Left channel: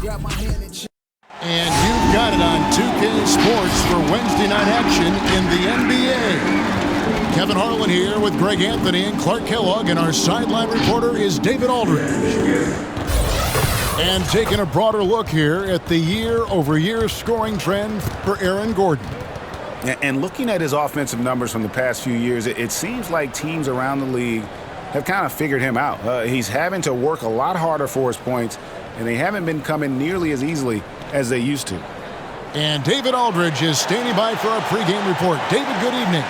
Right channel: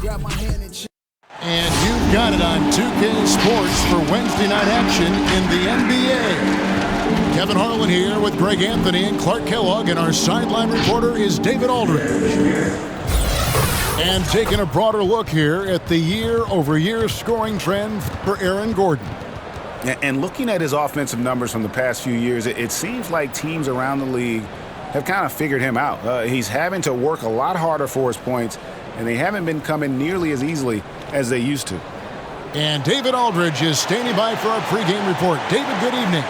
grab my hand and And you've got it on 2K Sports for Wednesday night action in the NBA. Kevin Harlan here with Greg Anthony and Clark Kellogg, and our sideline reporter is David Aldridge. And taking a broader look here at the year-over-year scoring trend for Aaron Gordon. And looking at his offensive numbers from the past few years, it seems like teams around the league have kind of figured him out. He's having to work a lot harder for his points, and they haven't been coming nearly as easily as they used to. And David Aldridge is standing by for our pregame report. David, good evening.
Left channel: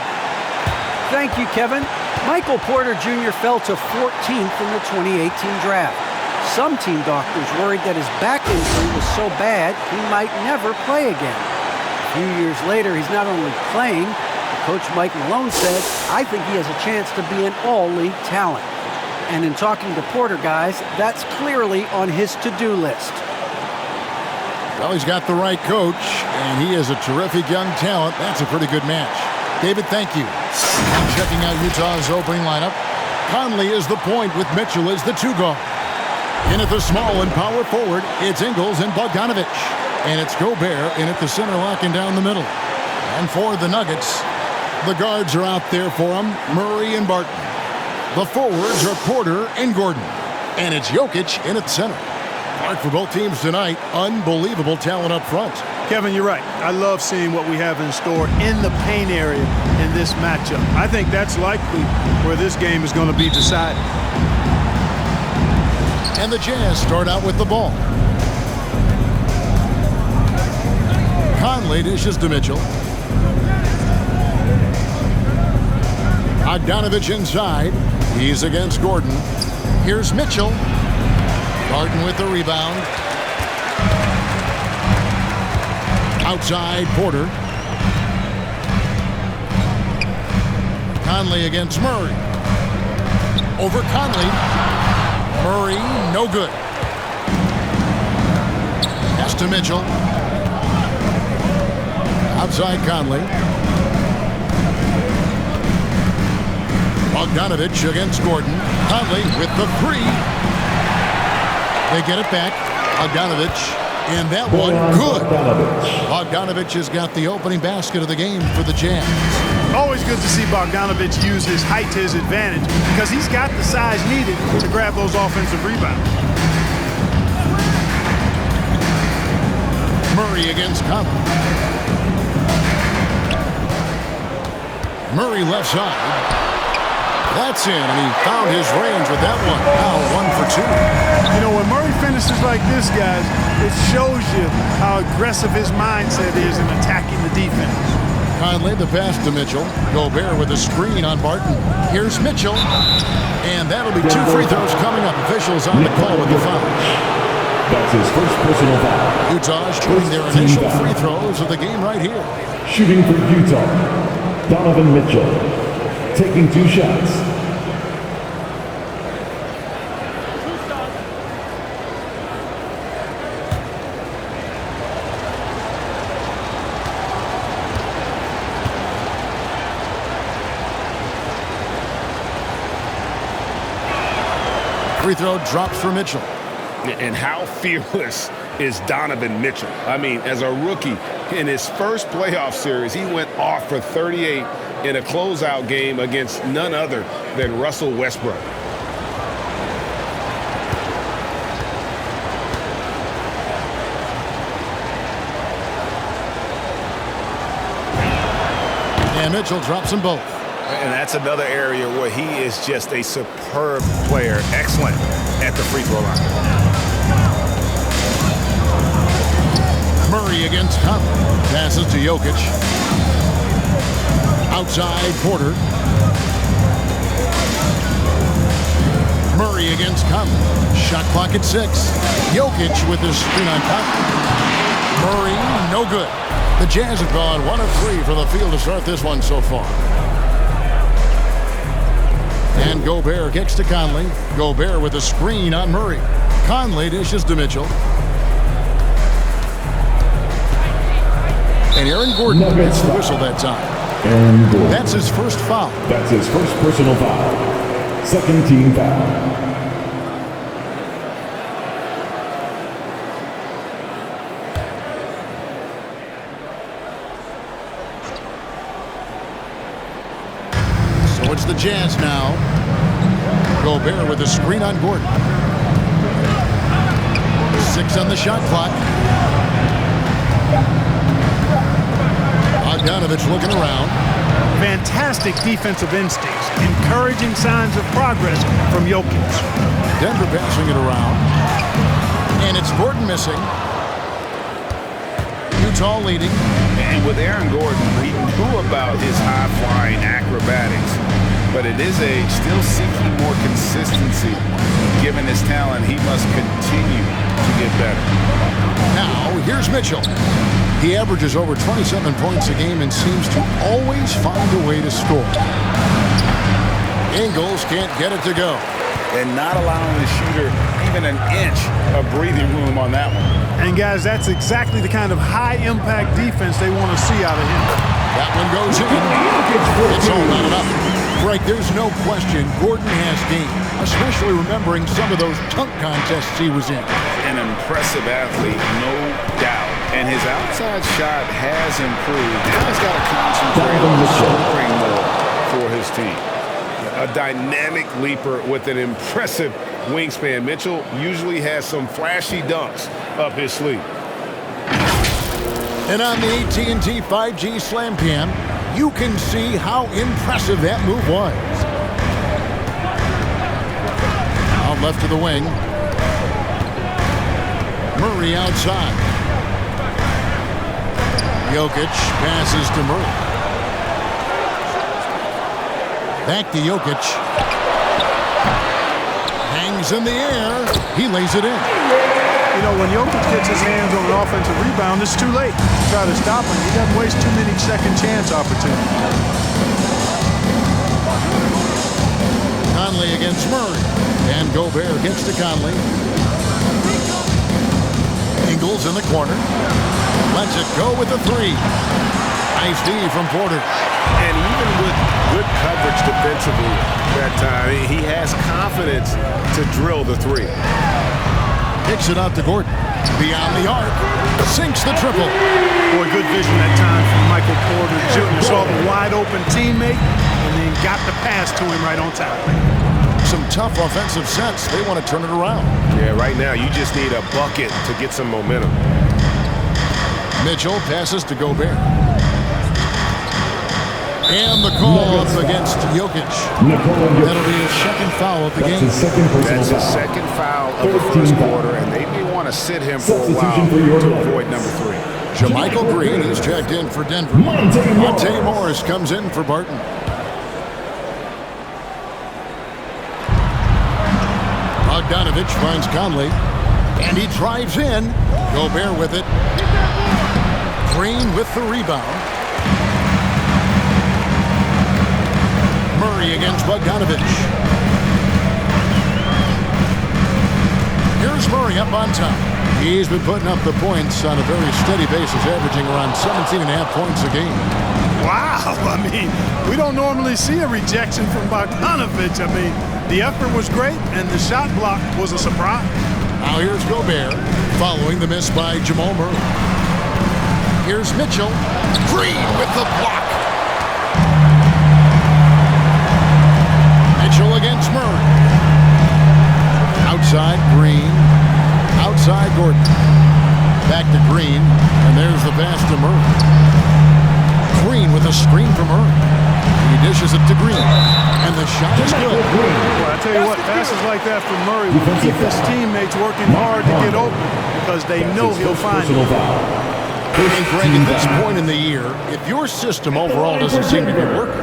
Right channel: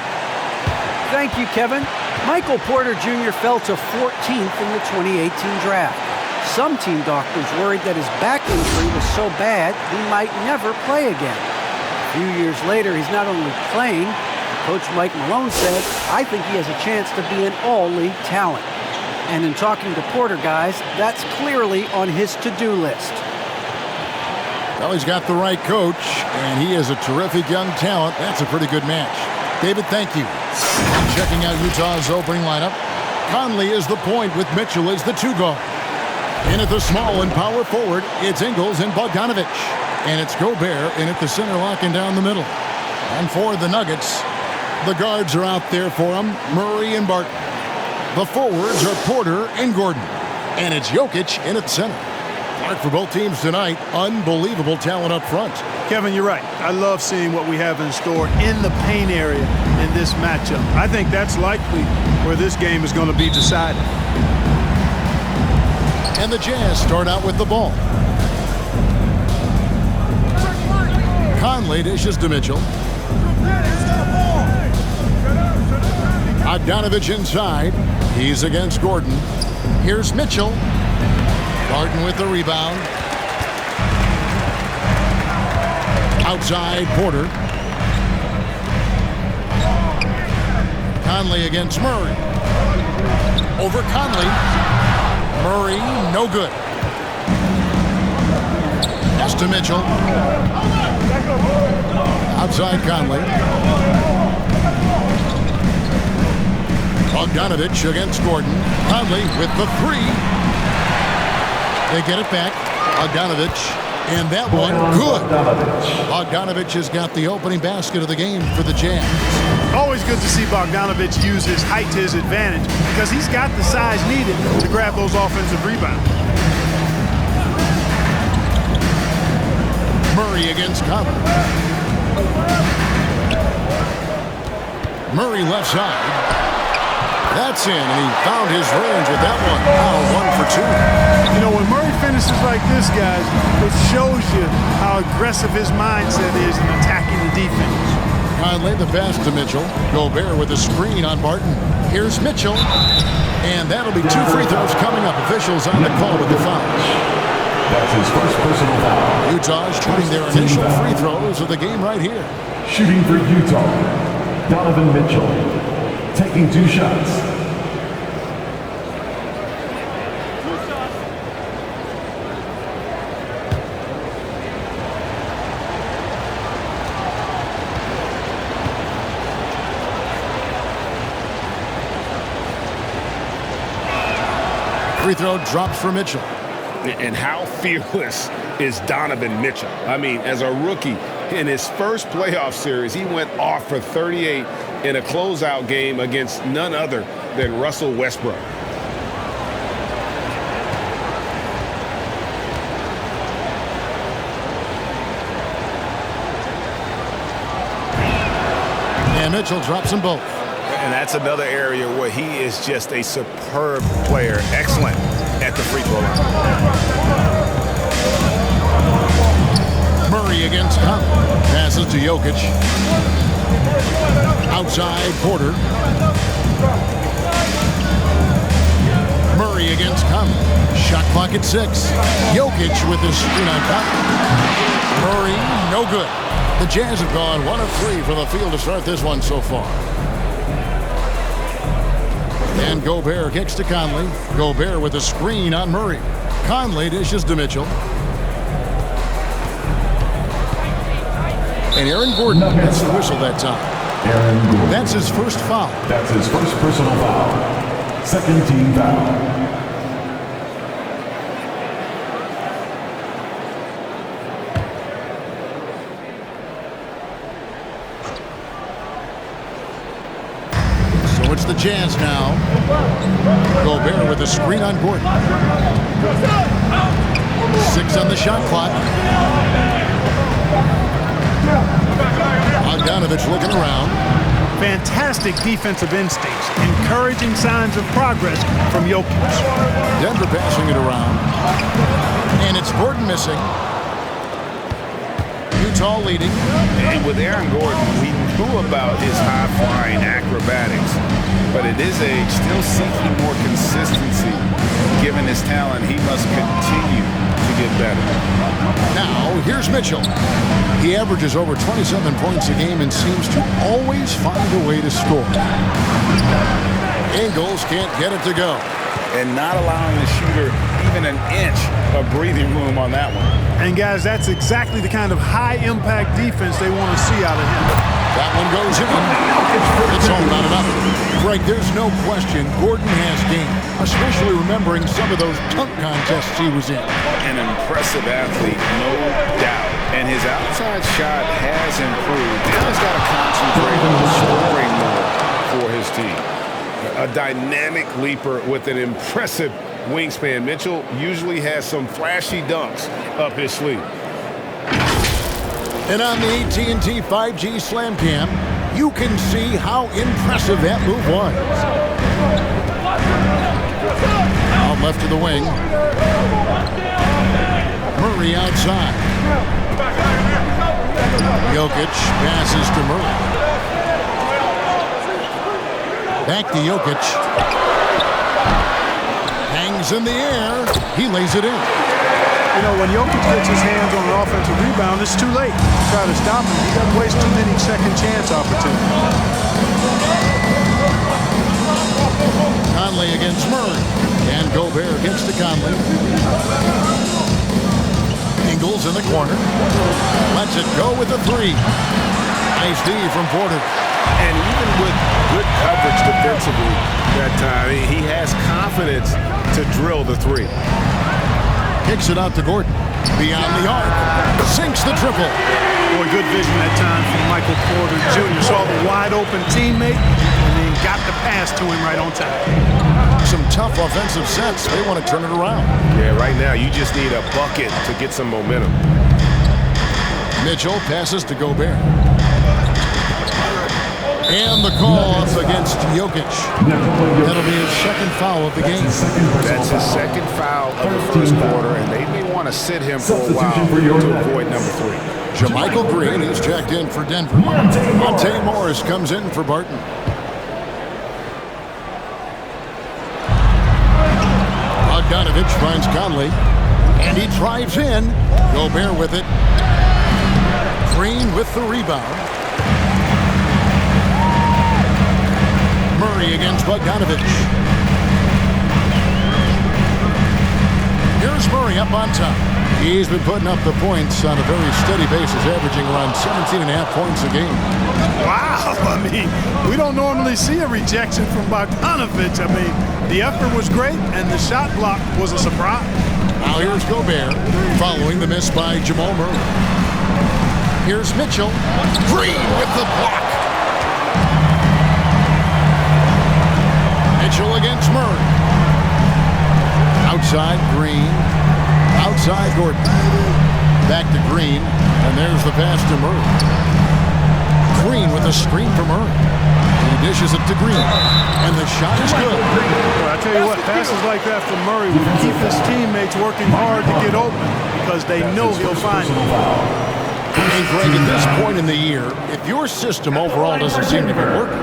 Thank you, Kevin. Michael Porter Jr. fell to 14th in the 2018 draft. Some team doctors worried that his back injury was so bad he might never play again. A few years later, he's not only playing, but Coach Mike Malone said, "I think he has a chance to be an all-league talent." And in talking to Porter, guys, that's clearly on his to-do list. Well, he's got the right coach, and he is a terrific young talent. That's a pretty good match. David, thank you. And checking out Utah's opening lineup, Conley is the point with Mitchell as the two guard. In at the small and power forward, it's Ingles and Bogdanovic. And it's Gobert in at the center, locking down the middle. And for the Nuggets, the guards are out there for them, Murray and Barton. The forwards are Porter and Gordon. And it's Jokic in at the center. Clark, for both teams tonight, unbelievable talent up front. Kevin, you're right. I love seeing what we have in store in the paint area in this matchup. I think that's likely where this game is going to be decided. And the Jazz start out with the ball. Conley dishes to Mitchell. Bogdanovic inside. He's against Gordon. Here's Mitchell. Barton with the rebound. Outside, Porter. Conley against Murray. Over Conley. Murray, no good. Pass to Mitchell. Outside Conley. Bogdanovic against Gordon. Conley with the three. They get it back. Bogdanovic, and that one good. Bogdanovic has got the opening basket of the game for the Jazz. Always good to see Bogdanovic use his height to his advantage because he's got the size needed to grab those offensive rebounds. Murray against Conley. Murray left side. That's in, and he found his range with that one. Now 1 for 2. You know, when Murray finishes like this, guys, it shows you how aggressive his mindset is in attacking the defense. Conley, the pass to Mitchell. Gobert with a screen on Barton. Here's Mitchell. And that'll be 2 free throws coming up. Officials on the call with the foul. That's his first personal foul. Utah shooting their initial free throws of the game right here. Shooting for Utah, Donovan Mitchell. Taking 2 shots. Free throw drops for Mitchell. And how fearless is Donovan Mitchell? I mean, as a rookie, in his first playoff series, he went off for 38 in a closeout game against none other than Russell Westbrook. And Mitchell drops them both. And that's another area where he is just a superb player. Excellent at the free throw line. Murray against Conley. Passes to Jokic. Outside, Porter. Murray against Conley. Shot clock at 6. Jokic with his screen on Conley. Murray, no good. The Jazz have gone 1 of 3 from the field to start this one so far. And Gobert kicks to Conley. Gobert with a screen on Murray. Conley dishes to Mitchell. And Aaron Gordon gets the whistle that time. Aaron Gordon. That's his first foul. That's his first personal foul. Second team foul. It's the Jazz now. Gobert with a screen on Gordon. 6 on the shot clock. Bogdanovich looking around. Fantastic defensive instincts, encouraging signs of progress from Jokic. Denver passing it around. And it's Gordon missing. Utah leading. And with Aaron Gordon, we knew about his high-flying acrobatics. But at his age, still seeking more consistency. Given his talent, he must continue to get better. Now, here's Mitchell. He averages over 27 points a game and seems to always find a way to score. Ingles can't get it to go. And not allowing the shooter even an inch of breathing room on that one. And, guys, that's exactly the kind of high-impact defense they want to see out of him. That one goes in. It's all not enough. Greg, there's no question Gordon has game, especially remembering some of those dunk contests he was in. An impressive athlete, no doubt. And his outside shot has improved. Now he's got to concentrate on scoring more for his team. A dynamic leaper with an impressive wingspan. Mitchell usually has some flashy dunks up his sleeve. And on the AT&T 5G Slam Cam, you can see how impressive that move was. Out left to the wing. Murray outside. Jokic passes to Murray. Back to Jokic. Hangs in the air. He lays it in. You know, when Jokic gets his hands on an offensive rebound, it's too late to try to stop him. He doesn't waste too many second chance opportunities. Conley against Murray. And Gobert gets to Conley. Ingles in the corner. Lets it go with the 3. Nice D from Porter. And even with good coverage defensively that time, he has confidence to drill the 3. Kicks it out to Gordon. Beyond the arc. Sinks the triple. Boy, good vision that time from Michael Porter Jr. Saw the wide open teammate and then got the pass to him right on time. Some tough offensive sets. They want to turn it around. Yeah, right now you just need a bucket to get some momentum. Mitchell passes to Gobert. And the call up against Jokic. That'll be his second foul of the game. That's his second foul of the first quarter, and they may want to sit him for a while to avoid number 3. JaMychal Green is checked in for Denver. Monte Morris comes in for Barton. Bogdanovich finds Conley, and he drives in. Gobert with it. Green with the rebound. Murray against Bogdanovich. Here's Murray up on top. He's been putting up the points on a very steady basis, averaging around 17.5 points a game. Wow, I mean, we don't normally see a rejection from Bogdanovich. I mean, the effort was great, and the shot block was a surprise. Now here's Gobert, following the miss by Jamal Murray. Here's Mitchell. Green with the block. Mitchell against Murray. Outside Green. Outside Gordon. Back to Green. And there's the pass to Murray. Green with a screen for Murray. He dishes it to Green. And the shot is good. Well, I tell you what, passes like that from Murray will keep his teammates working hard to get open because they know he'll find it. And Greg, at this point in the year, if your system overall doesn't seem to be working,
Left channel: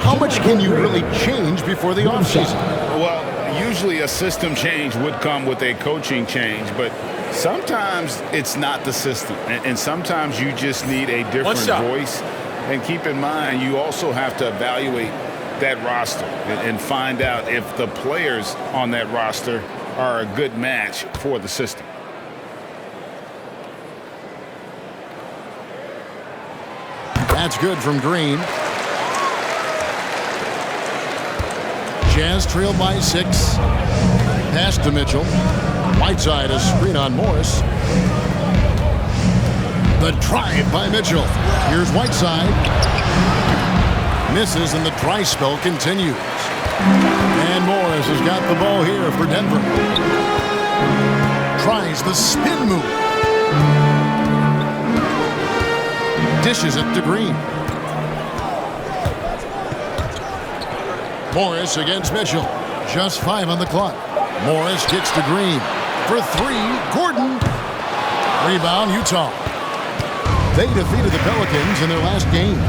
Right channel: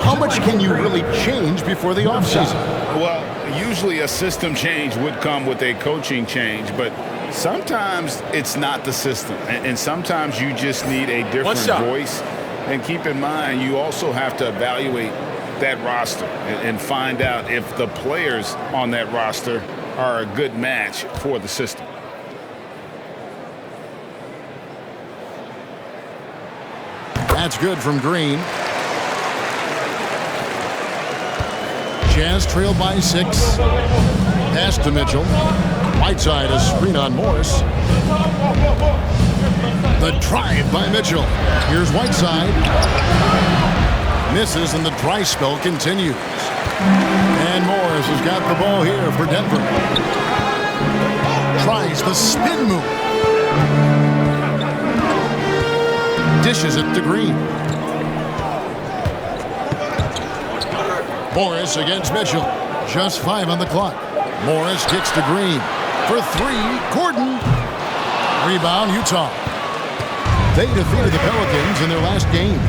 how much can you really change before the offseason? Well, usually a system change would come with a coaching change, but sometimes it's not the system. And sometimes you just need a different voice. And keep in mind, you also have to evaluate that roster and find out if the players on that roster are a good match for the system. That's good from Green. Jazz trailed by 6. Pass to Mitchell. Whiteside a screen on Morris. The drive by Mitchell. Here's Whiteside. Misses, and the dry spell continues. And Morris has got the ball here for Denver. Tries the spin move. Dishes it to Green. Morris against Mitchell. Just 5 on the clock. Morris gets to Green. For 3, Gordon. Rebound, Utah. They defeated the Pelicans in their last game.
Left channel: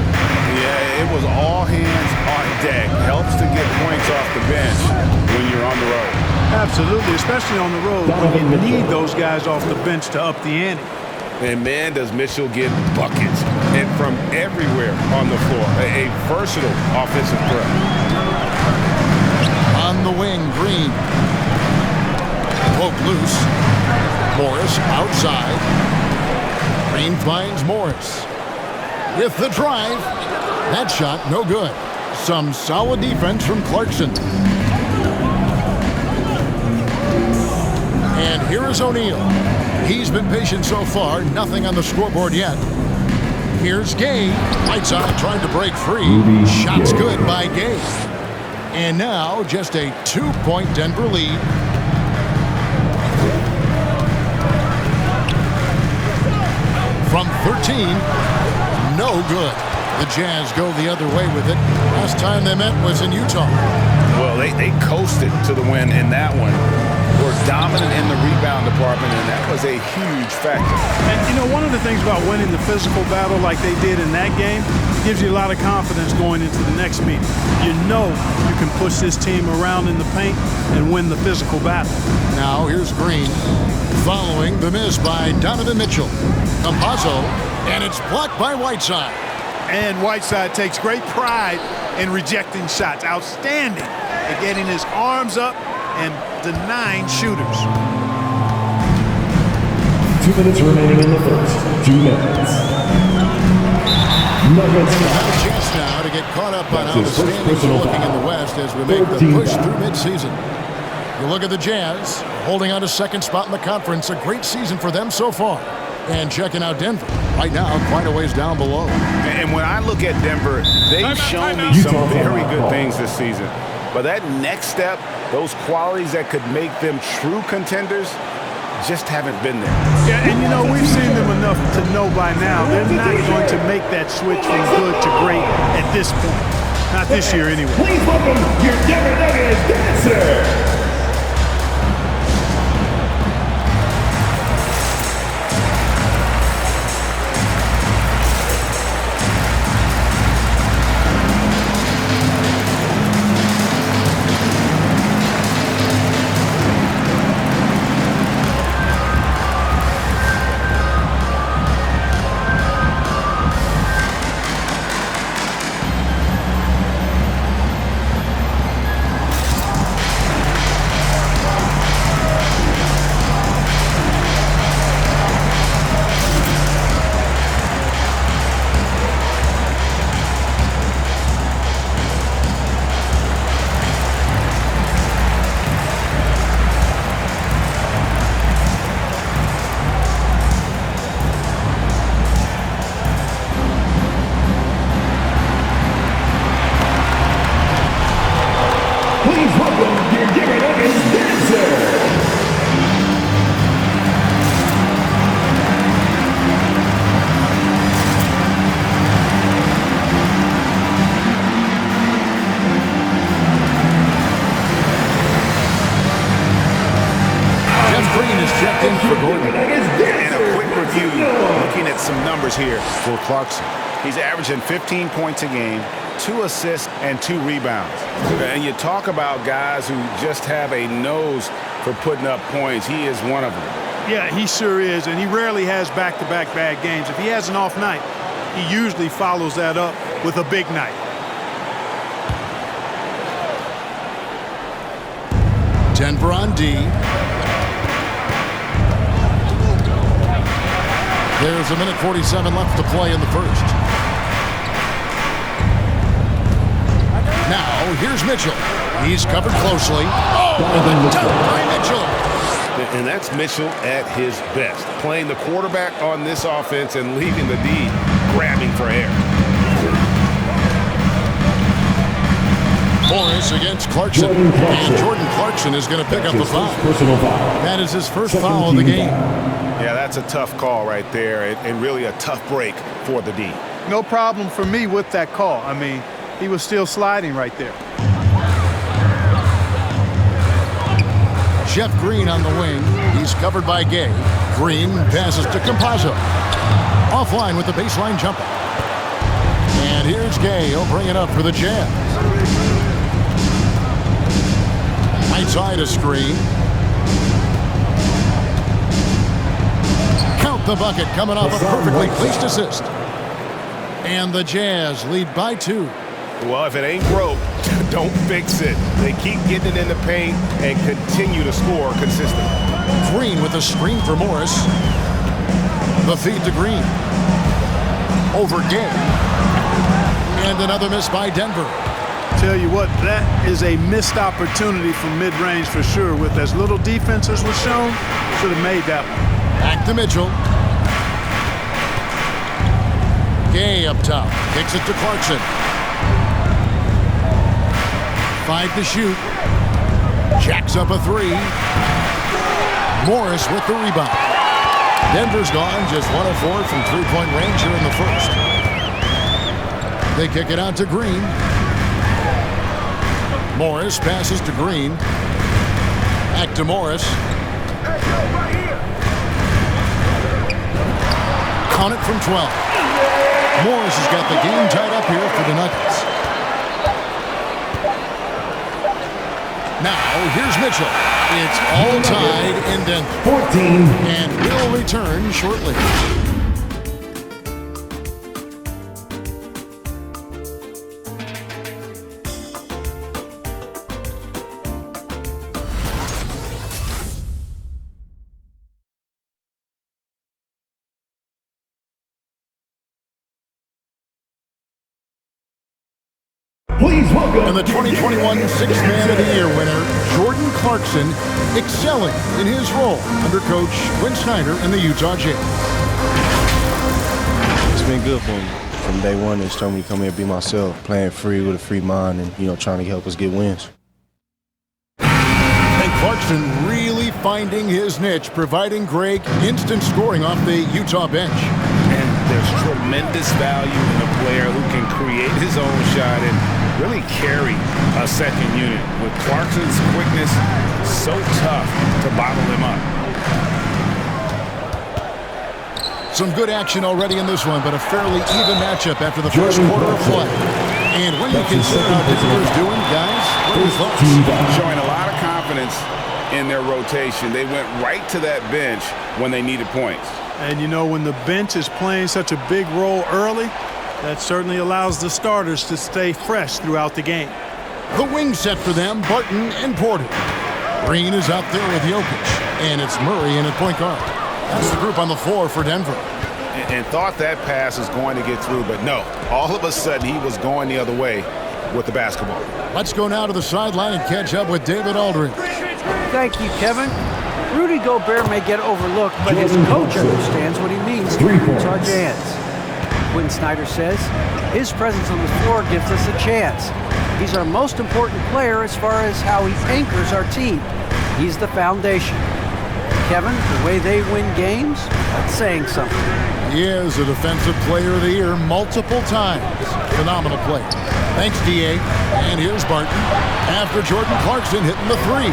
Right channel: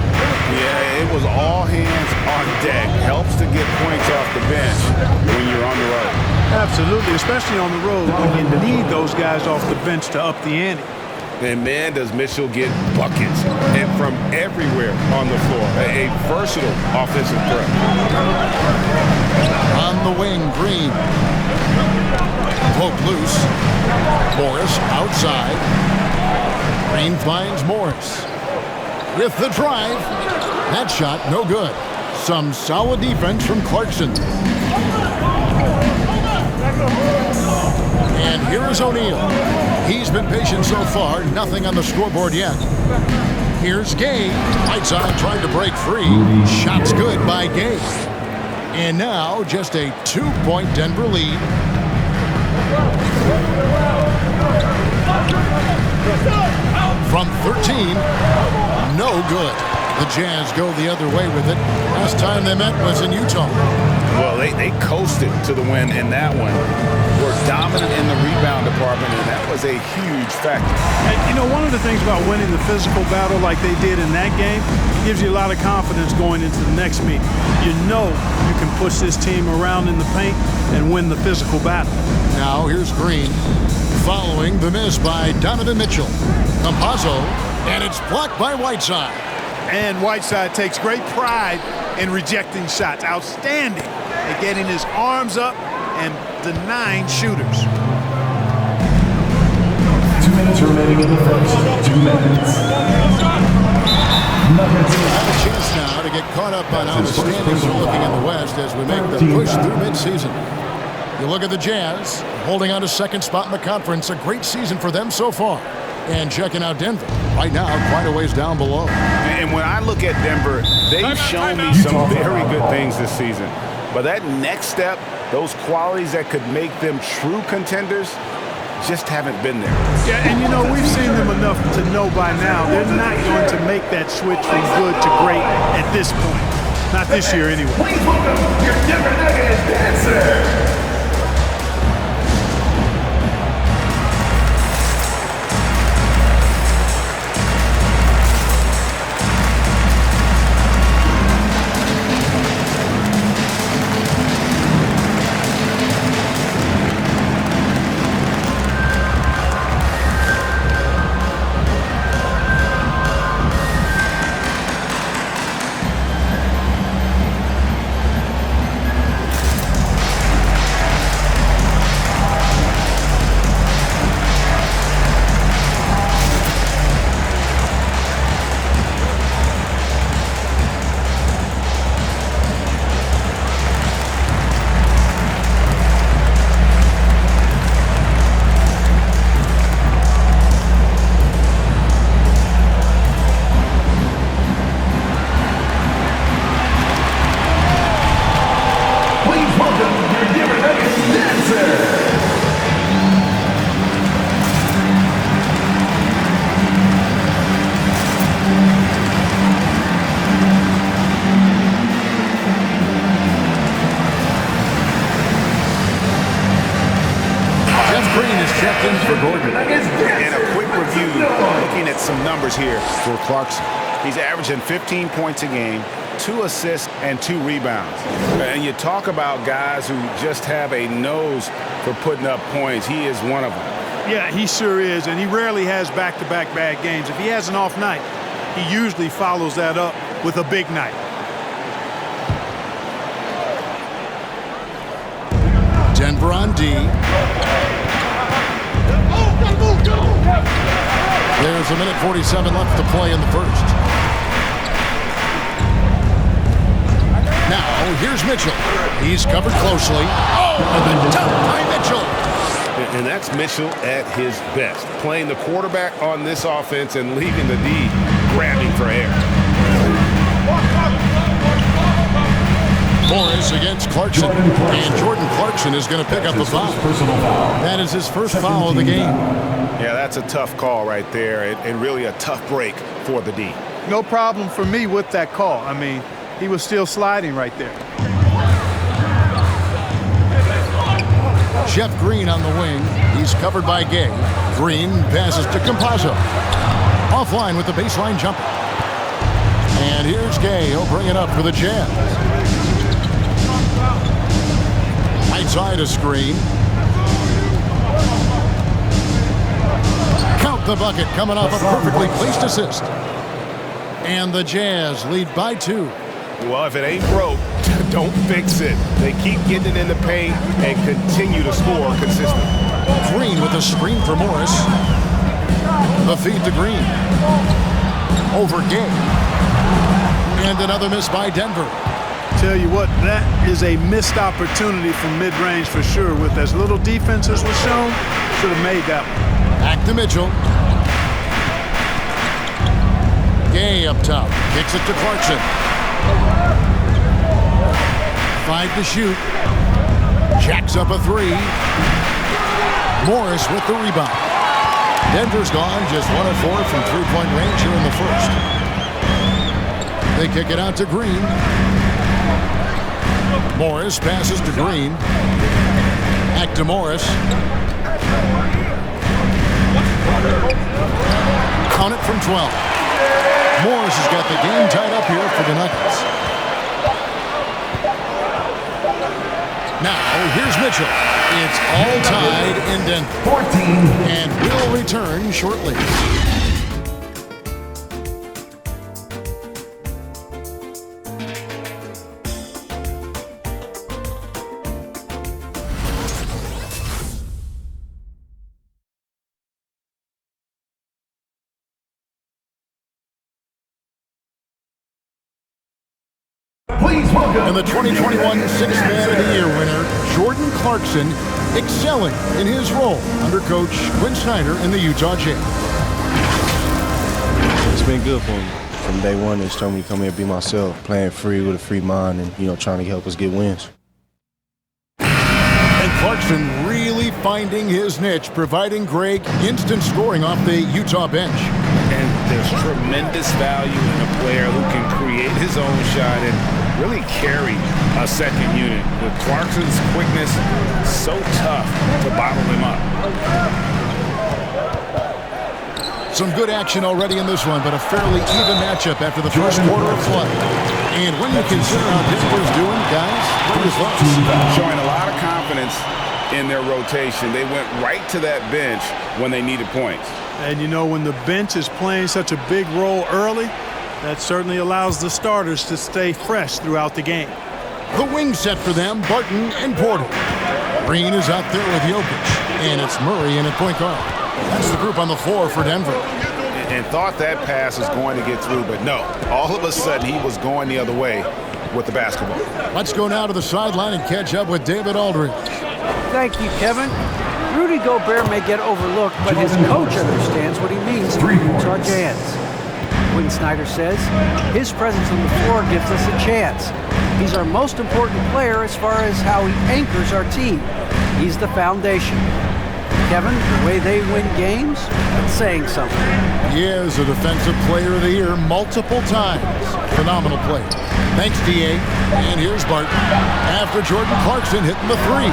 Yeah, it was all hands on deck. Helps to get points off the bench when you're on the road. Absolutely, especially on the road when you need those guys off the bench to up the ante. And man, does Mitchell get buckets and from everywhere on the floor. A versatile offensive threat. On the wing, Green. Poke loose. Morris outside. Green finds Morris. With the drive. That shot, no good. Some solid defense from Clarkson. And here is O'Neal. He's been patient so far. Nothing on the scoreboard yet. Here's Gay. Whiteside trying to break free. Shot's good by Gay. And now just a 2-point Denver lead. From 13, no good. The Jazz go the other way with it. Last time they met was in Utah. Well, they coasted to the win in that one. Were dominant in the rebound department, and that was a huge factor. And, you know, one of the things about winning the physical battle like they did in that game, it gives you a lot of confidence going into the next meeting. You know you can push this team around in the paint and win the physical battle. Now here's Green following the miss by Donovan Mitchell. Campazzo, and it's blocked by Whiteside. And Whiteside takes great pride in rejecting shots. Outstanding at getting his arms up and denying shooters. 2 minutes remaining in the first. 2 minutes. Nuggets have a chance now to get caught up on how the standings are looking in the West as we make the push through midseason. You look at the Jazz, holding on to second spot in the conference. A great season for them so far. And checking out Denver. Right now, quite a ways down below. And when I look at Denver, they've shown me some very good things this season. But that next step, those qualities that could make them true contenders, just haven't been there. Yeah, and you know, we've seen them enough to know by now they're not going to make that switch from good to great at this point. Not this year anyway. Please welcome your Denver Nuggets dancer. Checked in for Gordon. And a quick review, looking at some numbers here for Clarkson. He's averaging 15 points a game, 2 assists, and 2 rebounds. And you talk about guys who just have a nose for putting up points. He is one of them. Yeah, he sure is, and he rarely has back-to-back bad games. If he has an off night, he usually follows that up with a big night. Denver on D. There's 1:47 left to play in the first. Now, here's Mitchell. He's covered closely. Oh, and the dunk by Mitchell. And that's Mitchell at his best, playing the quarterback on this offense and leaving the D grabbing for air. Morris against Clarkson. And Jordan Clarkson is going to pick up the foul. That is his first foul of the game. Yeah, that's a tough call right there, and really a tough break for the D. No problem for me with that call. I mean, he was still sliding right there. Jeff Green on the wing. He's covered by Gay. Green passes to Campazzo. Offline with the baseline jumper. And here's Gay. He'll bring it up for the Jazz. Right side a screen. Count the bucket coming off a perfectly placed assist. And the Jazz lead by 2. Well, if it ain't broke, don't fix it. They keep getting it in the paint and continue to score consistently. Green with a screen for Morris. The feed to Green. Over Gay. And another miss by Denver. Tell you what, that is a missed opportunity from mid-range for sure. With as little defense as was shown, should have made that one. Back to Mitchell. Gay up top. Kicks it to Clarkson. 5 to shoot. Jacks up a 3. Morris with the rebound. Denver's gone just 1 of 4 from three-point range here in the first. They kick it out to Green. Morris passes to Green. Back to Morris. Count it from 12. Morris has got the game tied up here for the Nuggets. Now, here's Mitchell. It's all tied in Denver. 14. And will return shortly. Please welcome. And the 2021 Sixth Man of the Year winner, Jordan Clarkson, excelling in his role under Coach Quinn Snyder in the Utah Jazz. It's been good for me. From day one, they told me to come here and be myself, playing free with a free mind and, trying to help us get wins. And Clarkson really finding his niche, providing Greg instant scoring off the Utah bench. And there's tremendous value in a player who can create his own shot and really carry a second unit. With Clarkson's quickness, so tough to bottle him up. Some good action already in this one, but a fairly even matchup after the first quarter of play. And when you consider how Denver's doing, guys, what are your thoughts? Showing a lot of confidence in their rotation. They went right to that bench when they needed points. And when the bench is playing such a big role early, that certainly allows the starters to stay fresh throughout the game. The wing set for them, Barton and Porter. Green is out there with Jokic, and it's Murray in at point guard. That's the group on the floor for Denver. And thought that pass was going to get through, but no. All of a sudden, he was going the other way with the basketball. Let's go now to the sideline and catch up with David Aldridge. Thank you, Kevin. Rudy Gobert may get overlooked, but his coach understands what he means to the Utah Jazz. Quinn Snyder says his presence on the floor gives us a chance. He's our most important player as far as how he anchors our team. He's the foundation. Kevin, the way they win games, that's saying something. He is a Defensive Player of the Year multiple times. Phenomenal play. Thanks, D.A. And here's Barton after Jordan Clarkson hitting the 3.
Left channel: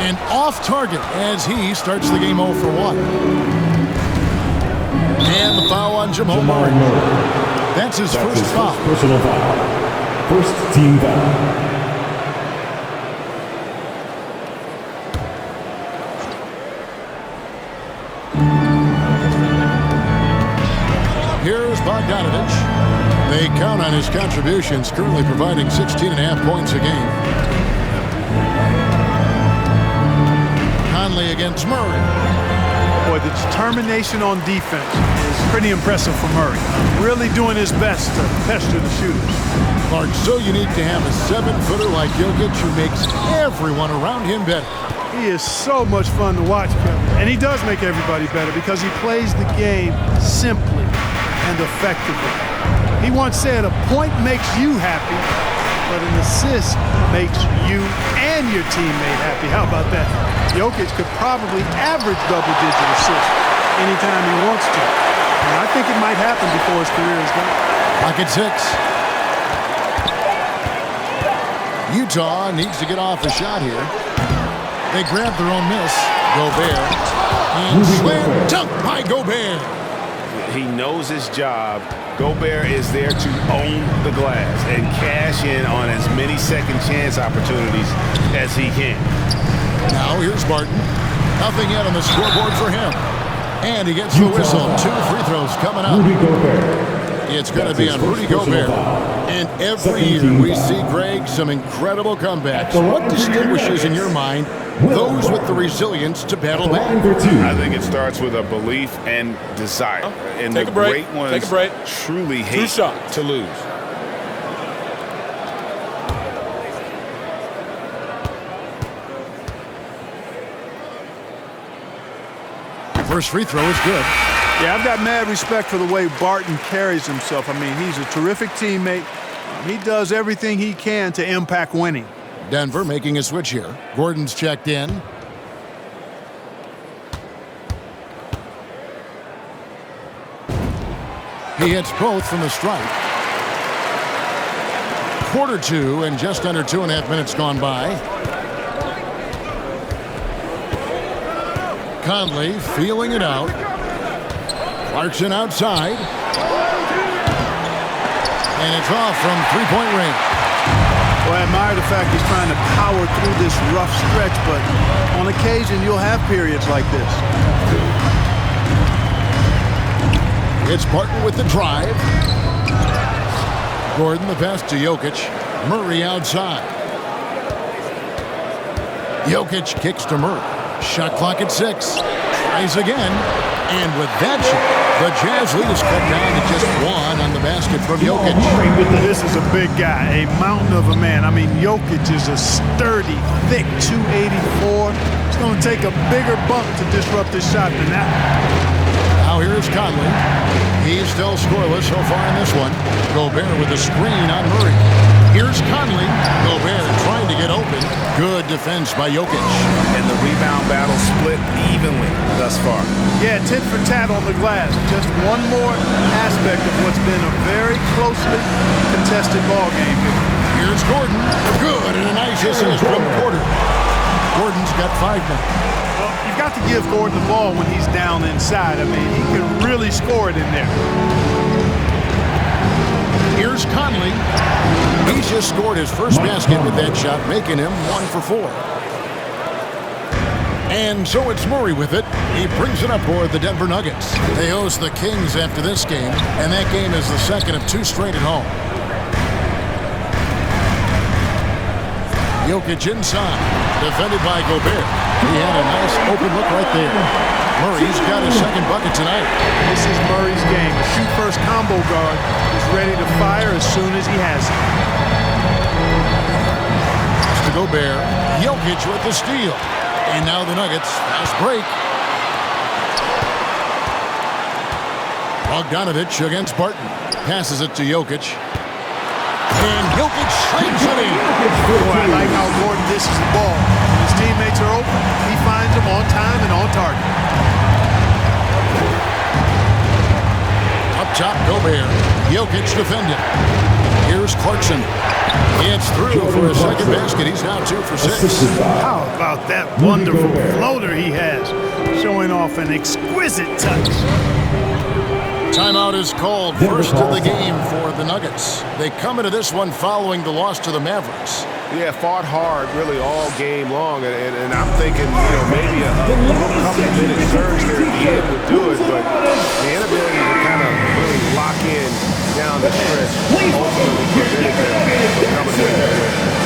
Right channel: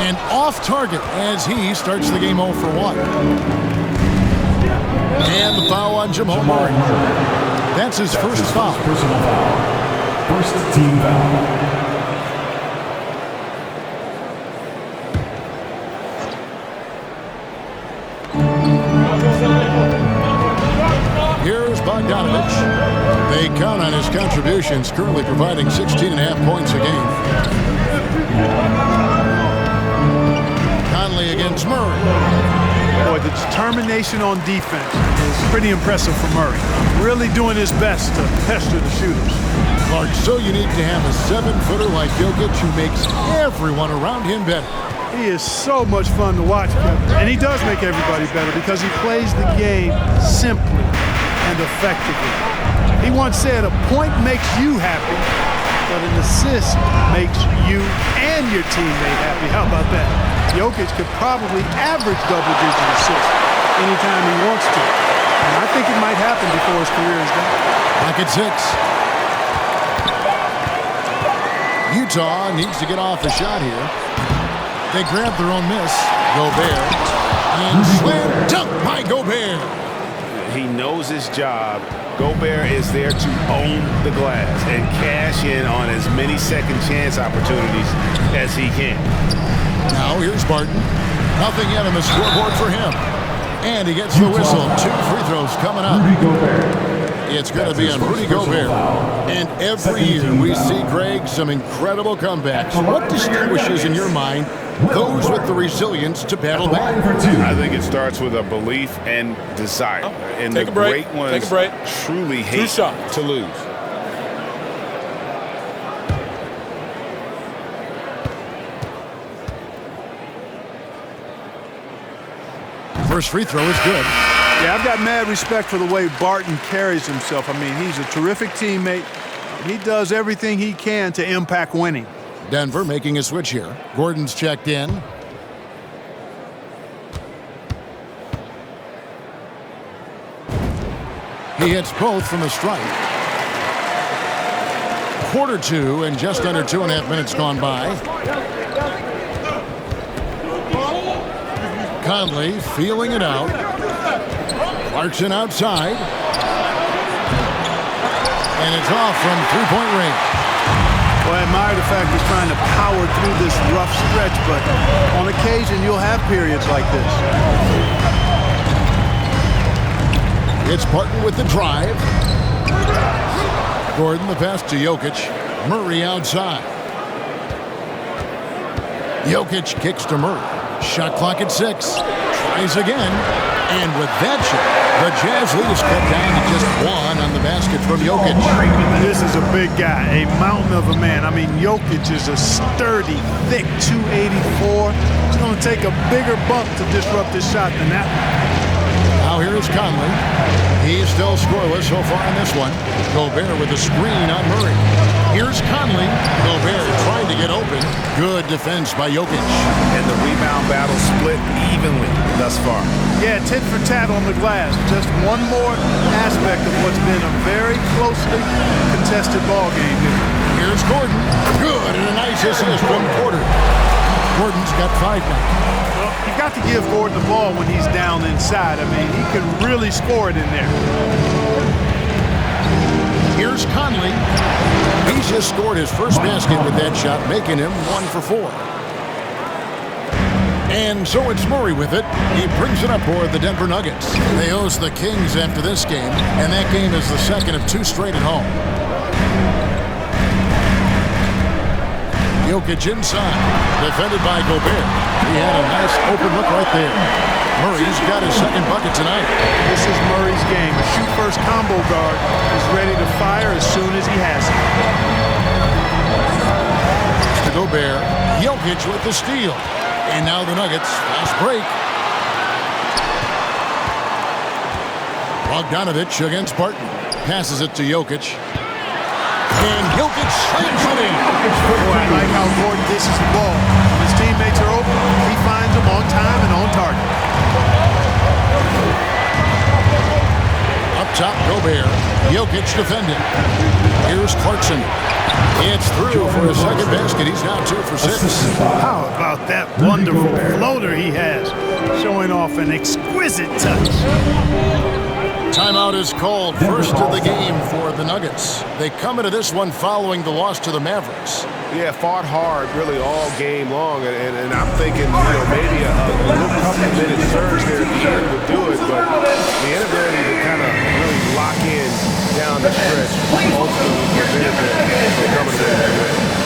And off target as he starts the game 0 for 1. And the foul on Jamal Murray. That's his first foul. Personal foul. First team foul. Here's Bogdanovich. They count on his contributions, currently providing 16.5 points a game. Conley against Murray. Boy, the determination on defense is pretty impressive for Murray. Really doing his best to pester the shooters. Clark, so unique to have a 7-footer like Jokic who makes everyone around him better. He is so much fun to watch, Kevin. And he does make everybody better because he plays the game simply and effectively. He once said, a point makes you happy, but an assist makes you and your teammate happy. How about that? Jokic could probably average double-digit assists anytime he wants to. And I think it might happen before his career is done. Pocket 6. Utah needs to get off a shot here. They grab their own miss. Gobert. And slam dunk by Gobert. He knows his job. Gobert is there to own the glass and cash in on as many second chance opportunities as he can. Now here's Barton. Nothing yet on the scoreboard for him. And he gets the whistle. 2 free throws coming up. Rudy Gobert. It's going to be on Rudy Gobert. And every year we see, Greg, some incredible comebacks. What distinguishes, in your mind, those with the resilience to battle back? I think it starts with a belief and desire. And the great ones truly hate to lose. First free throw is good. Yeah, I've got mad respect for the way Barton carries himself. I mean, he's a terrific teammate. He does everything he can to impact winning. Denver making a switch here. Gordon's checked in. He hits both from the stripe. Quarter 2 and just under 2.5 minutes gone by. Conley feeling it out. Clarkson outside. And it's off from three-point range. Well, I admire the fact he's trying to power through this rough stretch, but on occasion you'll have periods like this. It's Barton with the drive. Gordon the pass to Jokic. Murray outside. Jokic kicks to Murray. Shot clock at 6. Tries again. And with that shot, the Jazz lead is cut down to just 1 on the basket from Jokic. This is a big guy, a mountain of a man. I mean, Jokic is a sturdy, thick 284. It's going to take a bigger bump to disrupt his shot than that. Now here's Conley. He's still scoreless so far in this one. Gobert with a screen on Murray. Here's Conley. Gobert trying to get open. Good defense by Jokic. And the rebound battle split evenly thus far. Yeah, tit for tat on the glass. Just one more aspect of what's been a very closely contested ball game here. Here's Gordon. Good, and a nice assist from Porter. Gordon's got 5 now. Well, you've got to give Gordon the ball when he's down inside. I mean, he can really score it in there. Here's Conley. He's just scored his first basket with that shot, making him 1 for 4. And so it's Murray with it. He brings it up for the Denver Nuggets. They host the Kings after this game, and that game is the second of 2 straight at home. Jokic inside, defended by Gobert. He had a nice open look right there. Murray's got his second bucket tonight. This is Murray's game. A shoot-first combo guard is ready to fire as soon as he has it. To Gobert, Jokic with the steal. And now the Nuggets, fast break. Bogdanovich against Barton. Passes it to Jokic. And Jokic slams it in. Boy, I like how Gordon dishes the ball. When his teammates are open, he finds them on time and on target. Up top, Gobert. Jokic defending. Here's Clarkson. It's through for his second basket. He's now 2 for 6. How about that wonderful floater he has, showing off an exquisite touch. Timeout is called. First of the game for the Nuggets. They come into this one following the loss to the Mavericks. Yeah, fought hard really all game long, and I'm thinking, maybe a little couple-minute surge there at the end would do it, but the inability to kind of really lock in down the stretch ultimately prevented them from coming away with the win.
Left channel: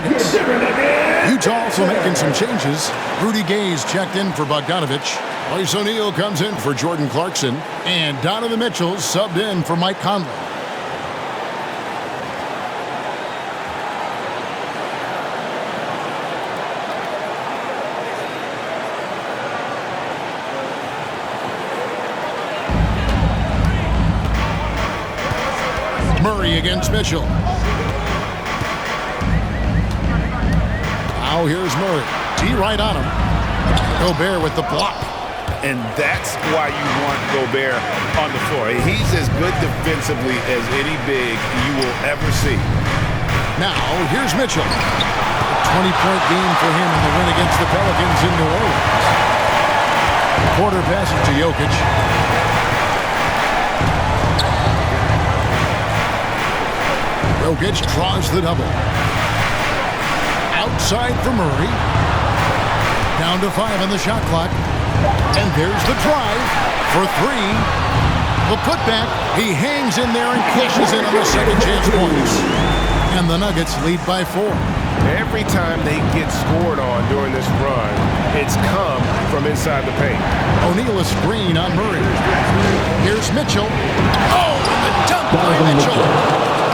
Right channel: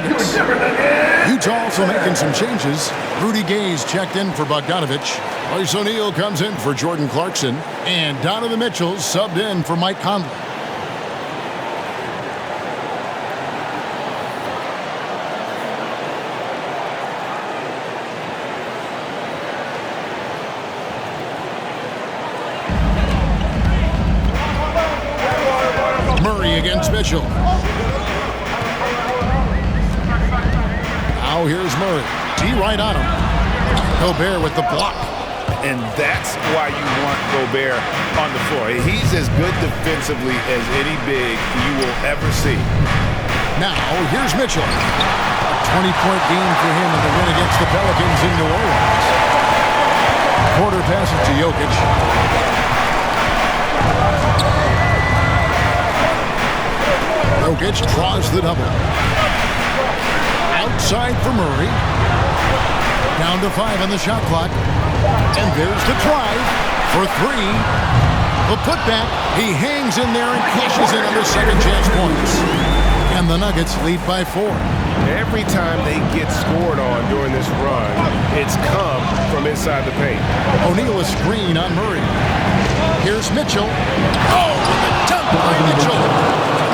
Nuggets. Utah also making some changes. Rudy Gay's checked in for Bogdanovich. Royce O'Neal comes in for Jordan Clarkson. And Donovan Mitchell subbed in for Mike Conley. Murray against Mitchell. Now here's Murray. D right on him. Gobert with the block. And that's why you want Gobert on the floor. He's as good defensively as any big you will ever see. Now here's Mitchell. A 20-point game for him in the win against the Pelicans in New Orleans. Porter passes to Jokic. Jokic draws the double. Outside for Murray. Down to 5 on the shot clock. And there's the drive for 3. The putback. He hangs in there and cashes in on the second chance points. And the Nuggets lead by 4. Every time they get scored on during this run, it's come from inside the paint. O'Neal a screen on Murray. Here's Mitchell. Oh, and the dunk by Mitchell.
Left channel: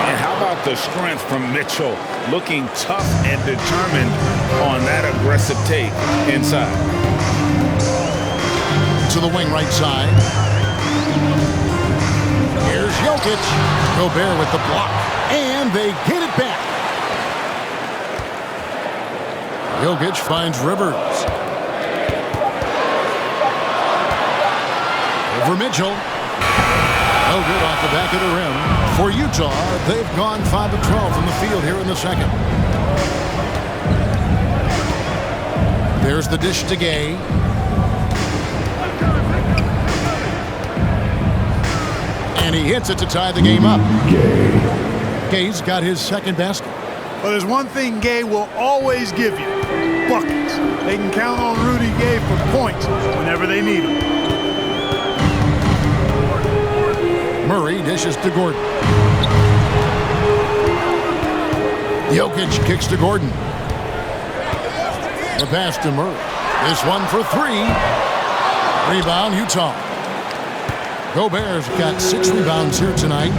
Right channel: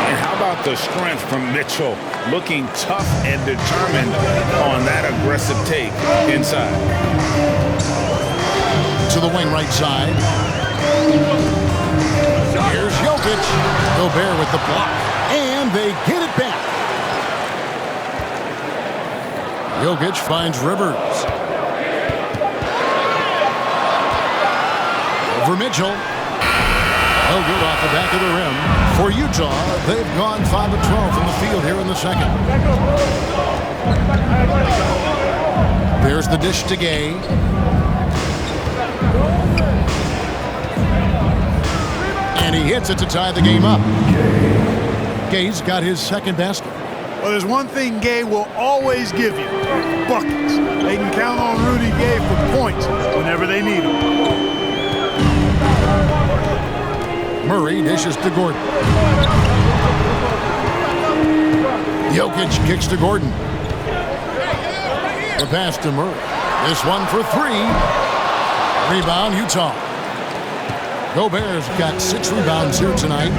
And how about the strength from Mitchell, looking tough and determined on that aggressive take inside. To the wing right side. Here's Jokic. Gobert with the block. And they get it back. Jokic finds Rivers. Over Mitchell. No good off the back of the rim. For Utah, they've gone 5 of 12 from the field here in the second. There's the dish to Gay. And he hits it to tie the game up. Gay's got his second basket. Well, there's one thing Gay will always give you. Buckets. They can count on Rudy Gay for points whenever they need them. Murray dishes to Gordon. Jokic kicks to Gordon. The pass to Murray. This one for 3. Rebound, Utah. Gobert's got 6 rebounds here tonight.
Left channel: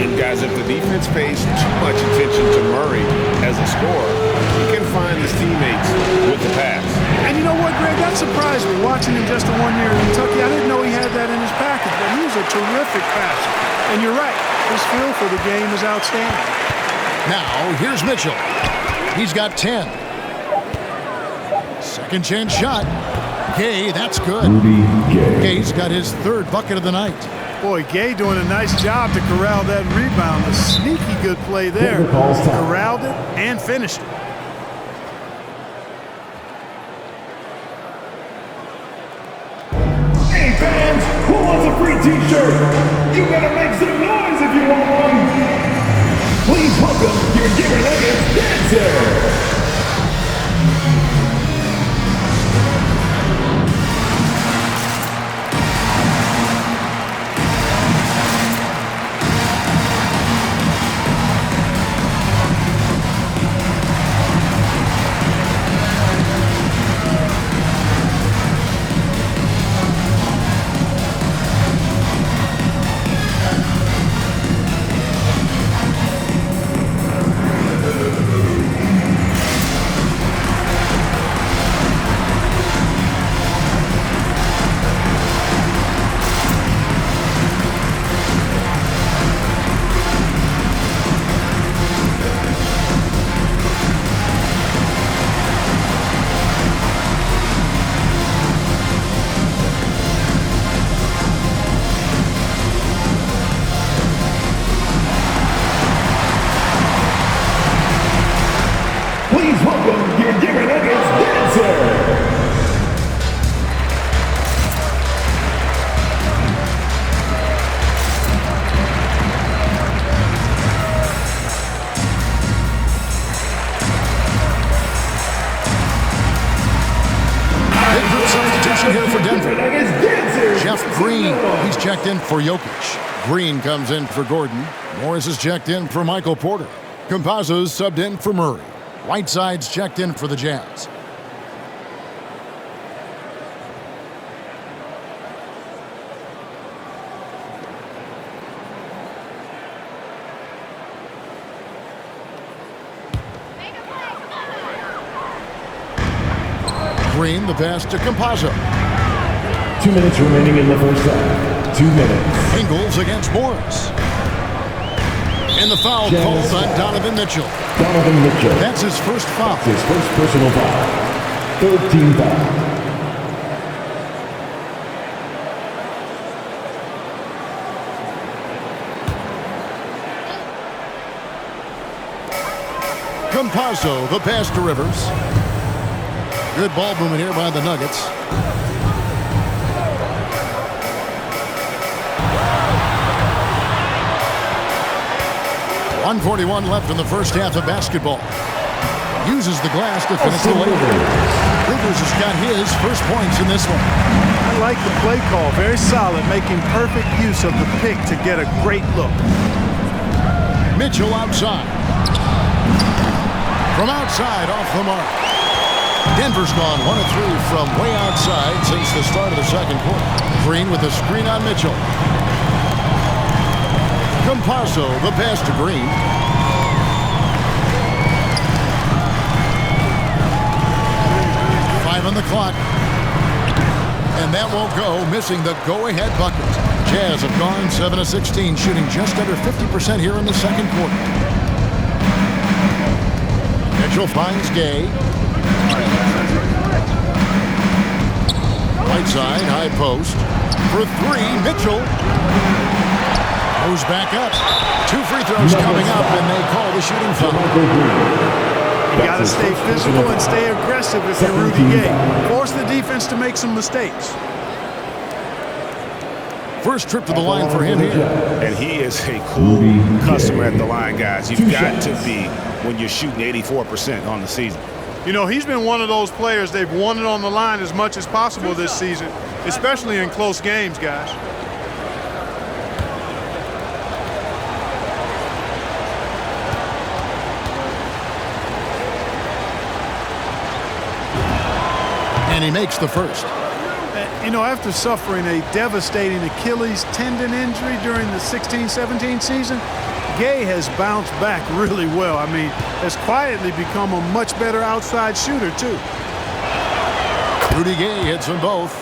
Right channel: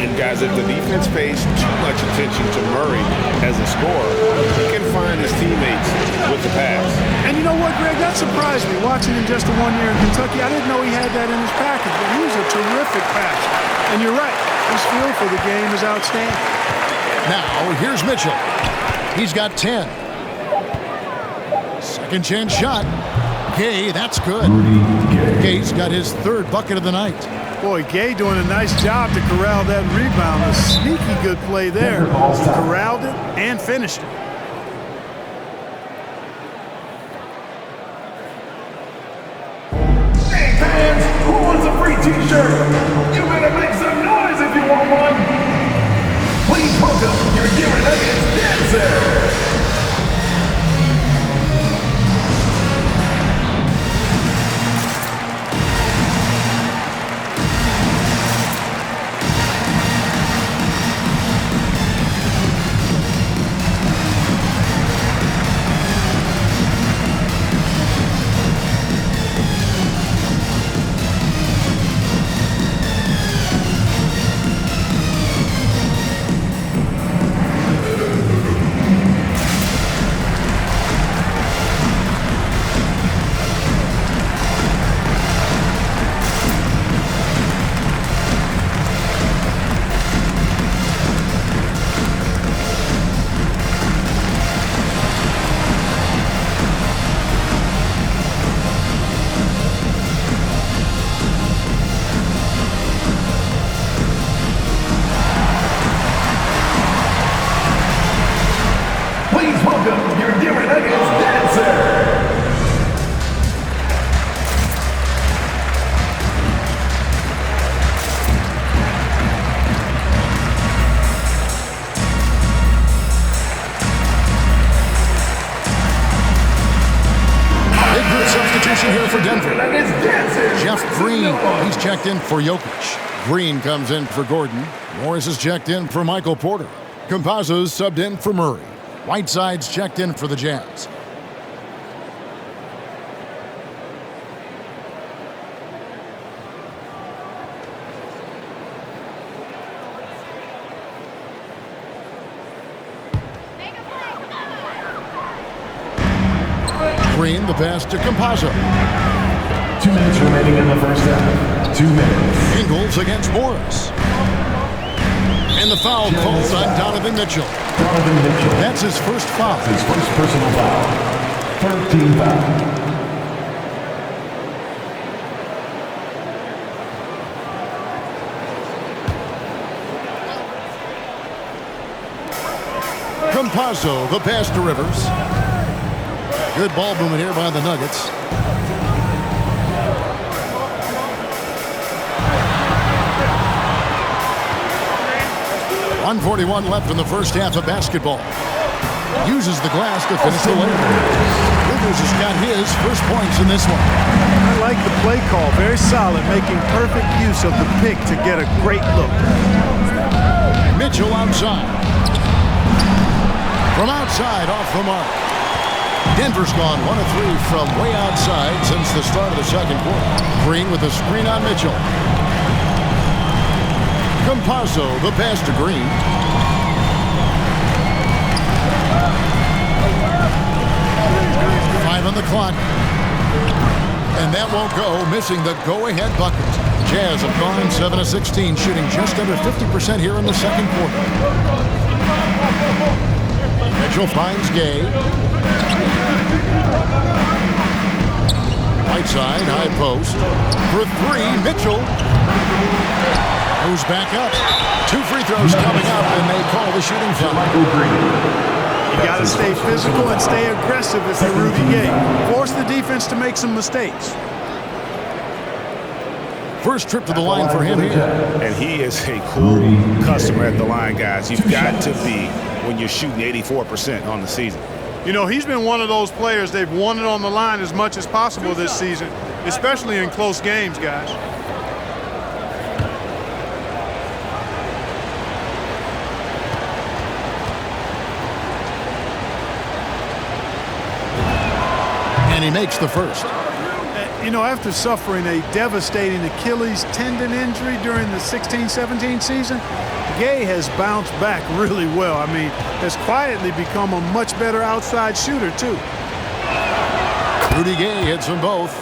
And guys, if the defense pays too much attention to Murray as a scorer, he can find his teammates with the pass. And you know what, Greg? That surprised me. Watching him just the 1 year in Kentucky, I didn't know he had that in his package, but he's a terrific passer. And you're right, his feel for the game is outstanding. Now, here's Mitchell. He's got 10. Second chance shot. Gay, that's good. Rudy Gay. Gay's got his 3rd bucket of the night. Boy, Gay doing a nice job to corral that rebound. A sneaky good play there. Corralled it and finished it. Hey fans, who wants a free t-shirt? You better make some noise if you want one. Please welcome your Denver Nuggets dancer. Please welcome your Denver Nuggets dancer. Big group substitution here for Denver. Jeff Green, he's checked in for Jokic. Green comes in for Gordon. Morris is checked in for Michael Porter. Campazzo's subbed in for Murray. Whiteside's checked in for the Jazz. Green, the pass to Campazzo. 2 minutes remaining in the first half. 2 minutes. Ingles against Morris. And the foul called on Donovan Mitchell. Donovan Mitchell. That's his first foul. That's his first personal foul. Third team foul. Campazzo, the pass to Rivers. Good ball movement here by the Nuggets. .141 left in the first half of basketball. Uses the glass to finish the layup. Rivers has got his first points in this one. I like the play call. Very solid, making perfect use of the pick to get a great look. Mitchell outside. From outside, off the mark. Denver's gone 1 of 3 from way outside since the start of the second quarter. Green with a screen on Mitchell. Campazzo, the pass to Green. Five on the clock. And that won't go, missing the go-ahead bucket. Jazz have gone 7 of 16, shooting just under 50% here in the second quarter. Mitchell finds Gay. Whiteside, high post. For 3, Mitchell. Moves back up. 2 free throws coming up, and they call the shooting foul. You got to stay physical and stay aggressive if you're Rudy Gay. Force the defense to make some mistakes. First trip to the line for him here. And he is a cool customer at the line, guys. You've got to be when you're shooting 84% on the season. You know, he's been one of those players, they've won it on the line as much as possible this season, especially in close games, guys. And he makes the first. You know, after suffering a devastating Achilles tendon injury during the 16-17 season, Gay has bounced back really well. I mean, has quietly become a much better outside shooter, too. Rudy Gay hits them both.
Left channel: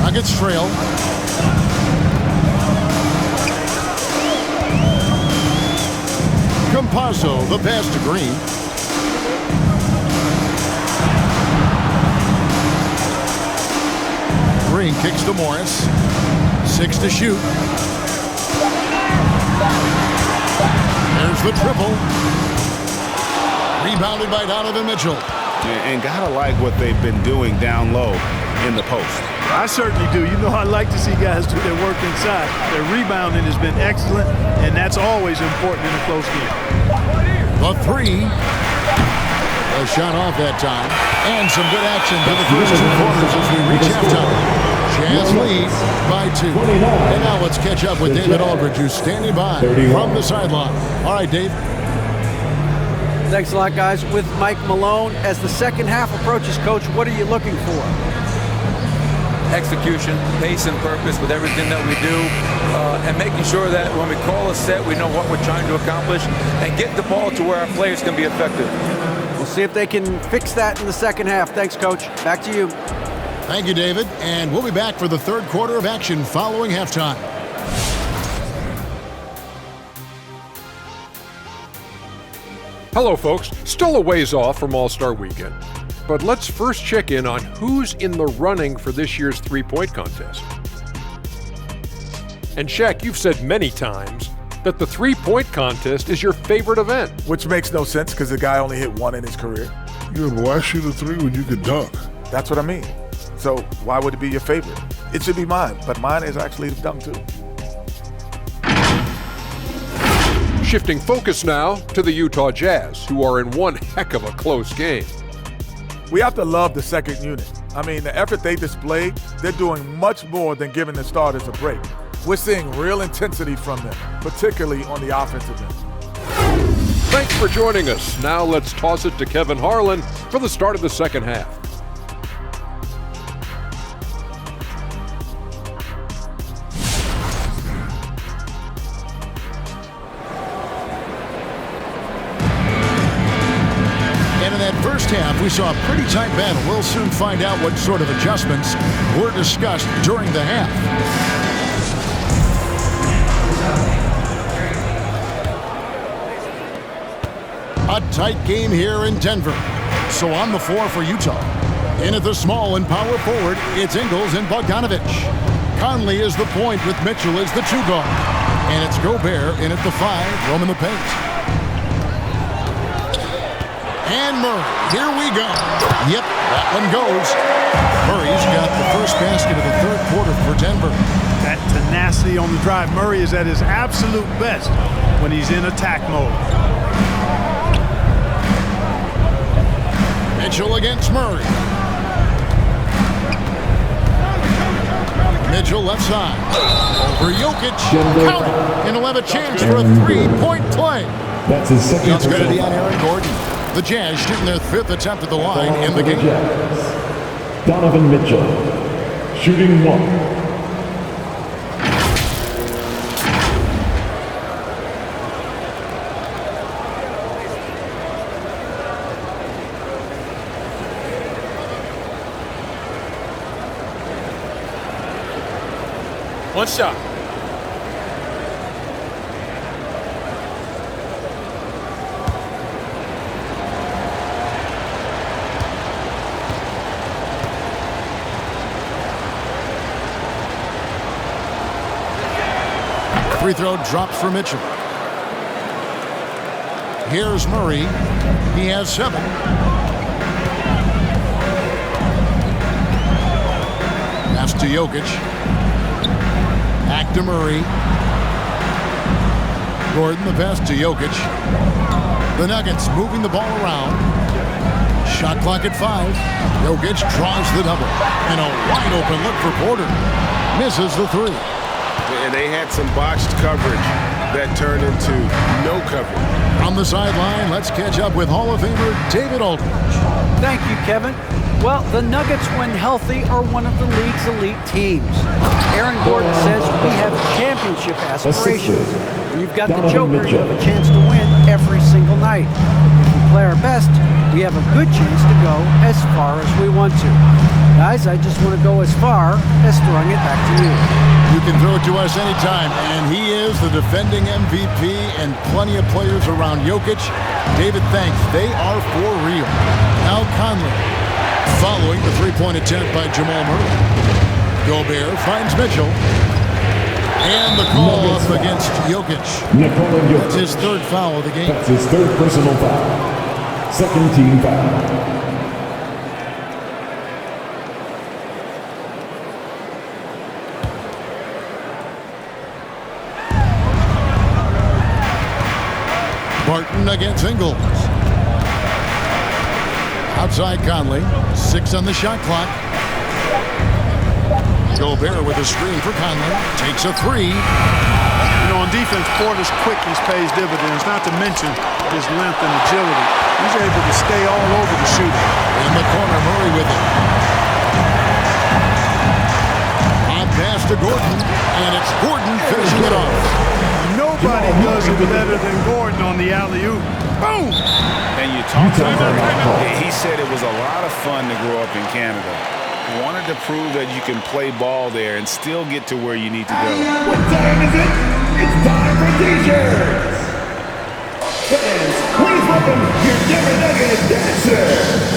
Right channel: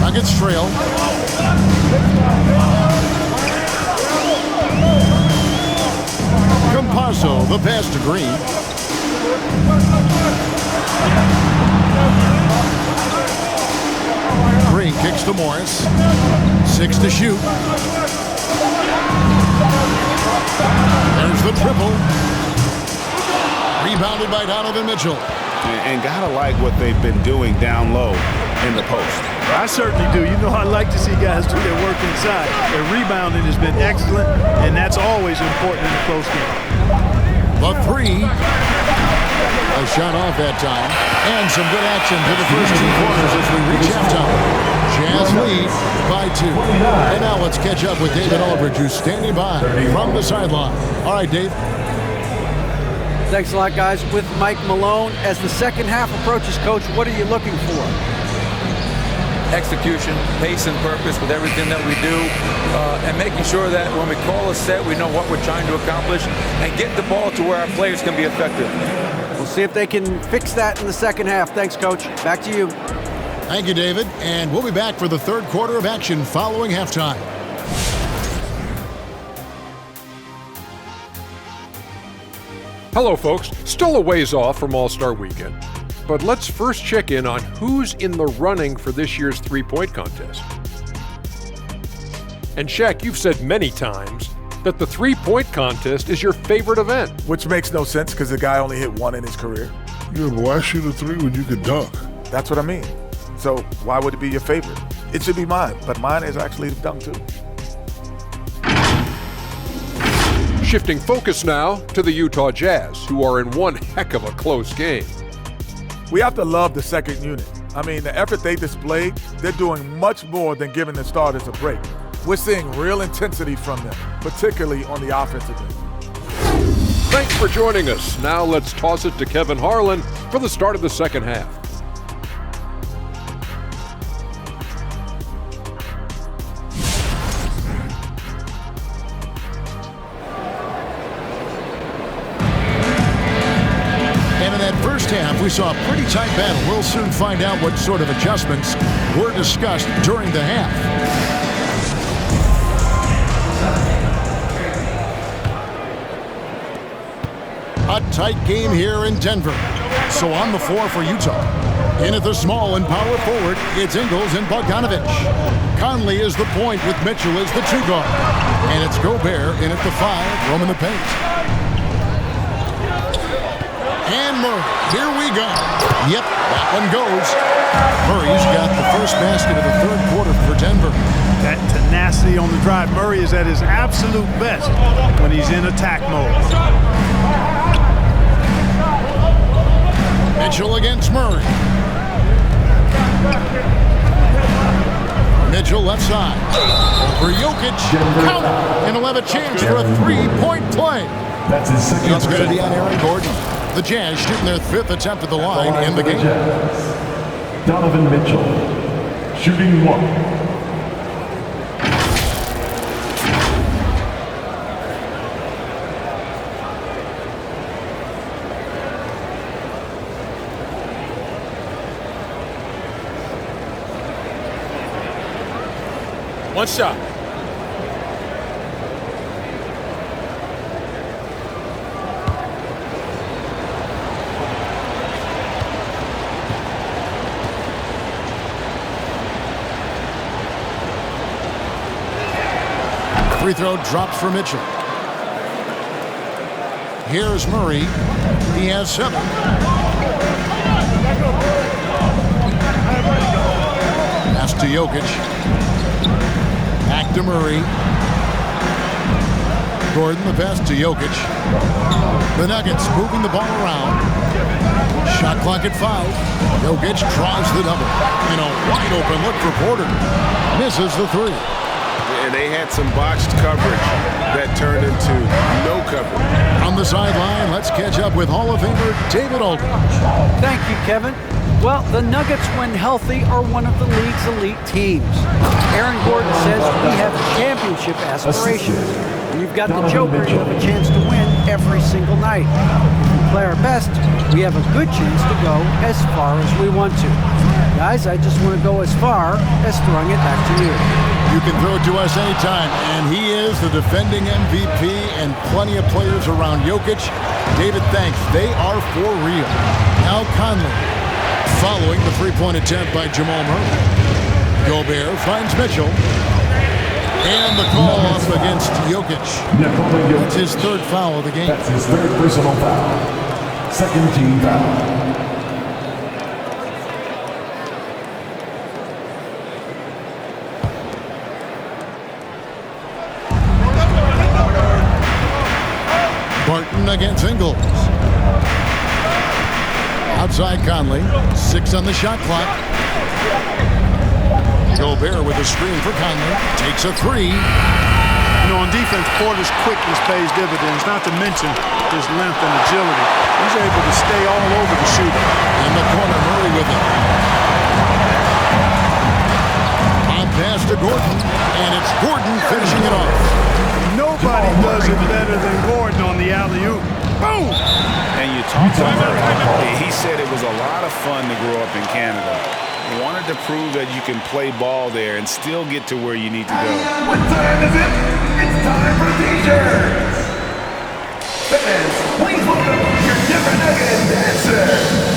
Nuggets trail. Campazzo, the pass to Green. Green kicks to Morris. 6 to shoot. There's the triple. Rebounded by Donovan Mitchell. And gotta like what they've been doing down low in the post. I certainly do. You know, I like to see guys do their work inside. Their rebounding has been excellent, and that's always important in a close game. The 3. A shot off that time. And some good action to the first 2 quarters as we reach halftime. Jazz lead by 2. And now let's catch up with David Aldridge, who's standing by from the sideline. All right, Dave. Thanks a lot, guys. With Mike Malone, as the second half approaches, Coach, what are you looking for? Execution, pace and purpose with everything that we do, and making sure that when we call a set, we know what we're trying to accomplish and get the ball to where our players can be effective. We'll see if they can fix that in the second half. Thanks, Coach. Back to you. Thank you, David. And we'll be back for the third quarter of action following halftime. Hello, folks. Still a ways off from All-Star Weekend, but let's first check in on who's in the running for this year's three-point contest. And Shaq, you've said many times that the three-point contest is your favorite event. Which makes no sense because the guy only hit 1 in his career. Yeah, but why shoot a 3 when you could dunk? That's what I mean. So why would it be your favorite? It should be mine, but mine is actually the dunk too. Shifting focus now to the Utah Jazz, who are in one heck of a close game. We have to love the second unit. I mean, the effort they displayed, they're doing much more than giving the starters a break. We're seeing real intensity from them, particularly on the offensive end. Thanks for joining us. Now let's toss it to Kevin Harlan for the start of the second half. And in that first half, we saw a pretty tight battle. We'll soon find out what sort of adjustments were discussed during the half. A tight game here in Denver. So on the floor for Utah. In at the small and power forward, it's Ingles and Bogdanovic. Conley is the point with Mitchell as the 2 guard. And it's Gobert in at the 5, roaming the paint. And Murray, here we go. Yep, that one goes. Murray's got the first basket of the third quarter for Denver. That tenacity on the drive. Murray is at his absolute best when he's in attack mode. Mitchell against Murray. Mitchell left side. Over Jokic. Count it. And he'll have a chance for a 3-point play. That's his second. It's going to be on Aaron Gordon. The Jazz shooting their 5th attempt at the line in the game. Donovan Mitchell, shooting 1. One shot. Free throw drops for Mitchell. Here's Murray. He has 7. Pass to Jokic. Back to Murray. Gordon, the pass to Jokic. The Nuggets moving the ball around. Shot clock at 5. Jokic draws the double. And a wide open look for Porter. Misses the 3. And they had some botched coverage that turned into no coverage. On the sideline, let's catch up with Hall of Famer David Aldridge. Thank you, Kevin. Well, the Nuggets, when healthy, are one of the league's elite teams. Aaron Gordon says we have championship aspirations. When you've got the Joker, you have a chance to win every single night. If we play our best, we have a good chance to go as far as we want to. Guys, I just want to go as far as throwing it back to you. You can throw it to us anytime, and he is the defending MVP and plenty of players around Jokic. David, thanks. They are for real. Now Conley, following the 3-point attempt by Jamal Murray. Gobert finds Mitchell. And the call up against Jokic. That's his 3rd foul of the game. That's his 3rd personal foul. 2nd team foul. Barton against Ingles. Outside Conley. 6 on the shot clock. Gobert with a screen for Conley. Takes a 3. You know, on defense, Porter's quickness pays dividends, not to mention his length and agility. He's able to stay all over the shooter. In the corner, Murray with it. On pass to Gordon, and it's Gordon finishing it off. Nobody does it better than Gordon on the alley-oop. Boom! And you talked to Murray. He said it was a lot of fun to grow up in Canada. Wanted to prove that you can play ball there and still get to where you need to go. What time is it? It's time for T-shirts. Fans, please welcome your Denver Nuggets dancer.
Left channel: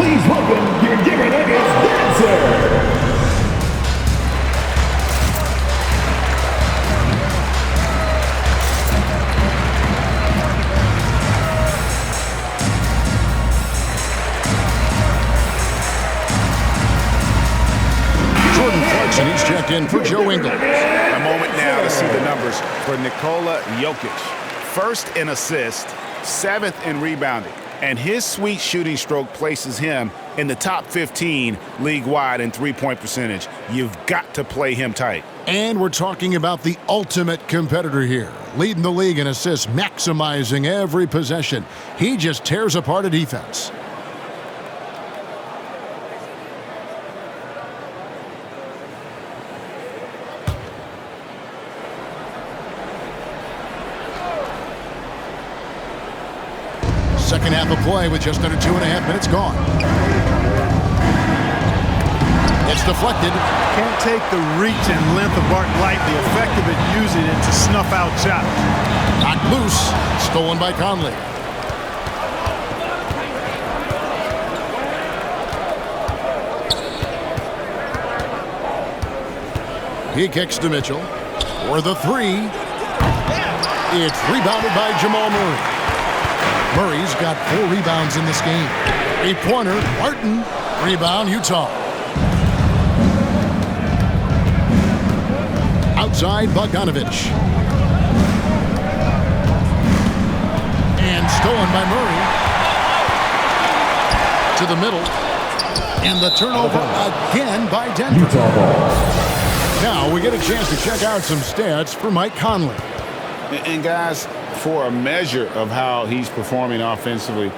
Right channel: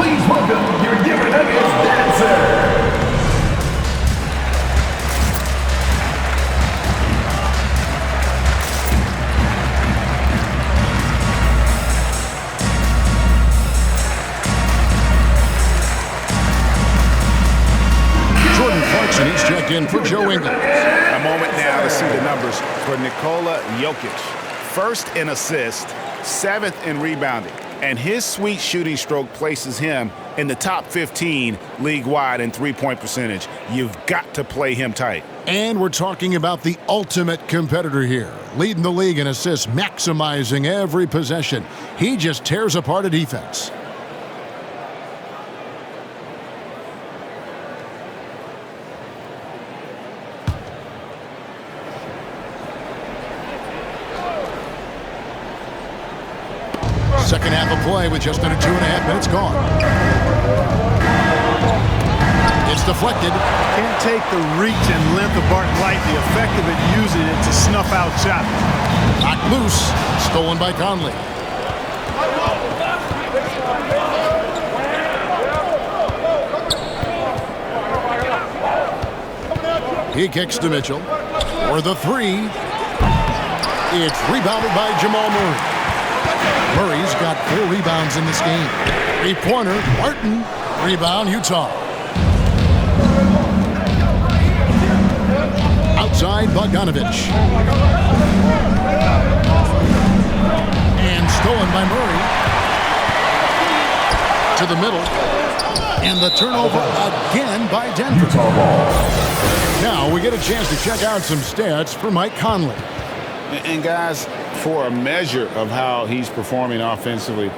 Please welcome your Giver Nuggets dancer. Jordan Clarkson, he's checked in for Joe Ingles. A moment now to see the numbers for Nikola Jokic. First in assists, 7th in rebounding, and his sweet shooting stroke places him in the top 15 league-wide in three-point percentage. You've got to play him tight. And we're talking about the ultimate competitor here, leading the league in assists, maximizing every possession. He just tears apart a defense. Second half of play with just under 2.5 minutes gone. It's deflected. Can't take the reach and length of Barton lightly. Effective at using it to snuff out shots. Knocked loose. Stolen by Conley. He kicks to Mitchell. For the three. It's rebounded by Jamal Murray. Murray's got 4 rebounds in this game. 3-pointer, Barton. Rebound, Utah. Outside, Bogdanovich. And stolen by Murray. To the middle. And the turnover again by Denver. Now we get a chance to check out some stats for Mike Conley. And guys, for a measure of how he's performing offensively,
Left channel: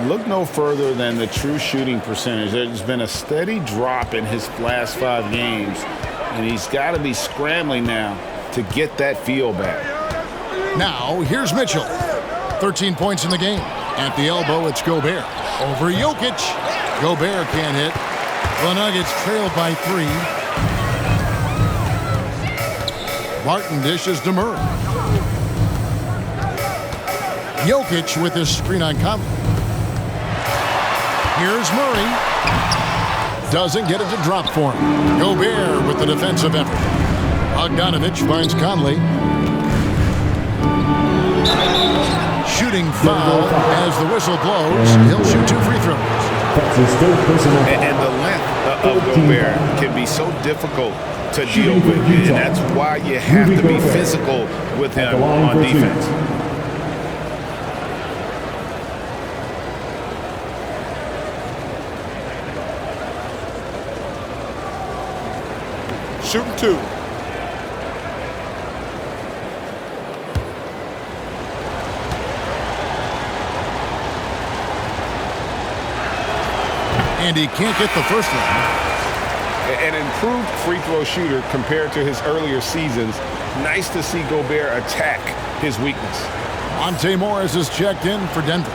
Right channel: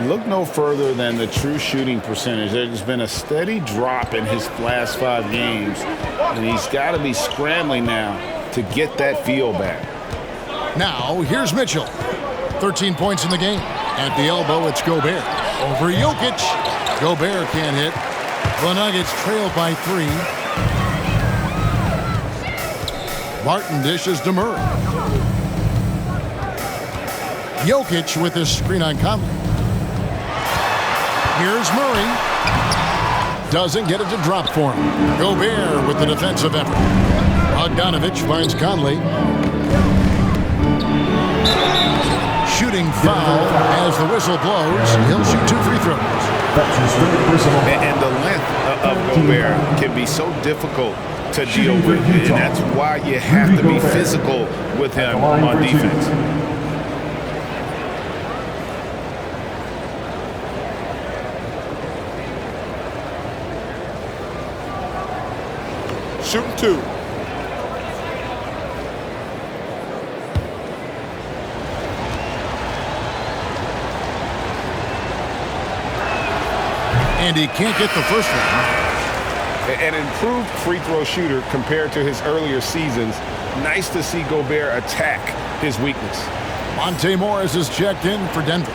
look no further than the true shooting percentage. There's been a steady drop in his last 5 games, and he's got to be scrambling now to get that feel back. Now, here's Mitchell. 13 points in the game. At the elbow, it's Gobert. Over Jokic. Gobert can't hit. The Nuggets trail by 3. Barton dishes to Murray. Jokic with his screen on Conley. Here's Murray. Doesn't get it to drop for him. Gobert with the defensive effort. Bogdanovich finds Conley. Shooting foul as the whistle blows. He'll shoot 2 free throws. That's his 3rd personal. And the length of Gobert can be so difficult to deal with, and that's why you have to be physical with him on defense. Shooting 2. And he can't get the first one. An improved free throw shooter compared to his earlier seasons. Nice to see Gobert attack his weakness. Monte Morris is checked in for Denver.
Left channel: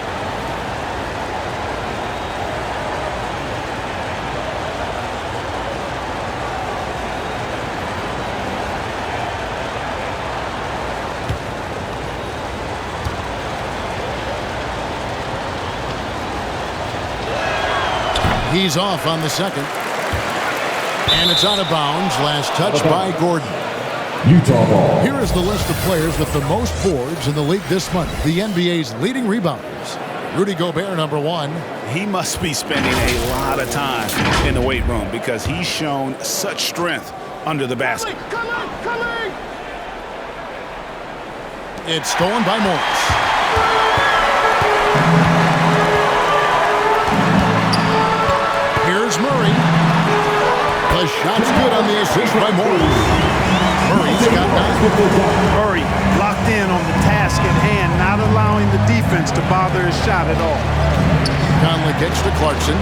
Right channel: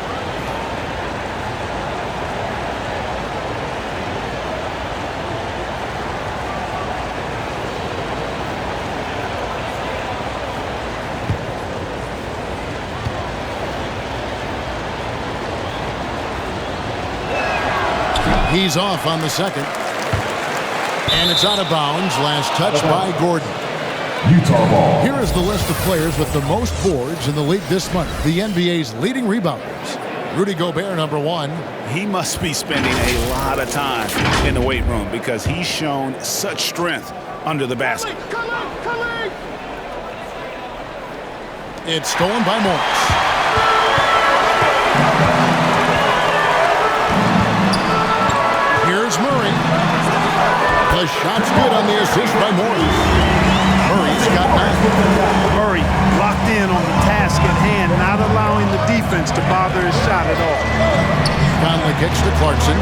He's off on the second. And it's out of bounds. Last touch by Gordon. Utah ball. Here is the list of players with the most boards in the league this month. The NBA's leading rebounders. Rudy Gobert, number 1. He must be spending a lot of time in the weight room because he's shown such strength under the basket. It's stolen by Morris. Here's Murray. The shot's good on the assist by Morris. Murray's got 9. Murray locked in on the task at hand, not allowing the defense to bother his shot at all. Conley kicks to Clarkson.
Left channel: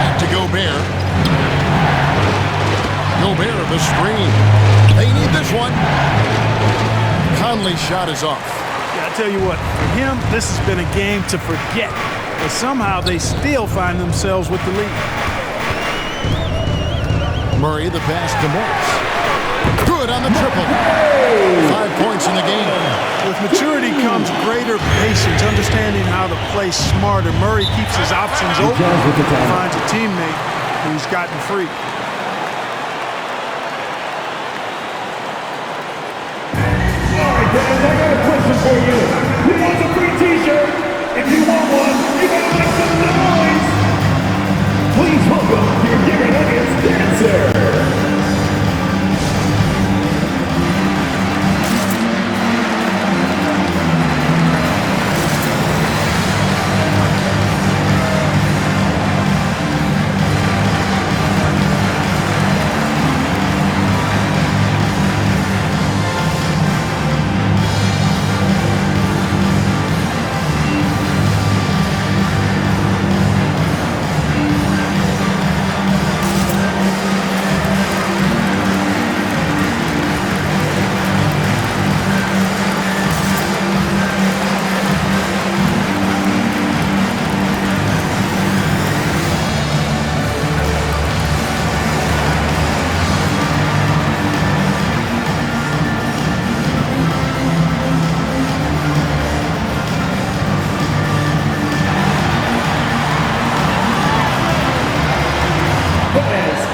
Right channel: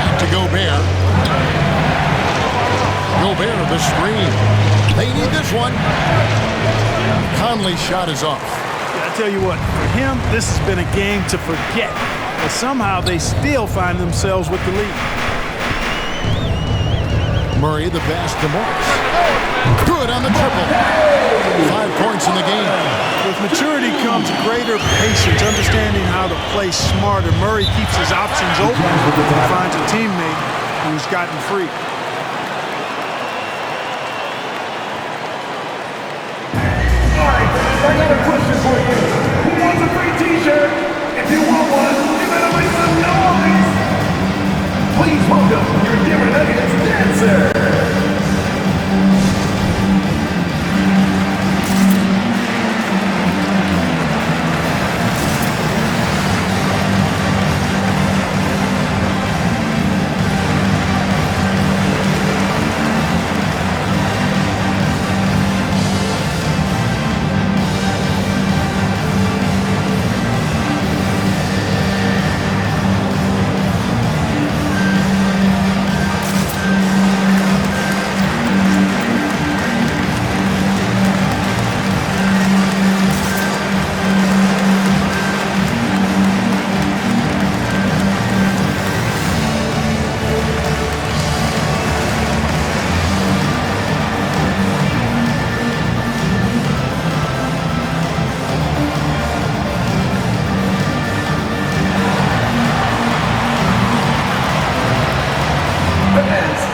Back to Gobert. Gobert, the screen. They need this one. Conley's shot is off. Yeah, I tell you what, for him, this has been a game to forget. But somehow they still find themselves with the lead. Murray, the pass to Morris. Good on the triple. 5 points in the game. With maturity comes greater patience, understanding how to play smarter. Murray keeps his options open and finds a teammate who's gotten free. All right, fans, I got a question for you. Who wants a free t-shirt? If you want one, you better make some noise. Please welcome your Denver Nuggets dancer.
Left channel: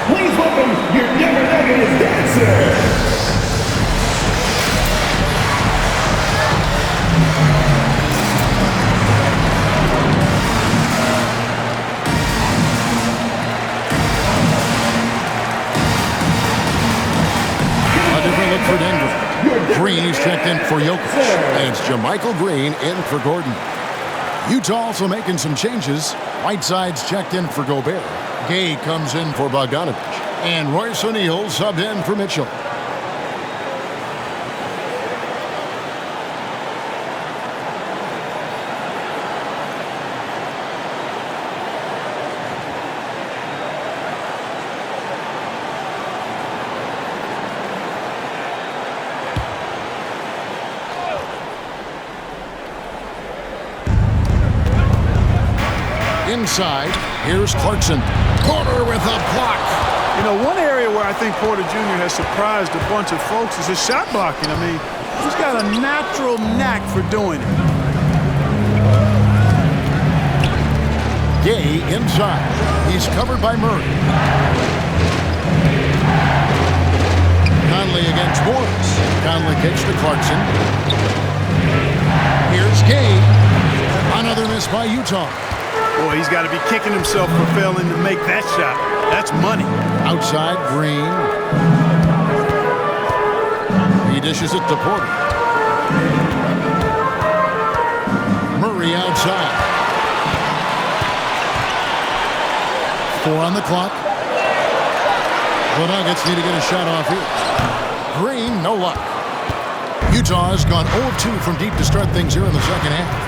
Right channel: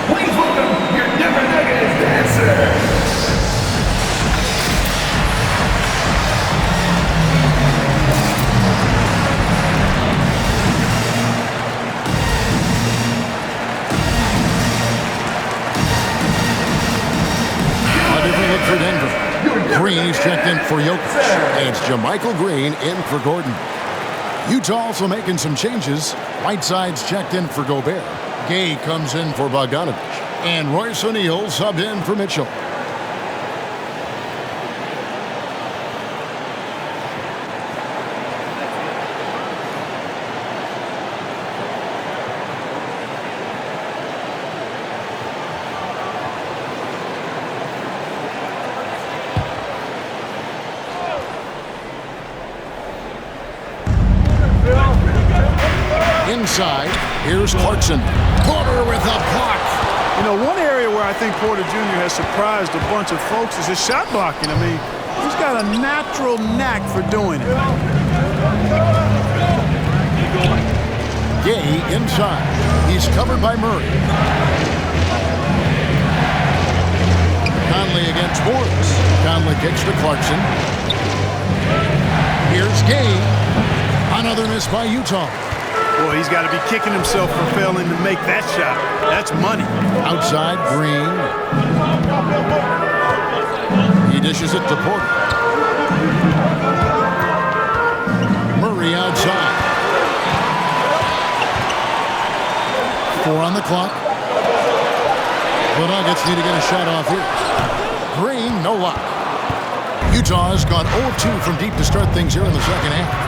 Please welcome your Denver Nuggets dancer. A different look for Denver. Green is checked in for Jokic. And it's JaMychal Green in for Gordon. Utah also making some changes. Whiteside's checked in for Gobert. Gay comes in for Bogdanovich. And Royce O'Neal subbed in for Mitchell. Inside, here's Clarkson. Porter with a block. You know, one area where I think Porter Jr. has surprised a bunch of folks is his shot blocking. I mean, he's got a natural knack for doing it. Gay inside. He's covered by Murray. Conley against Morris. Conley kicks to Clarkson. Here's Gay. Another miss by Utah. Boy, he's got to be kicking himself for failing to make that shot. That's money. Outside, Green. He dishes it to Porter. Murray outside. 4 on the clock. The Nuggets need to get a shot off here. Green, no luck. Utah has gone 0 of 2 from deep to start things here in the second half.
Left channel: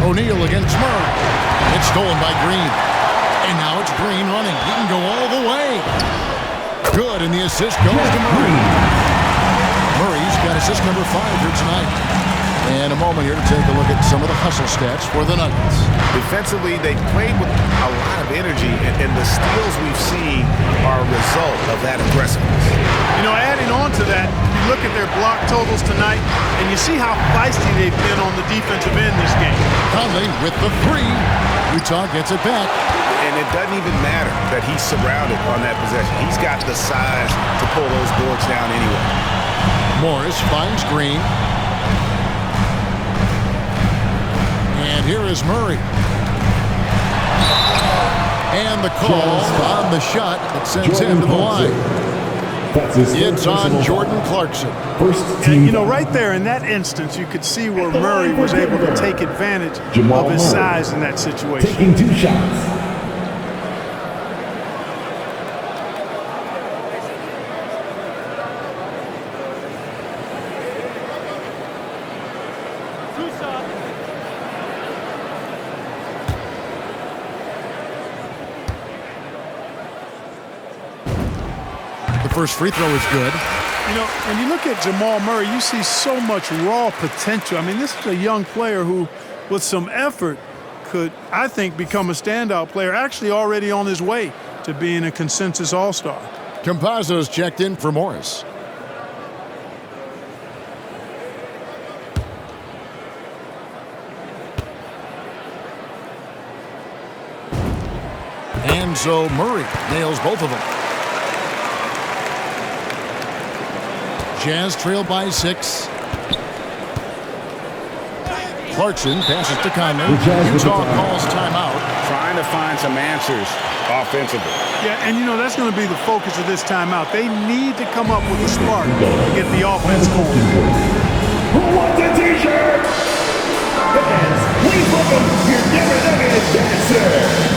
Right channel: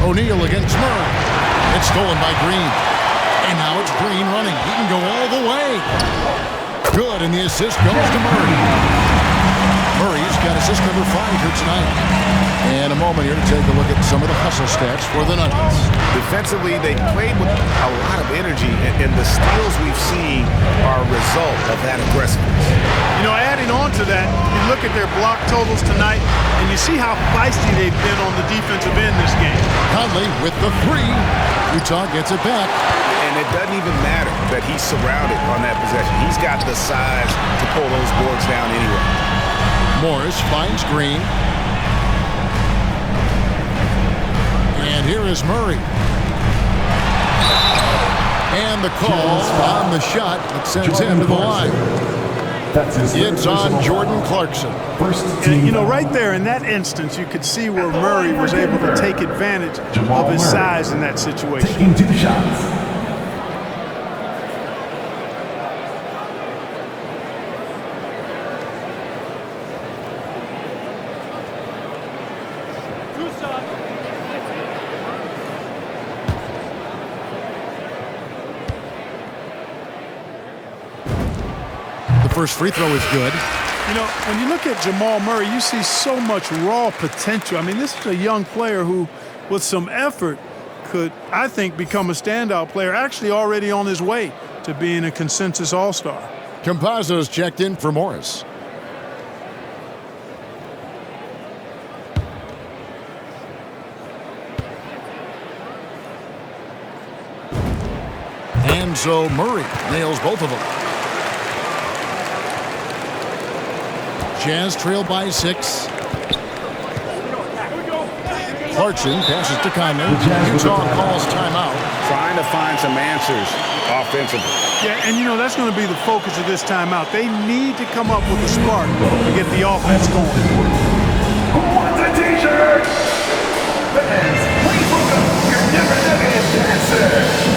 O'Neal against Murray. It's stolen by Green. And now it's Green running. He can go all the way. Good, and the assist goes to Murray. Murray's got assist number 5 here tonight. And a moment here to take a look at some of the hustle stats for the Nuggets. Defensively, they played with a lot of energy, and the steals we've seen are a result of that aggressiveness. You know, adding on to that, you look at their block totals tonight, and you see how feisty they've been on the defensive end this game. Conley with the 3. Utah gets it back. And it doesn't even matter that he's surrounded on that possession. He's got the size to pull those boards down anyway. Morris finds Green. And here is Murray. And the call on the shot that sends him to the line. It's on Jordan Clarkson. And, you know, right there in that instance, you could see where Murray was able to take advantage of his size in that situation. Taking 2 shots. First free throw is good. You know, when you look at Jamal Murray, you see so much raw potential. I mean, this is a young player who, with some effort, could, I think, become a standout player, actually already on his way to being a consensus all-star. Campazzo's checked in for Morris. And so Murray nails both of them. Jazz trail by 6. Clarkson passes to Conley. Utah calls timeout. Trying to find some answers offensively. Yeah, and you know, that's going to be the focus of this timeout. They need to come up with a spark to get the offense going. Who wants a t-shirt? Fans, please welcome your Denver Nuggets dancer.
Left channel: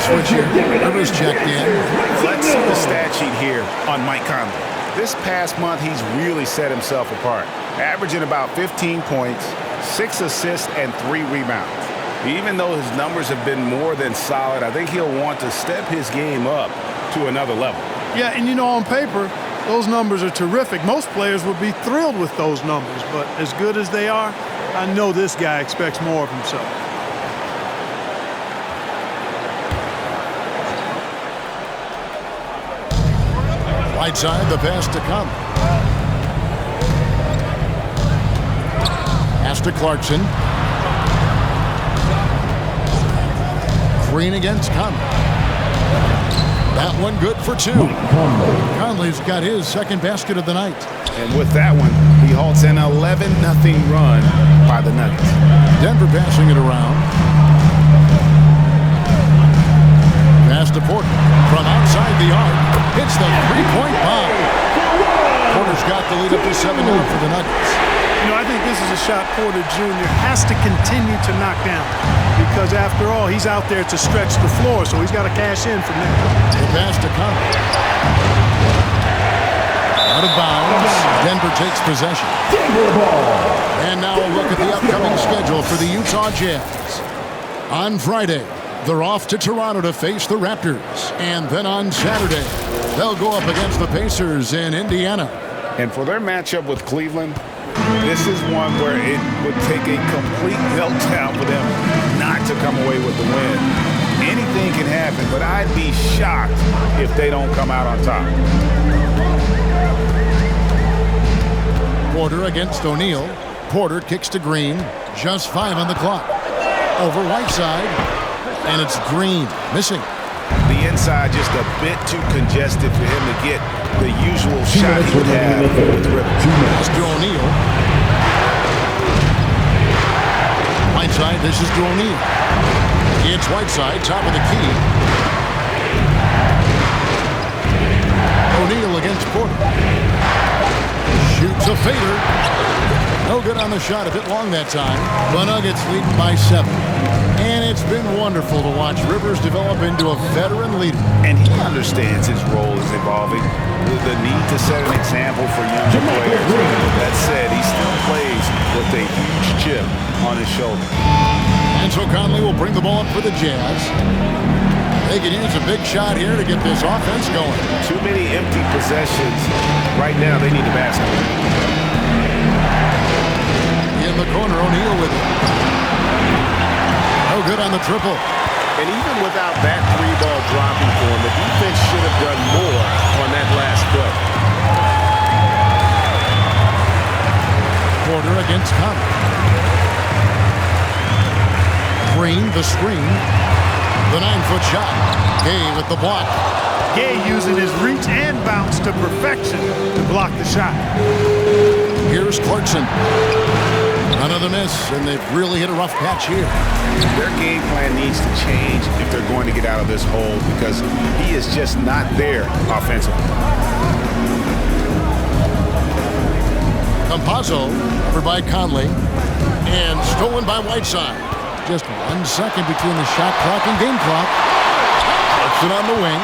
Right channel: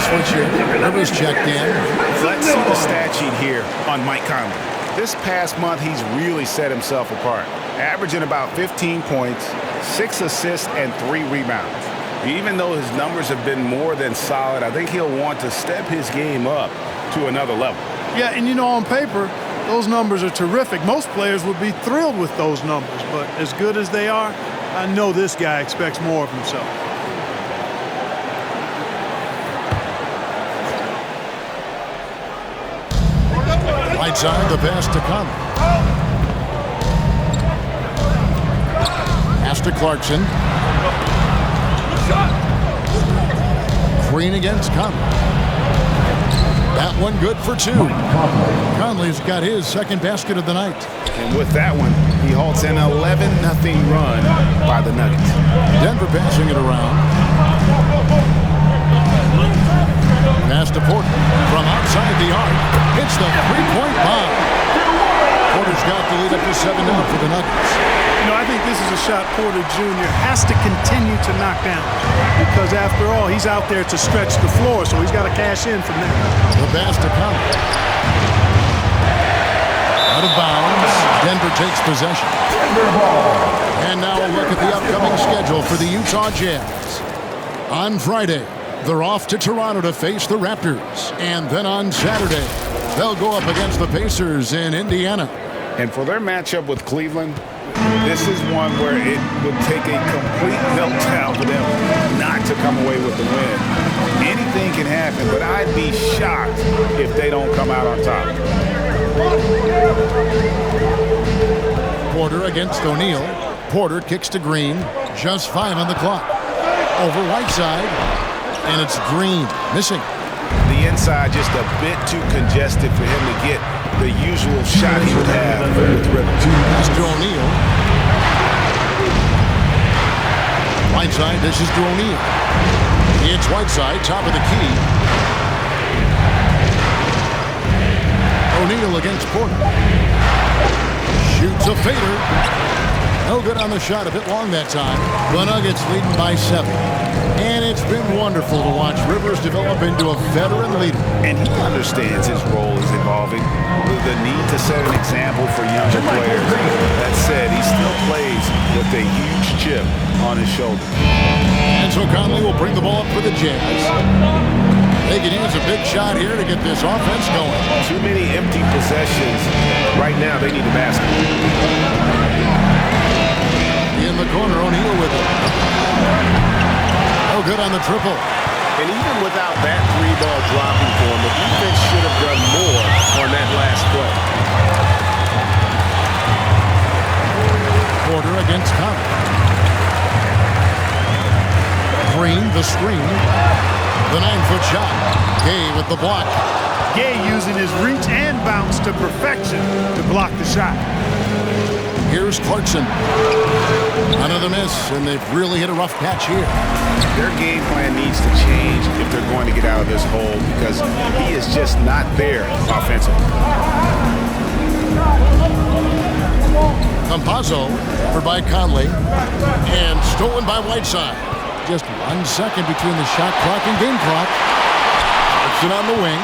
Switch here. Rivers checked in. Let's see the stat sheet here on Mike Conley. This past month, he's really set himself apart, averaging about 15 points, 6 assists, and 3 rebounds. Even though his numbers have been more than solid, I think he'll want to step his game up to another level. Yeah, and you know, on paper, those numbers are terrific. Most players would be thrilled with those numbers, but as good as they are, I know this guy expects more of himself. Right side, the pass to Conley. Pass to Clarkson. Green against Conley. That one good for 2. Conley's got his second basket of the night. And with that one, he halts an 11-0 run by the Nuggets. Denver passing it around. Pass to Porter. From outside the arc, hits the three-point bomb. Porter's got the lead up to 7 now for the Nuggets. You know, I think this is a shot Porter Jr. has to continue to knock down because, after all, he's out there to stretch the floor, so he's got to cash in from there. The pass to Conley. Out of bounds. Denver takes possession. Denver ball. And now a look at the upcoming schedule for the Utah Jazz. On Friday, they're off to Toronto to face the Raptors. And then on Saturday, they'll go up against the Pacers in Indiana. And for their matchup with Cleveland, this is one where it would take a complete meltdown for them not to come away with the win. Anything can happen, but I'd be shocked if they don't come out on top. Porter against O'Neal. Porter kicks to Green. Just 5 on the clock. Over Whiteside. And it's Green missing. The inside just a bit too congested for him to get the usual shot he would have with rhythm. Pass to O'Neal. Whiteside dishes to O'Neal. It's Whiteside, top of the key. O'Neal against Porter. Shoots a fader. No good on the shot, a bit long that time. The Nuggets leading by 7. And it's been wonderful to watch Rivers develop into a veteran leader. And he understands his role is evolving. The need to set an example for younger players. That said, he still plays with a huge chip on his shoulder. And so Conley will bring the ball up for the Jazz. They can use a big shot here to get this offense going. Too many empty possessions. Right now, they need a basket. In the corner, O'Neal with it. No good on the triple. And even without that three ball dropping for him, the defense should have done more on that last play. Porter against Conley. Green, the screen. The 9-foot shot. Gay with the block. Gay using his reach and bounce to perfection to block the shot. Here's Clarkson. Another miss, and they've really hit a rough patch here. Their game plan needs to change if they're going to get out of this hole because he is just not there offensively. Campazzo, covered by Conley, and stolen by Whiteside. Just 1 second between the shot clock and game clock. Clarkson on the wing.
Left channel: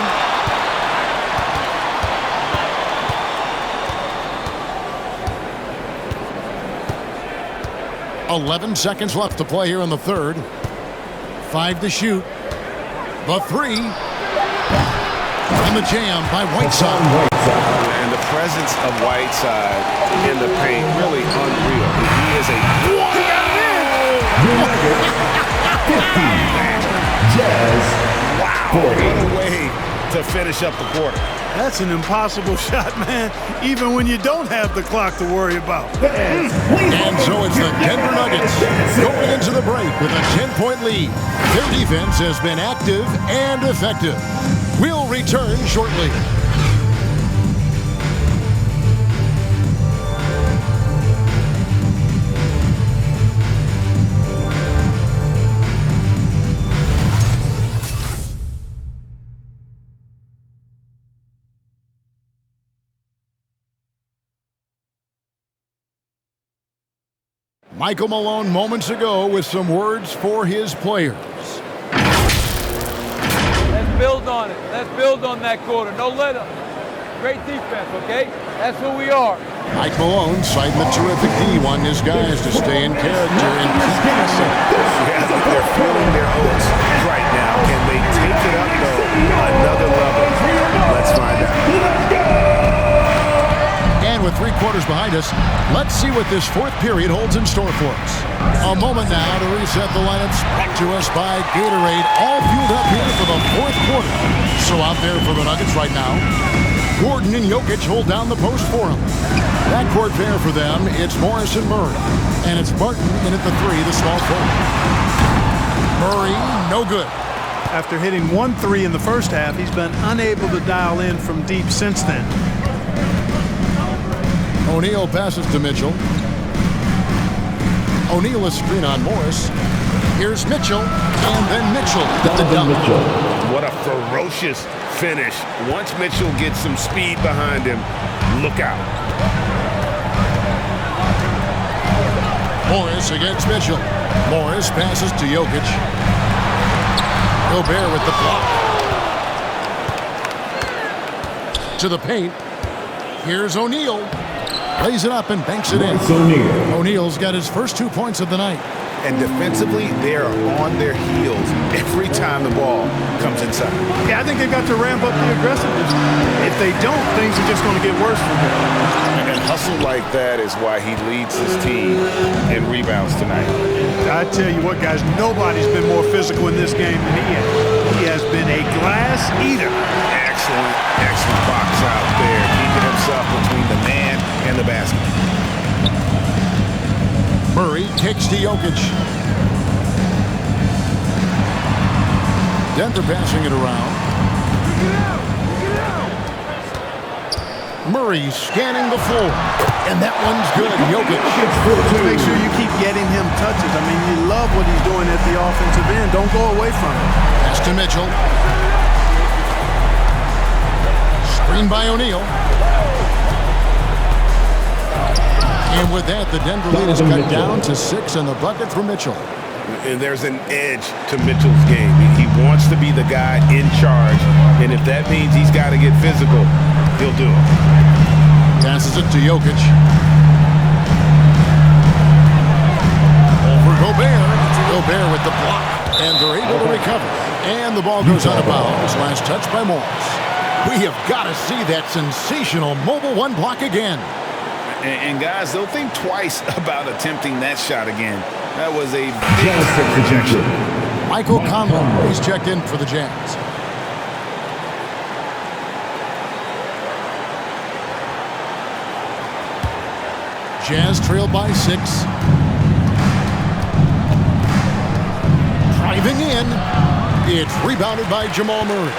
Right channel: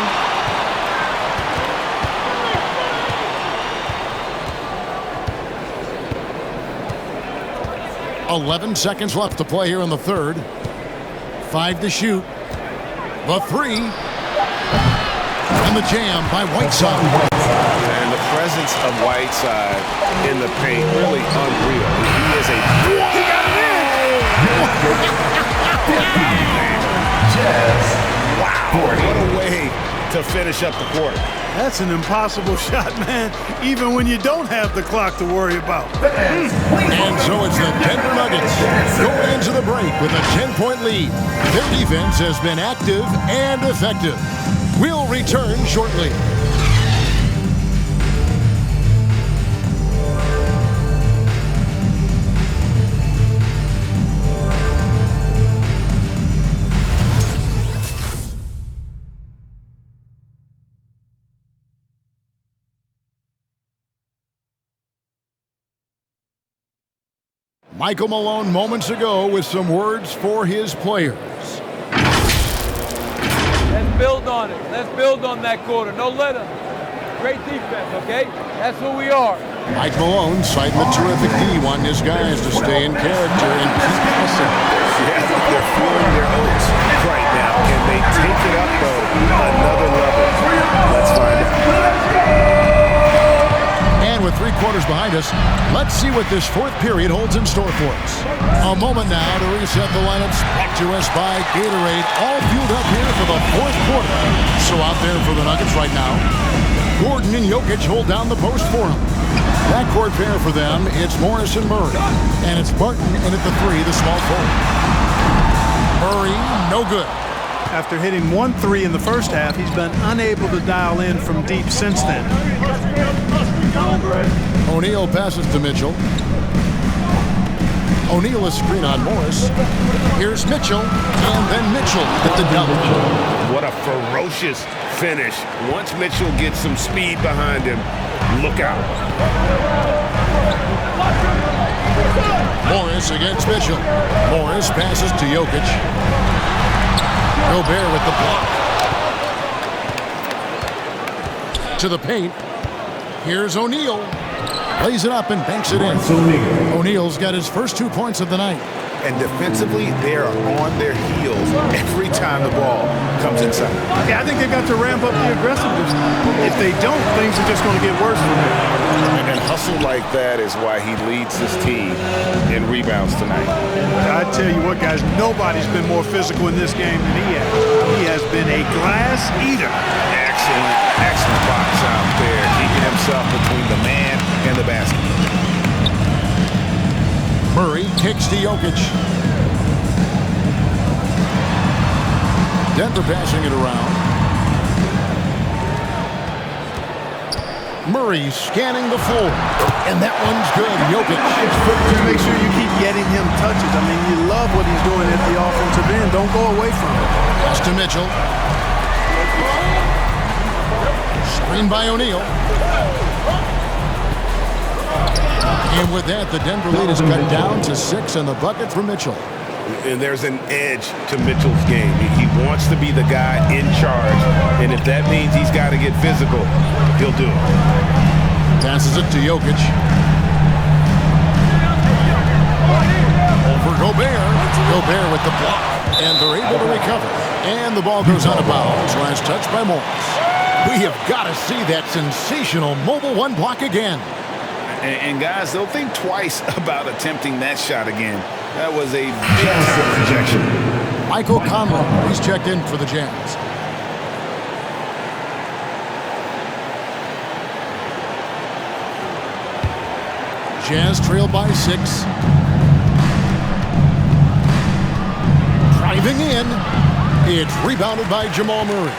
.11 seconds left to play here in the third. 5 to shoot. The three. And the jam by Whiteside. And the presence of Whiteside in the paint, really unreal. He is a... He got it in! Wow. What a way to finish up the quarter. That's an impossible shot, man, even when you don't have the clock to worry about. And so it's the Denver Nuggets going into the break with a 10-point lead. Their defense has been active and effective. We'll return shortly. Michael Malone moments ago with some words for his players. Let's build on it. Let's build on that quarter. No let up. Great defense, okay? That's who we are. Mike Malone citing the terrific D, wanting his guys to stay in character and keep pressing. Yeah, they're feeling their oats right now. Can they take it up, though, another level? Let's find out. And with 3 quarters behind us, let's see what this fourth period holds in store for us. A moment now to reset the lineups brought to us by Gatorade, all fueled up here for the fourth quarter. So out there for the Nuggets right now, Gordon and Jokic hold down the post for him. Backcourt pair for them, it's Morris and Murray. And it's Barton in at the 3, the small forward. Murray, no good. After hitting 1 3 in the first half, he's been unable to dial in from deep since then. O'Neal passes to Mitchell. O'Neal a screen on Morris. Here's Mitchell, and then Mitchell at the dunk. What a ferocious finish. Once Mitchell gets some speed behind him, look out. Morris against Mitchell. Morris passes to Jokic. Gobert with the block. To the paint. Here's O'Neal. Lays it up and banks it in. O'Neal's got his first 2 points of the night. And defensively, they are on their heels every time the ball comes inside. Yeah, I think they've got to ramp up the aggressiveness. If they don't, things are just going to get worse from here. And hustle like that is why he leads his team in rebounds tonight. And I tell you what, guys, nobody's been more physical in this game than he has. He has been a glass eater. Excellent box out there, keeping himself between the man and the basket. Murray kicks to Jokic. Denver passing it around. Murray scanning the floor. And that one's good. Jokic. Just make sure you keep getting him touches. I mean, you love what he's doing at the offensive end. Don't go away from it. Pass to Mitchell. Screen by O'Neal. And with that, the Denver lead is cut down to 6 and the bucket for Mitchell. And there's an edge to Mitchell's game. He wants to be the guy in charge. And if that means he's got to get physical, he'll do it. Passes it to Jokic. Over Gobert. Gobert with the block. And they're able to recover. And the ball goes out of bounds. Last touch by Morris. We have got to see that sensational mobile 1 block again. And guys, they'll think twice about attempting that shot again. That was a big-time rejection. Michael Conley, he's checked in for the Jazz. Jazz trail by 6. Driving in. It's rebounded by Jamal Murray.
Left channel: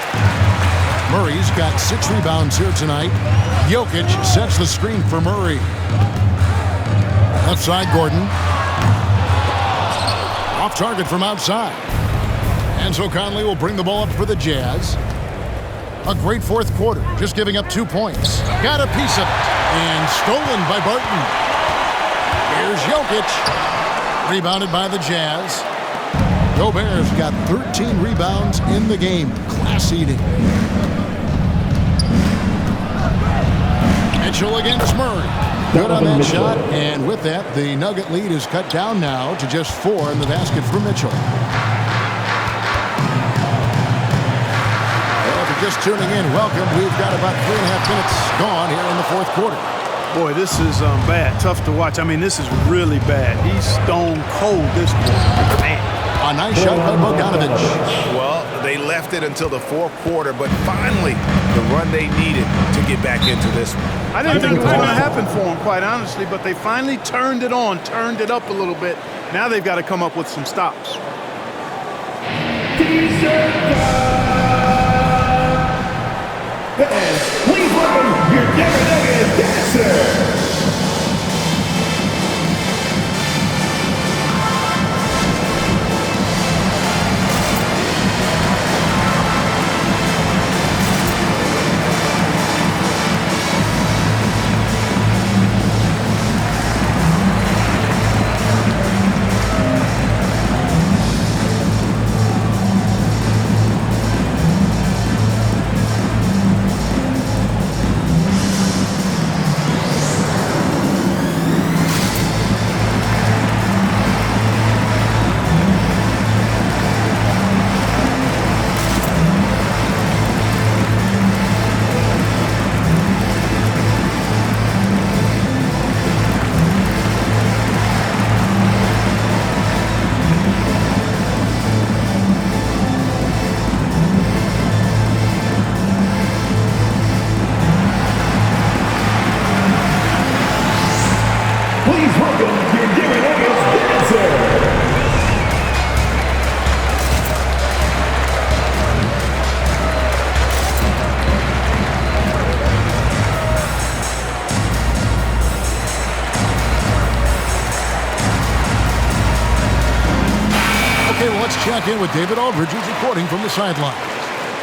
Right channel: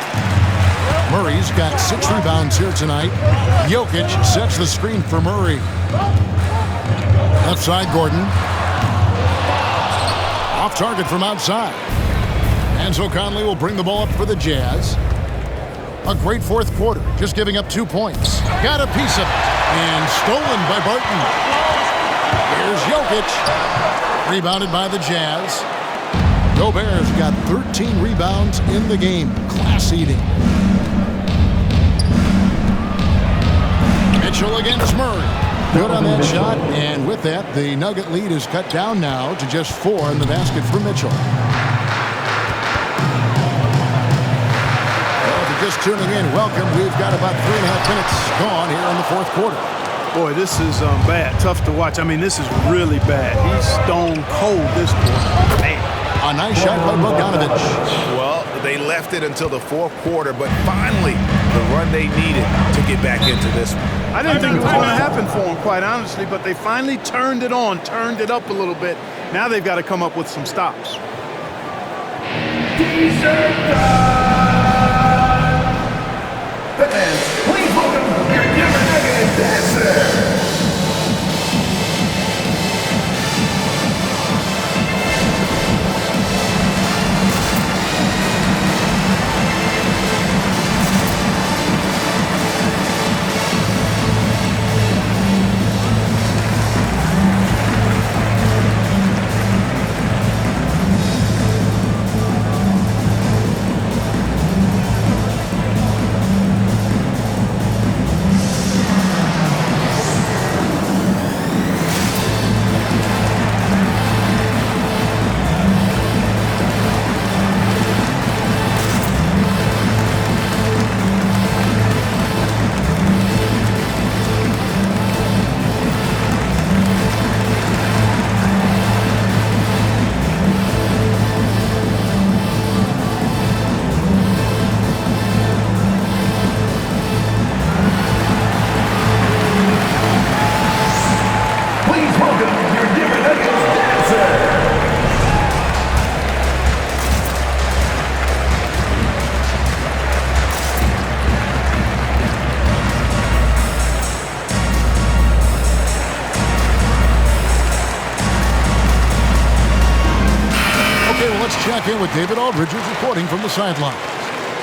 Murray's got 6 rebounds here tonight. Jokic sets the screen for Murray. Left side, Gordon. Off target from outside. And so Conley will bring the ball up for the Jazz. A great fourth quarter, just giving up 2 points. Got a piece of it. And stolen by Barton. Here's Jokic. Rebounded by the Jazz. Gobert's got 13 rebounds in the game. Class eating. Mitchell against Murray. Good on that shot. And with that, the Nugget lead is cut down now to just 4 in the basket for Mitchell. Well, if you're just tuning in, welcome. We've got about 3.5 minutes gone here in the fourth quarter. Boy, this is bad. Tough to watch. I mean, this is really bad. He's stone cold this quarter. Man. A nice shot by Bogdanovic. Well, they left it until the fourth quarter, but finally the run they needed to get back into this one. I didn't think it was going to happen for them, quite honestly, but they finally turned it on, turned it up a little bit. Now they've got to come up with some stops. T-shirt time! Fans, please welcome your Denver Nuggets dancer! Let's check in with David Aldridge, who's reporting from the sidelines.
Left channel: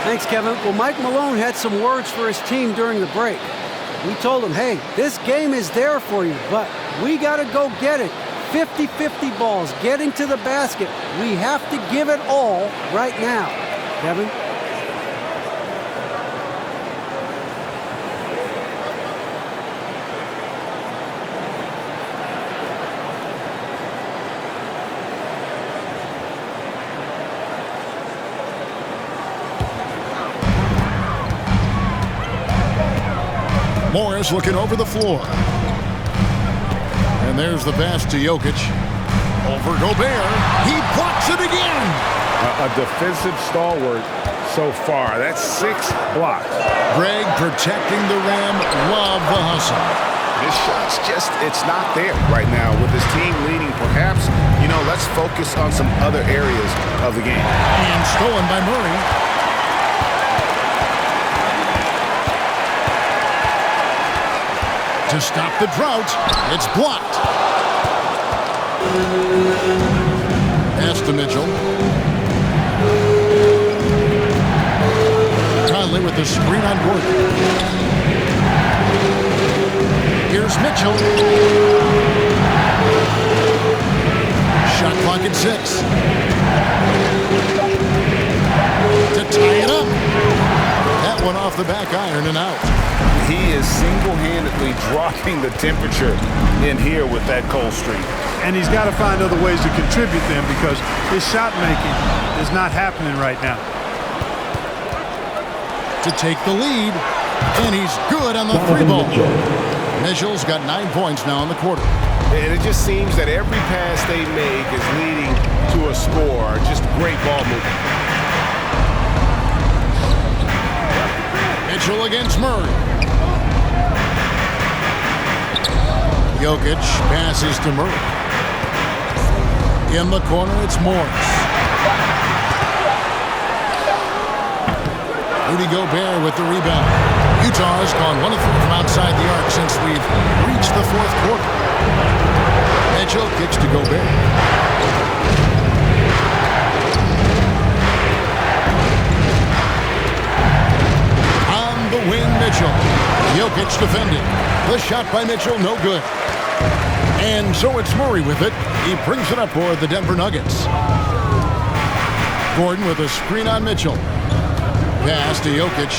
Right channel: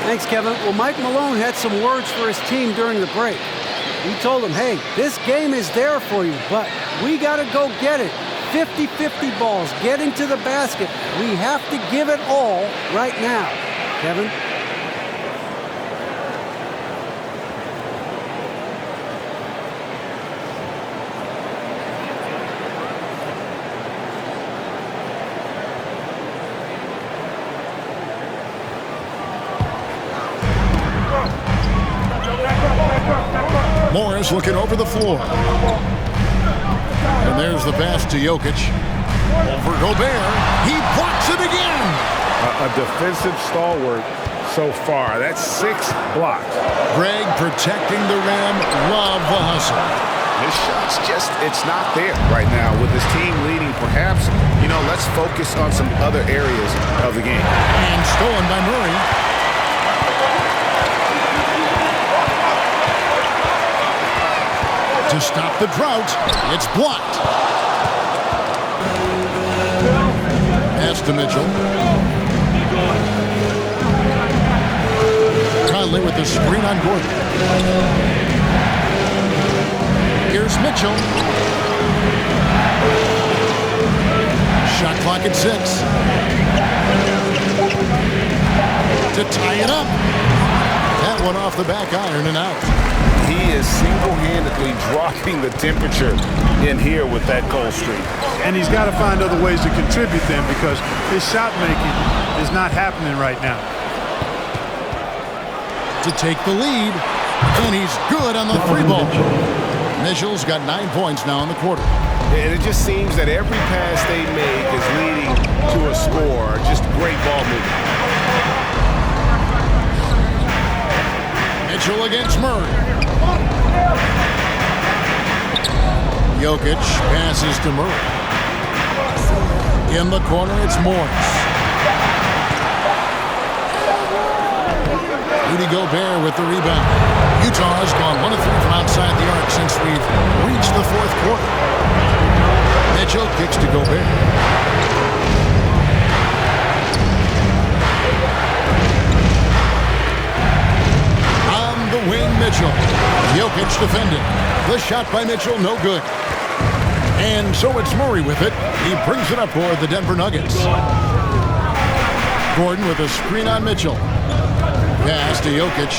Thanks, Kevin. Well, Mike Malone had some words for his team during the break. He told them, hey, this game is there for you, but we got to go get it. 50-50 balls, getting to the basket. We have to give it all right now. Kevin? Morris looking over the floor. And there's the pass to Jokic. Over Gobert. He blocks it again. A defensive stalwart so far. That's 6 blocks. Greg protecting the rim. Love the hustle. His shot's just, it's not there right now. With his team leading, perhaps, let's focus on some other areas of the game. And stolen by Murray. To stop the drought, it's blocked. Pass to Mitchell. Conley with the screen on Gordon. Here's Mitchell. Shot clock at 6. To tie it up. That one off the back iron and out. He is single-handedly dropping the temperature in here with that cold streak. And he's got to find other ways to contribute then, because his shot making is not happening right now. To take the lead, and he's good on the 3 ball. Mitchell's got 9 points now in the quarter. And it just seems that every pass they make is leading to a score. Just great ball movement. Mitchell against Murray. Jokic passes to Murray. In the corner, it's Morris. Rudy Gobert with the rebound. Utah has gone 1 of 3 from outside the arc since we've reached the fourth quarter. Mitchell kicks to Gobert. On the wing, Mitchell. Jokic defending. The shot by Mitchell, no good. And so it's Murray with it. He brings it up for the Denver Nuggets. Gordon with a screen on Mitchell. Pass to Jokic.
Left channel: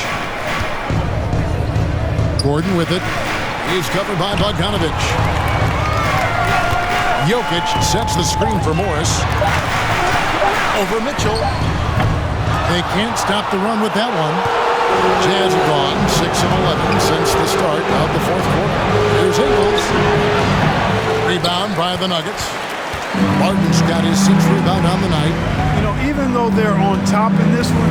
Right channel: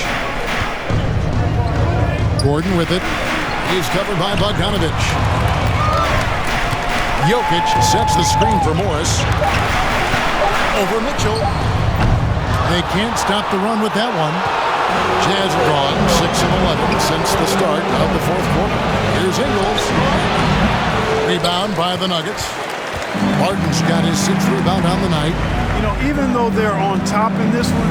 Gordon with it. He's covered by Bogdanovic. Jokic sets the screen for Morris. Over Mitchell. They can't stop the run with that one. Jazz have gone 6 of 11 since the start of the fourth quarter. Here's Ingles. Rebound by the Nuggets. Martin's got his 6th rebound on the night. You know, even though they're on top in this one,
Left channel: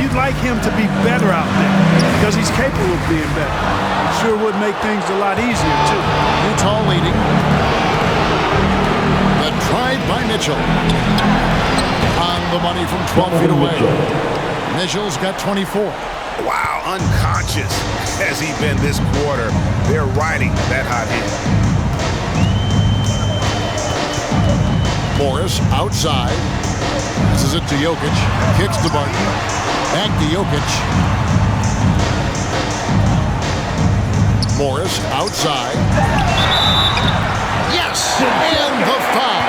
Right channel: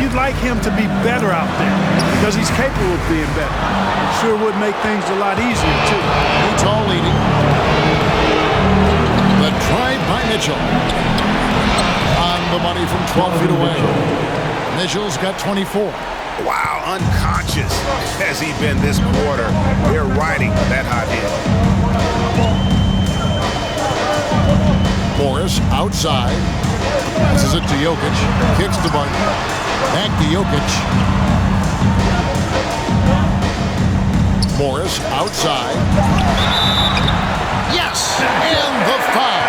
you'd like him to be better out there because he's capable of being better. It sure would make things a lot easier, too. Utah leading. The drive by Mitchell. On the money from 12 feet away. Mitchell's got 24. Wow, unconscious has he been this quarter. They're riding that hot hand. Morris outside. Passes it to Jokic. Kicks to Barton. Back to Jokic. Morris outside. Yes! And the foul.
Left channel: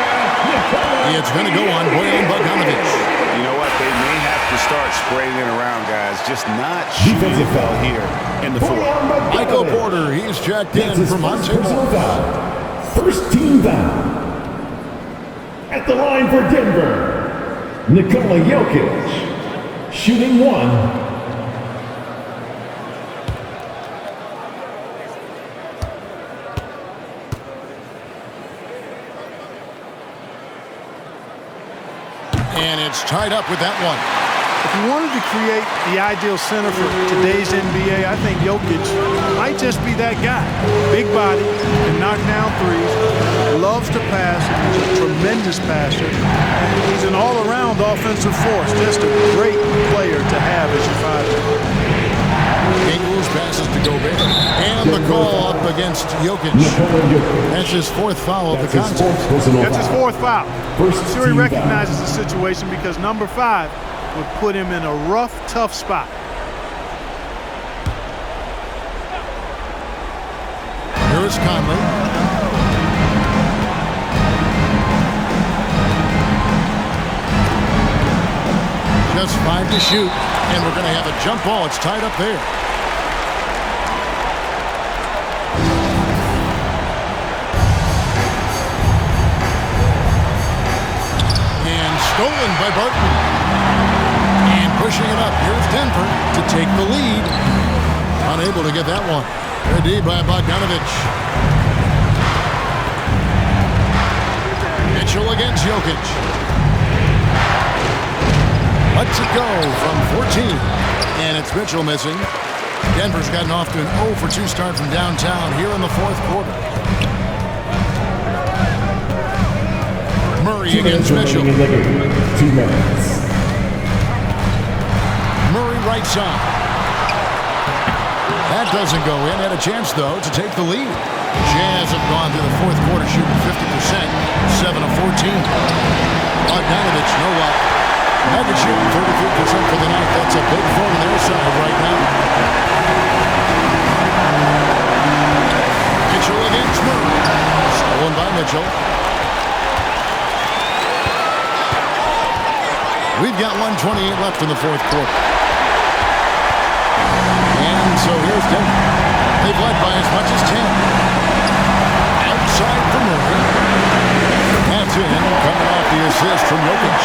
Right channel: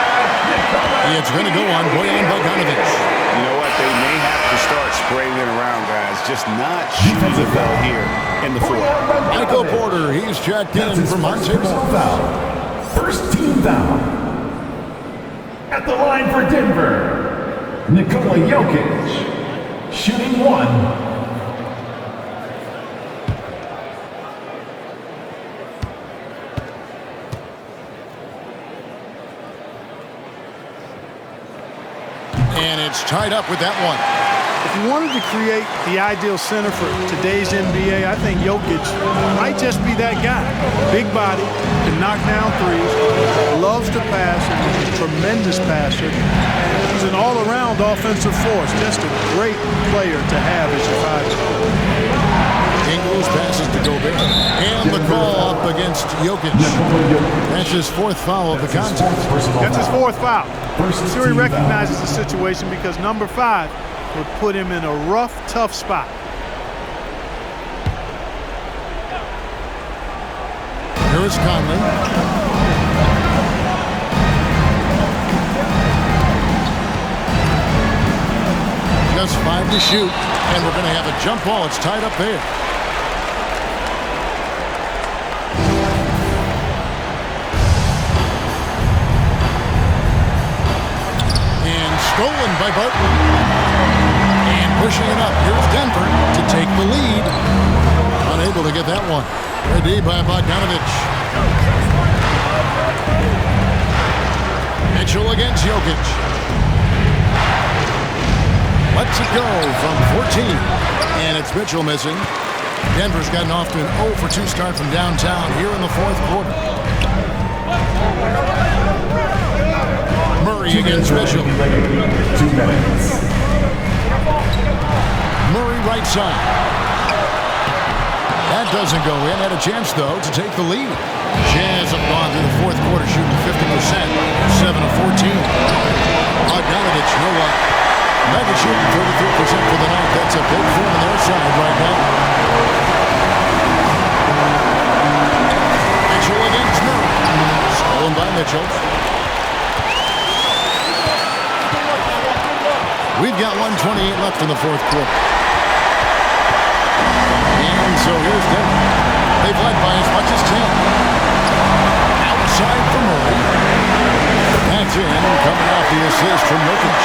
It's going to go on Bojan Bogdanovic. You know what? They may have to start spraying it around, guys. Just not shooting it well here in the fourth. Michael Porter, he's checked in for Monte Morris. First team foul. At the line for Denver, Nikola Jokic, shooting 1. And it's tied up with that one. If you wanted to create the ideal center for today's NBA, I think Jokic might just be that guy. Big body, can knock down threes, loves to pass, and is a tremendous passer. And he's an all-around offensive force. Just a great player to have as your 5. Ingles passes to Gobert. And the call up against Jokic. That's his 4th foul of the contest. That's his 4th foul. I'm sure he recognizes the situation because number 5 would put him in a rough, tough spot. Here is Conley. Just 5 to shoot. And we're going to have a jump ball. It's tied up there. And stolen by Barton. And pushing it up. Here's Denver to take the lead. Unable to get that one. Ready by Bogdanovic. Mitchell against Jokic. Lets it go from 14. And it's Mitchell missing. Denver's gotten off to an 0 for 2 start from downtown here in the fourth quarter. Murray against Mitchell. 2 minutes. Murray right side. That doesn't go in. Had a chance, though, to take the lead. Jazz have gone through the fourth quarter shooting 50%, 7 of 14. Bogdanovic, no luck. Nuggets shooting 33% for the night. That's a big thorn in their side right now. Mitchell against Murray. Stolen by Mitchell. We've got 1:28 left in the fourth quarter. And so here's Denver. They've led by as much as 10. Outside for Murray. That's in, coming off the assist from Jokic.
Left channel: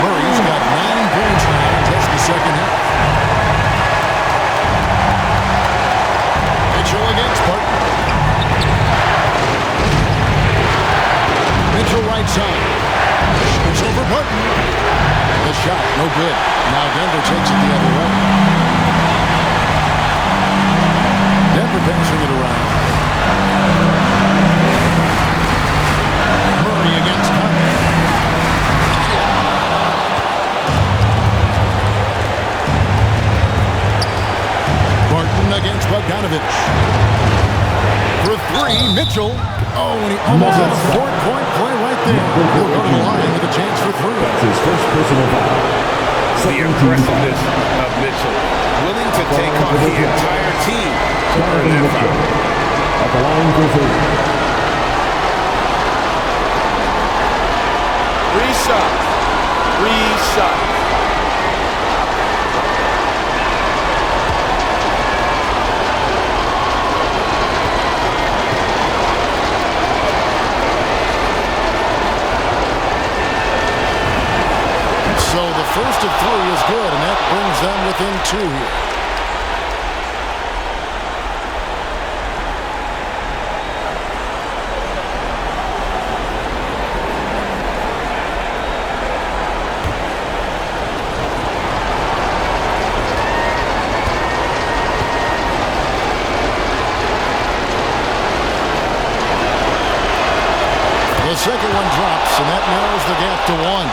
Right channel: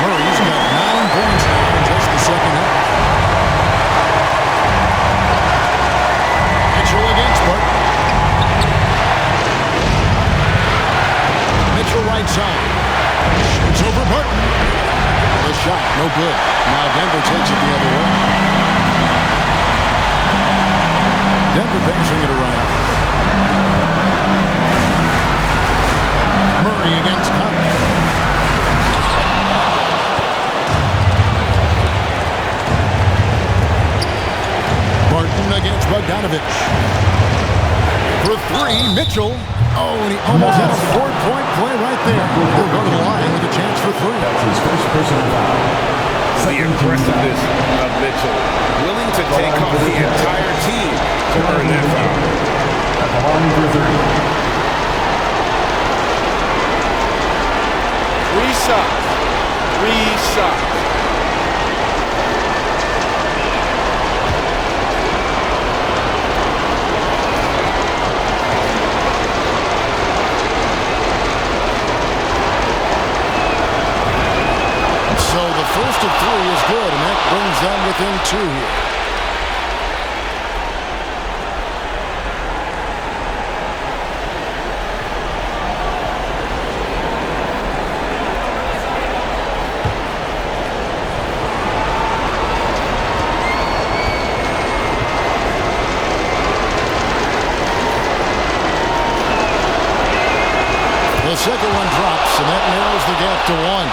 Murray's got 9 points now in just the second half. Mitchell against Barton. Mitchell right side. Shoots over Burton. The shot, no good. Now Denver takes it the other way. Denver passing it around. Murray against Conley. Barton against Bogdanovich. For three, Mitchell. Oh, and he almost had a 4-point play right there. He'll go to the line with a chance for three. That's his first personal foul. The impressiveness of Mitchell, willing to take on the entire team to earn that foul. At the line for three. Three shots. So the first of three is good, and that brings them within two here. The second one drops, and that narrows the gap to one.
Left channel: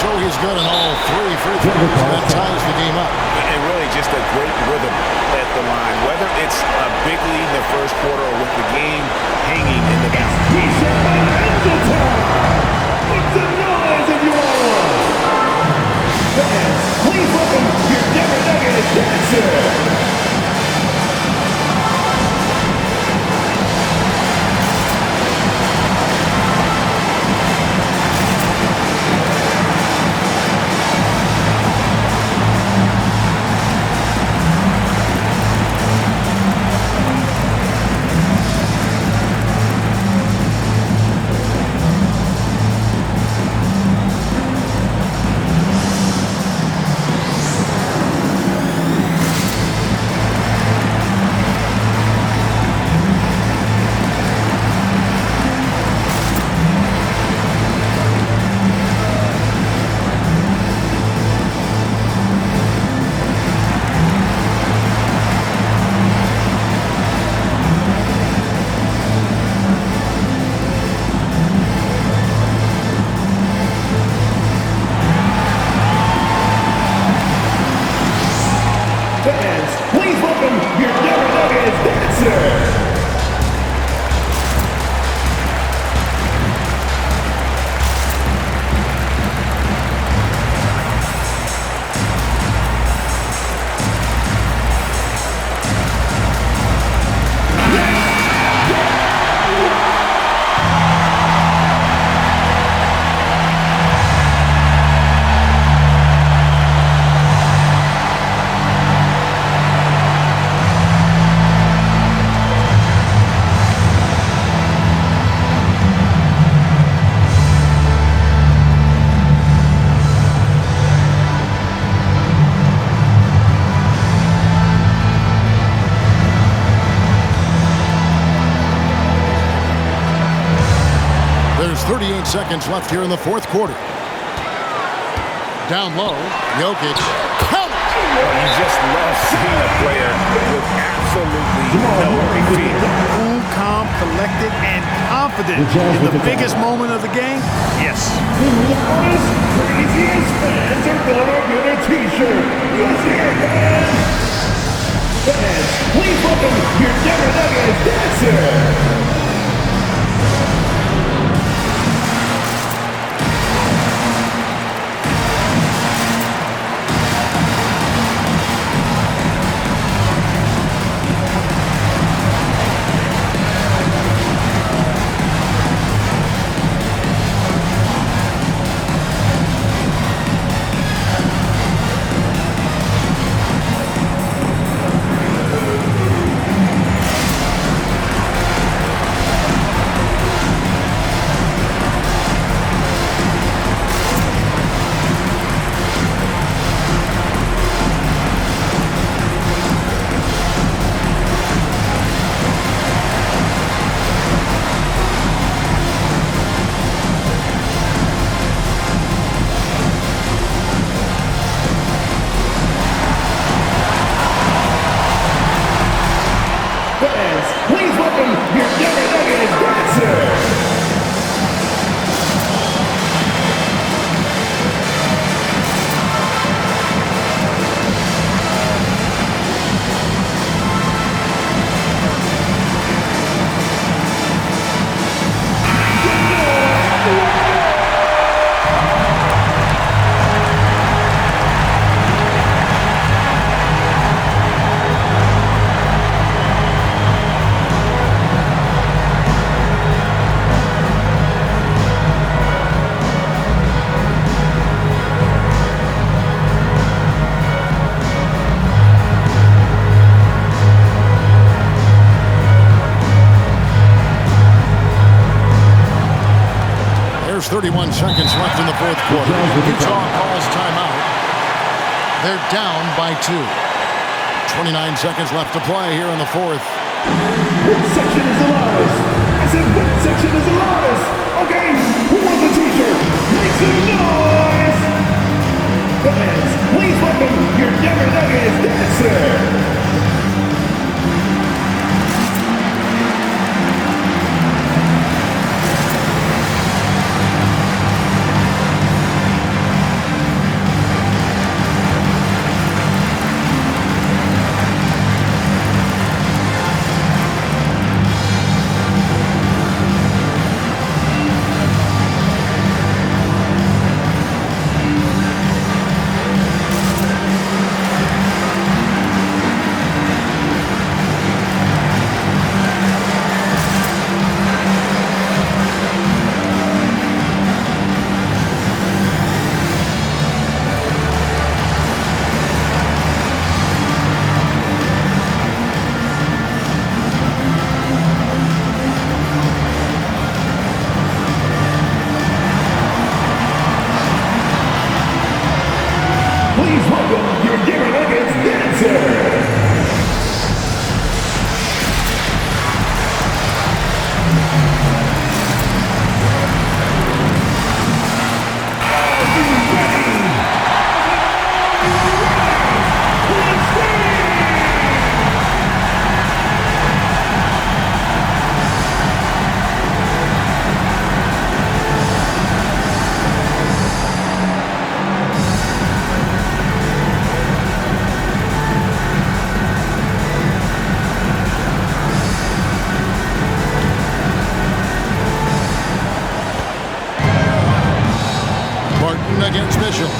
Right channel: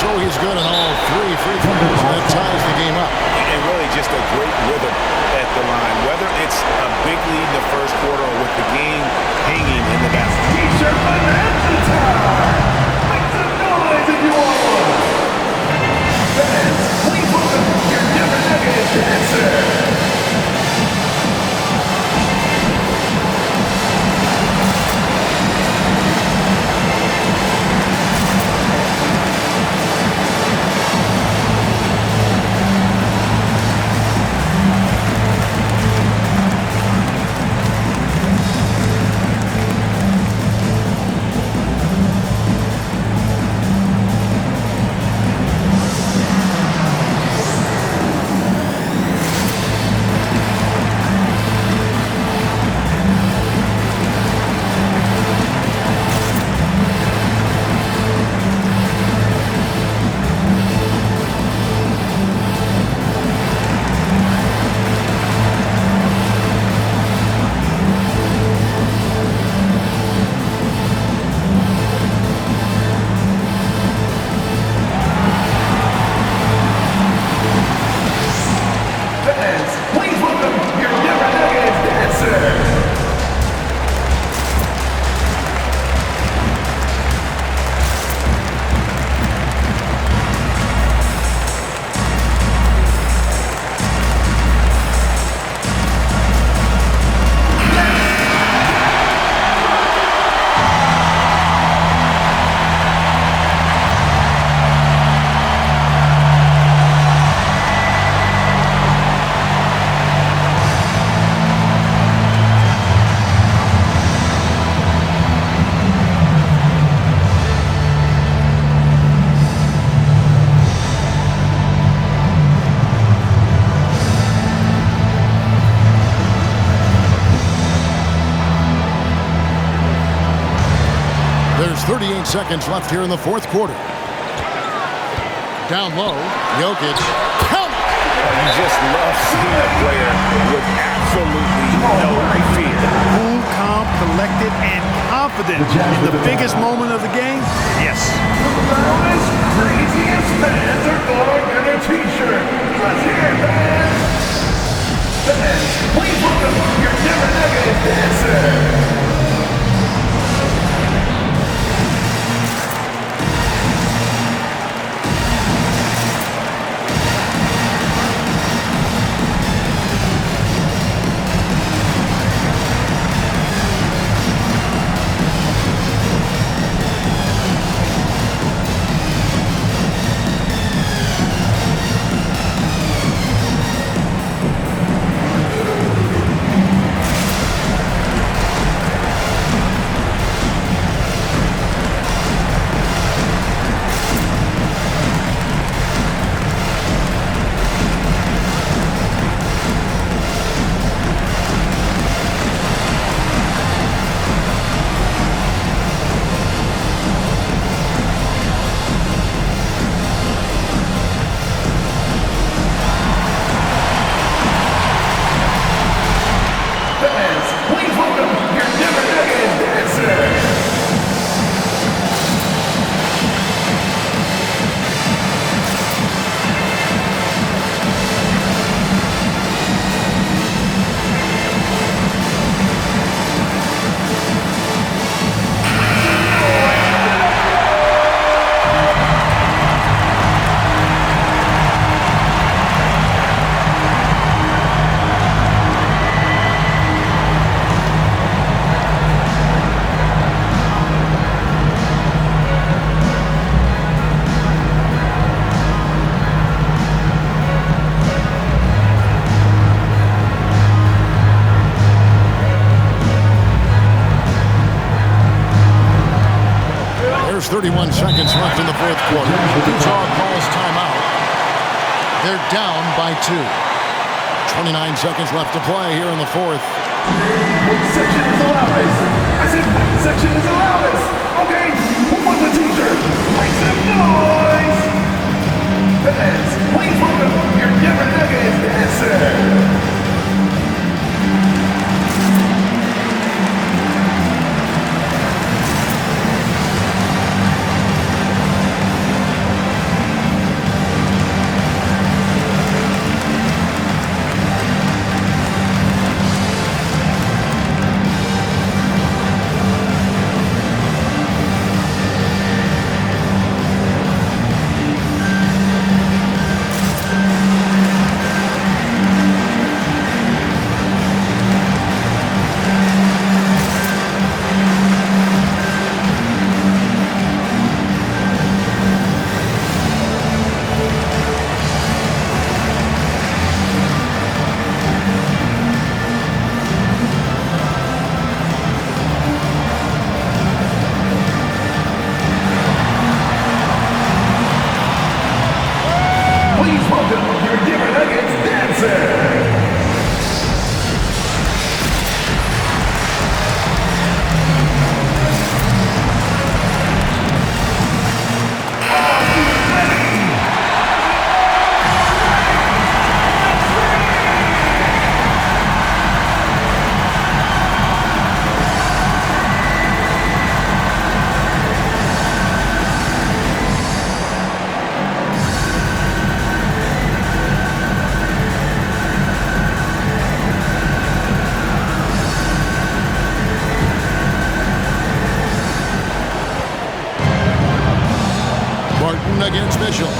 So he's good on all three free throws. That ties the game up. And really just a great rhythm at the line. Whether it's a big lead in the first quarter or with the game hanging in the balance. T-shirt bonanza time! Make some noise if you want one! Fans, please welcome your Denver Nuggets dancer! There's 38 seconds left here in the fourth quarter. Down low, Jokic. Count it! Oh, you just love seeing a player with absolutely no fear. Cool, calm, collected, and confident in the biggest moment of the game. Yes. The loudest, craziest fans are gonna get a T-shirt. Let's hear it, fans! Fans, please welcome your Denver Nuggets dancer. 31 seconds left in the fourth quarter. Utah calls timeout. They're down by 2. 29 seconds left to play here in the fourth. What section is the loudest? I said, what section is the loudest? Okay, who wants a t-shirt? Make some noise! Fans, please welcome your Denver Nuggets dancer! Please welcome your Denver Nuggets dancer! Are you ready? Barton against Mitchell.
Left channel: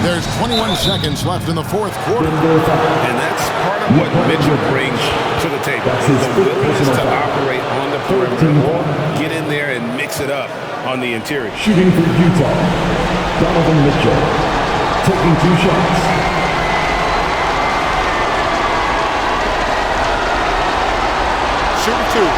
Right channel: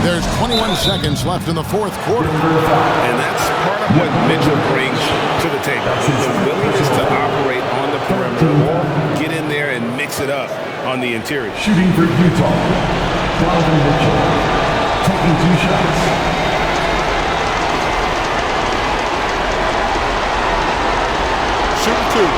There's 21 seconds left in the fourth quarter. And that's part of what Mitchell brings to the table. The willingness to operate on the perimeter or get in there and mix it up on the interior. Shooting for Utah, Donovan Mitchell, taking 2 shots. Shooting 2.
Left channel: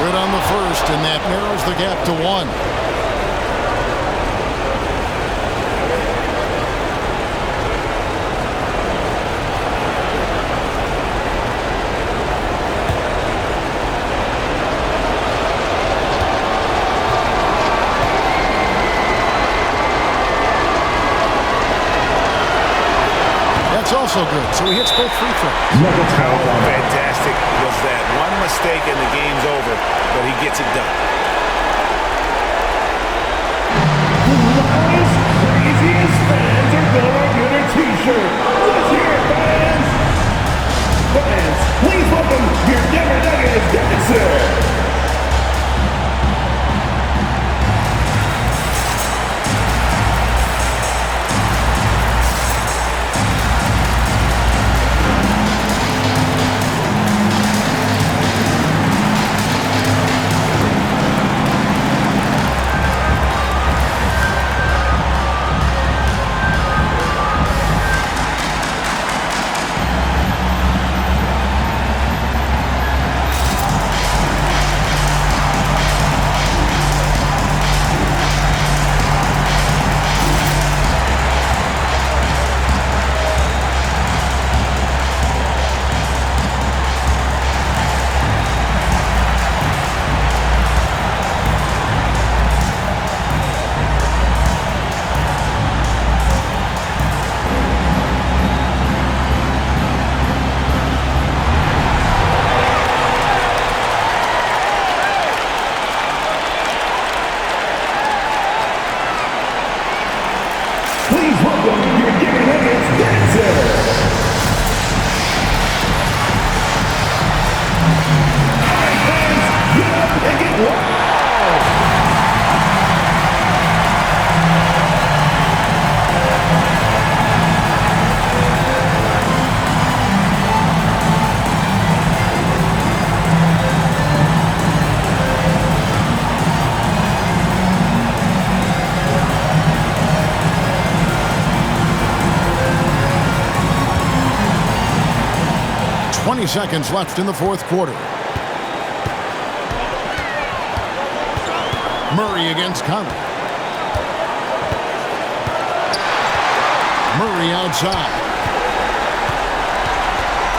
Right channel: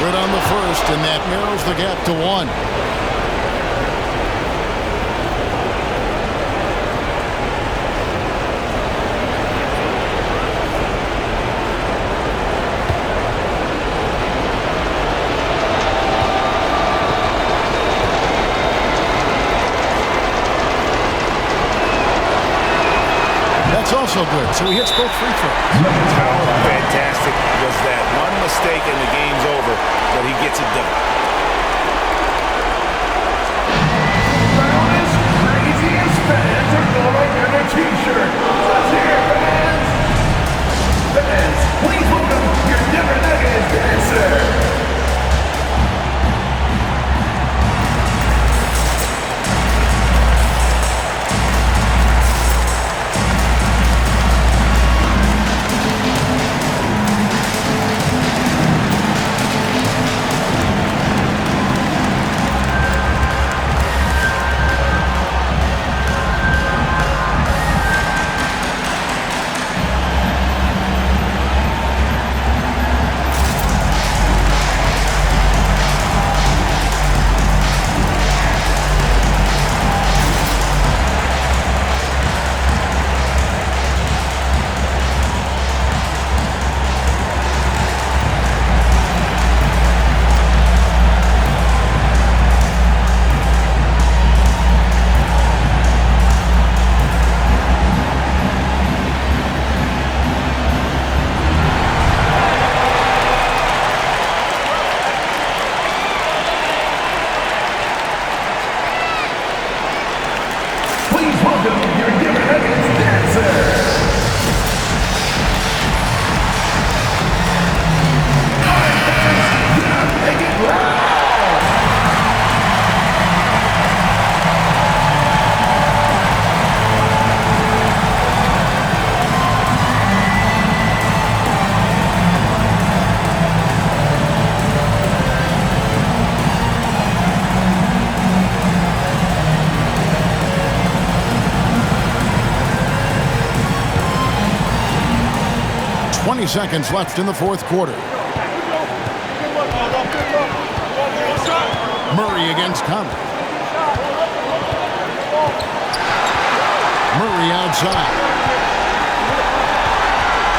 Good on the first, and that narrows the gap to 1. That's also good, so he hits both free throws. How fantastic was that? One mistake and the game's over, but he gets it done. The loudest, craziest fans are gonna get a t-shirt. Let's hear it, fans! Fans, please welcome your Denver Nuggets dancer! Please welcome your Denver Nuggets dancer! All right, fans, get up and get loud! 20 seconds left in the fourth quarter. Murray against Conley. Murray outside.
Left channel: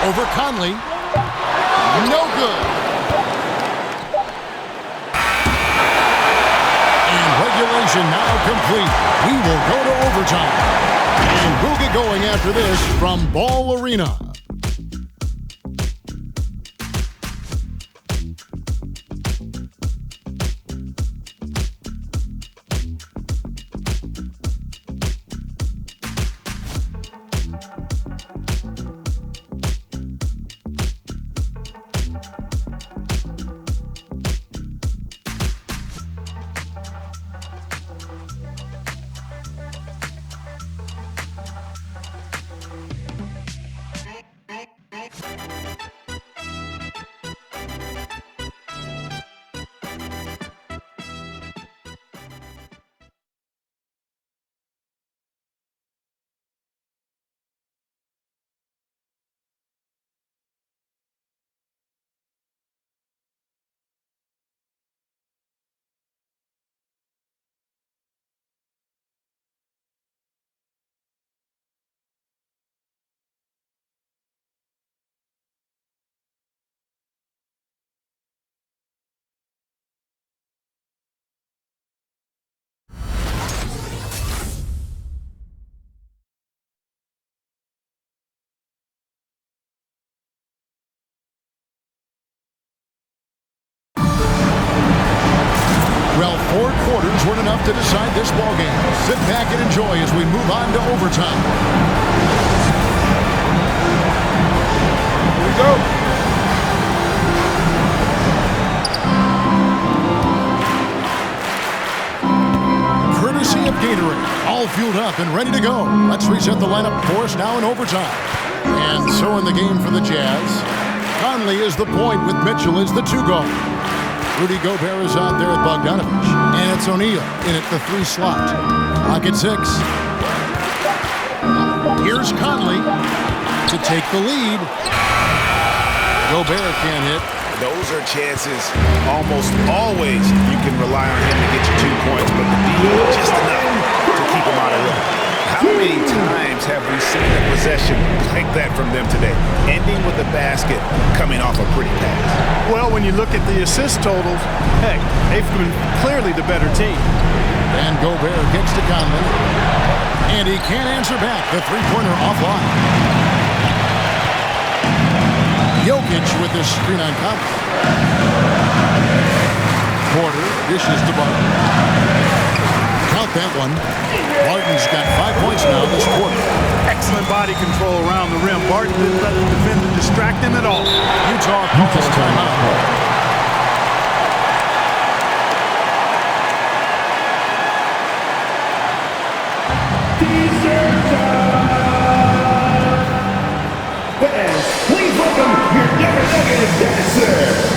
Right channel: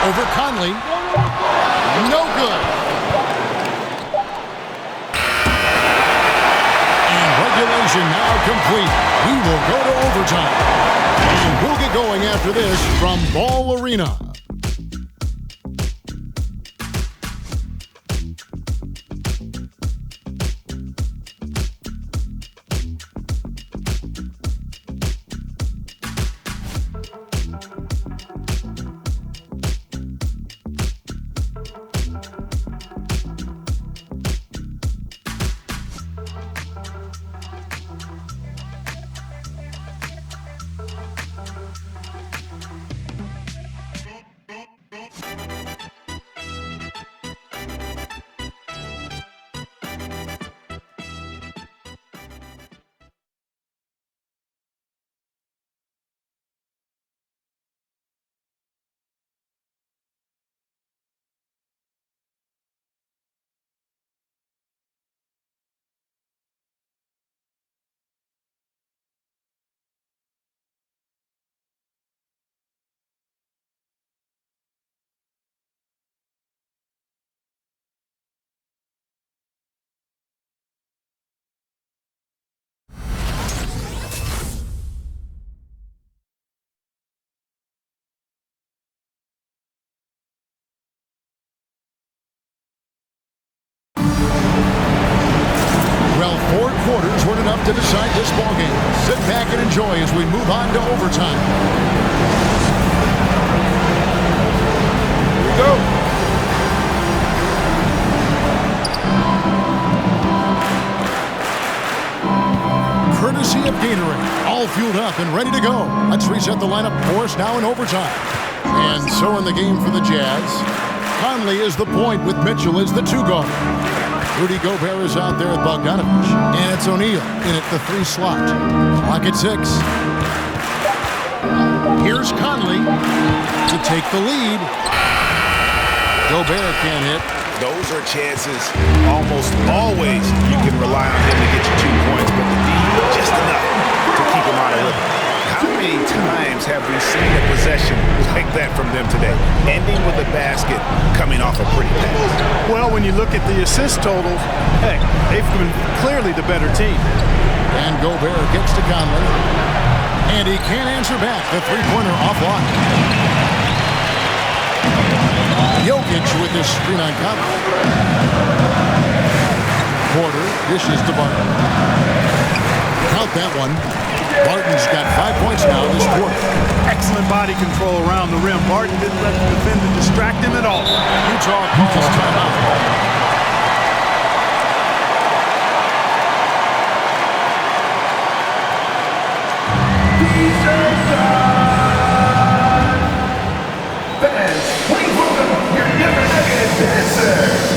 Over Conley. No good. And regulation now complete. We will go to overtime. And we'll get going after this from Ball Arena. Well, 4 quarters weren't enough to decide this ballgame. Sit back and enjoy as we move on to overtime. Here we go. Courtesy of Gatorade, all fueled up and ready to go. Let's reset the lineup for us now in overtime. And so in the game for the Jazz, Conley is the point with Mitchell as the 2 guard. Rudy Gobert is out there at Bogdanovich. And it's O'Neal in at the 3 slot. Clock at 6. Here's Conley to take the lead. Gobert can't hit. Those are chances almost always you can rely on him to get you 2 points, but the D just enough to keep him out of rhythm. How many times have we seen a possession like that from them today, ending with a basket coming off a pretty pass? Well, when you look at the assist totals, heck, they've been clearly the better team. And Gobert gets to Conley. And he can't answer back. The 3-pointer offline. Jokic with his screen on Conley. Porter dishes to Barton. Count that one. Barton's got 5 points now this quarter. Excellent body control around the rim. Barton didn't let the defender distract him at all. Utah calls timeout. T-shirt time! Fans, please welcome your Denver Nuggets dancer!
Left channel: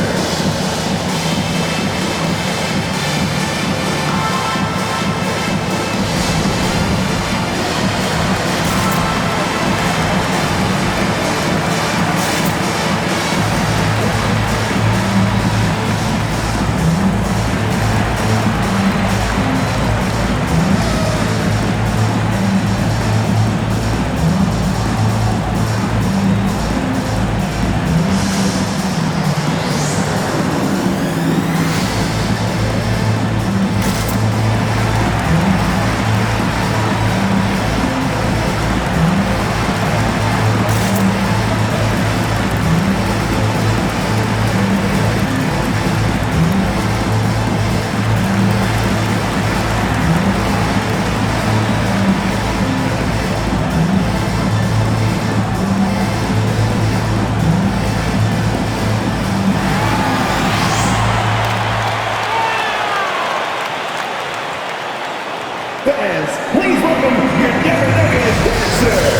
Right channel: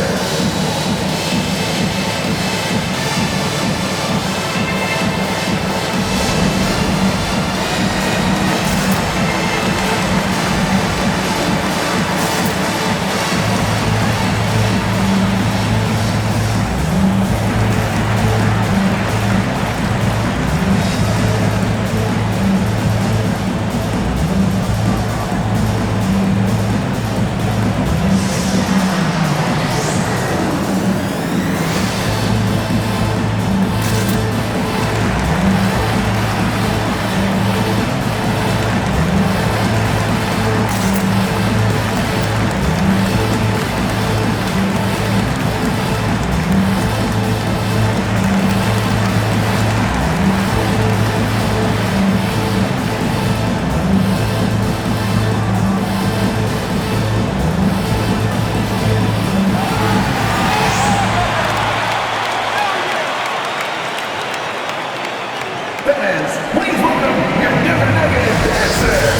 Fans, please welcome your Denver Nuggets dancer!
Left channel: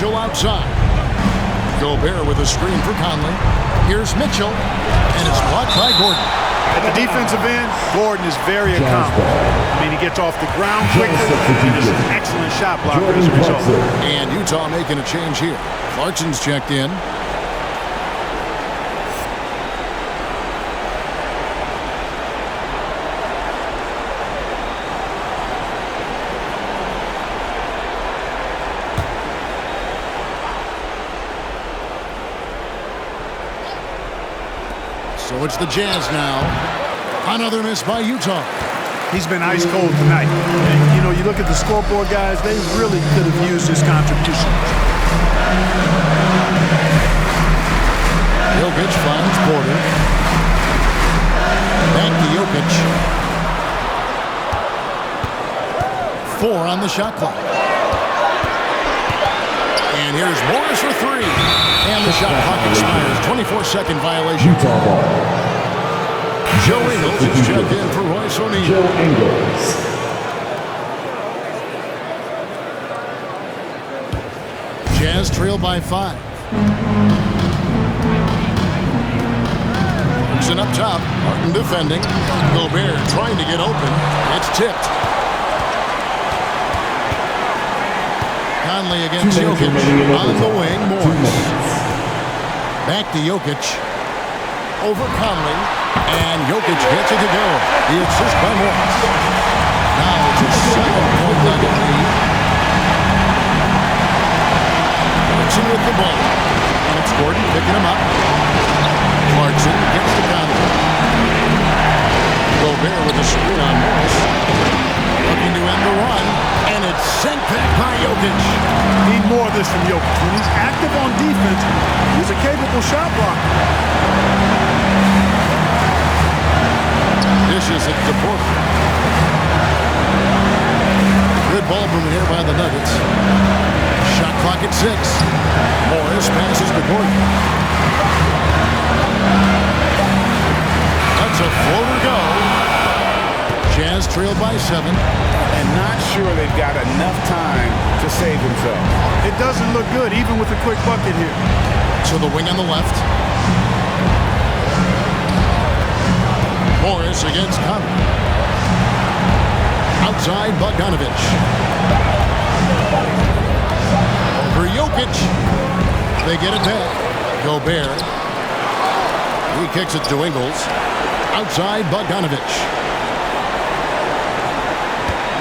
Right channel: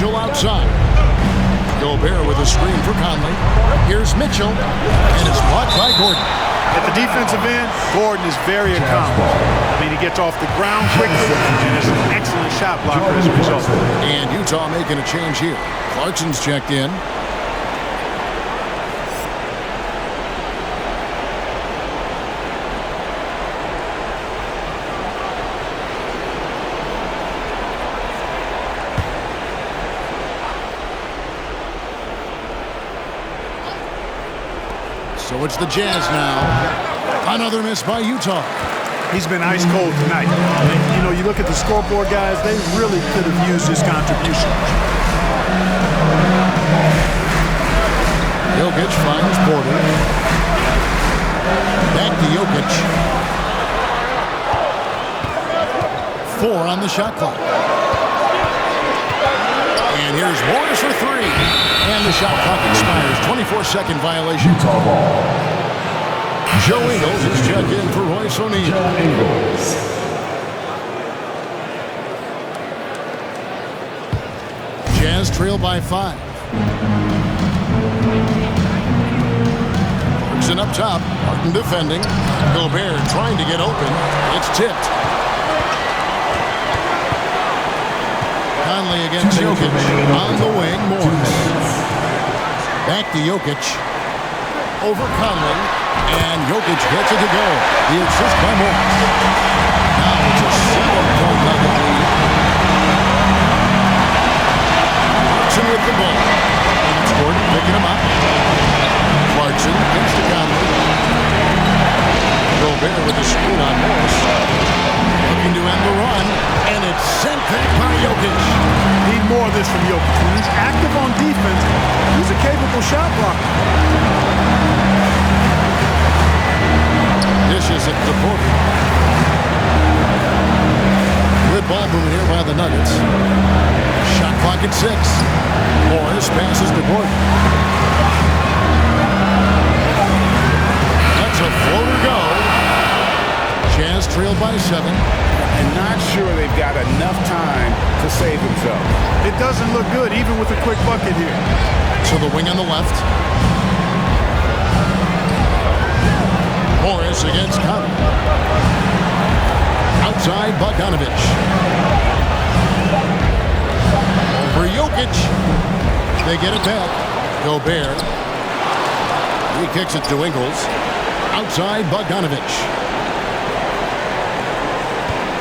Mitchell outside. Gobert with a screen for Conley. Here's Mitchell, and it's blocked by Gordon. At the defensive end, Gordon is very accomplished. I mean, he gets off the ground quickly and is an excellent shot blocker as a result. And Utah making a change here. Clarkson's checked in. So it's the Jazz now. Another miss by Utah. He's been ice cold tonight. And, you know, you look at the scoreboard, guys, they really could have used his contribution. Jokic finds Porter. Back to Jokic. 4 on the shot clock. And here's Morris for 3. And the shot clock expires. 24-second violation. Utah ball. Joe Ingles is checked in for Royce O'Neal. Joe Ingles. Jazz trail by 5. Clarkson up top. Martin defending. Gobert trying to get open. It's tipped. Conley against Jokic. On the wing, Morris. Back to Jokic. Over Conley. And Jokic gets it to go. The assist by Morris. Now it's a 7-point Nugget lead. Clarkson with the ball. And it's Gordon picking him up. Clarkson gets to Conley. Gobert with a screen on Morris. Looking to end the run. And it's sent back by Jokic. Need more of this from Jokic. When he's active on defense, he's a capable shot blocker. Dishes it to Porter. Good ball movement here by the Nuggets. Shot clock at 6. Morris passes to Gordon. That's a floater go. Jazz trailed by 7. And not sure they've got enough time to save themselves. It doesn't look good, even with a quick bucket here. To the wing on the left. Morris against Conley. Outside Bogdanovic. Over Jokic. They get it back. Gobert. He kicks it to Ingles. Outside Bogdanovic.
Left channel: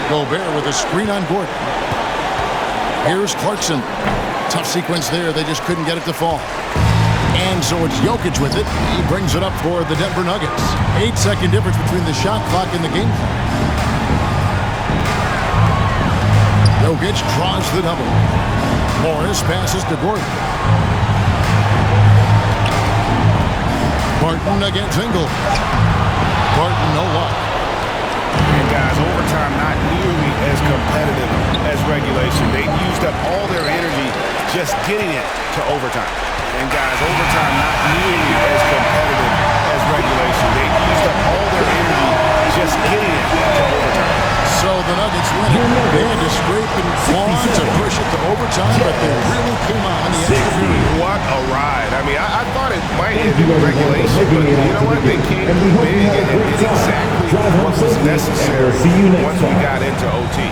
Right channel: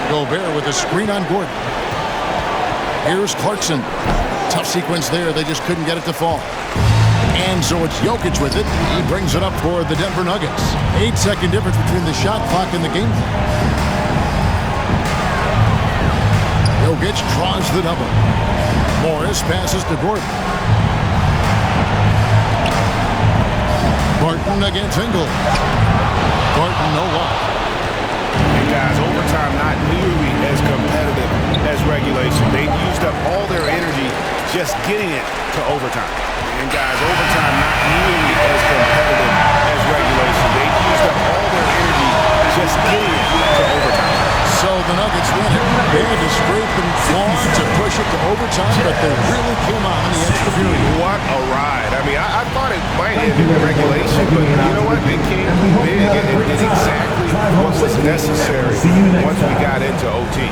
Gobert with a screen on Gordon. Here's Clarkson. Tough sequence there. They just couldn't get it to fall. And so it's Jokic with it. He brings it up for the Denver Nuggets. 8-second difference between the shot clock and the game clock. Jokic draws the double. Morris passes to Gordon. Barton against Ingles. Barton, no luck. And guys, overtime not nearly as competitive as regulation. They've used up all their energy just getting it to overtime. And guys, overtime not nearly as competitive as regulation. They've used up all their energy just getting it to overtime. So the Nuggets win it. They had to scrape and claw to push it to overtime, but they really came on in the extra period. What a ride. I mean, I thought it might end in regulation, but you know what? They came big and did exactly what was necessary once we got into OT.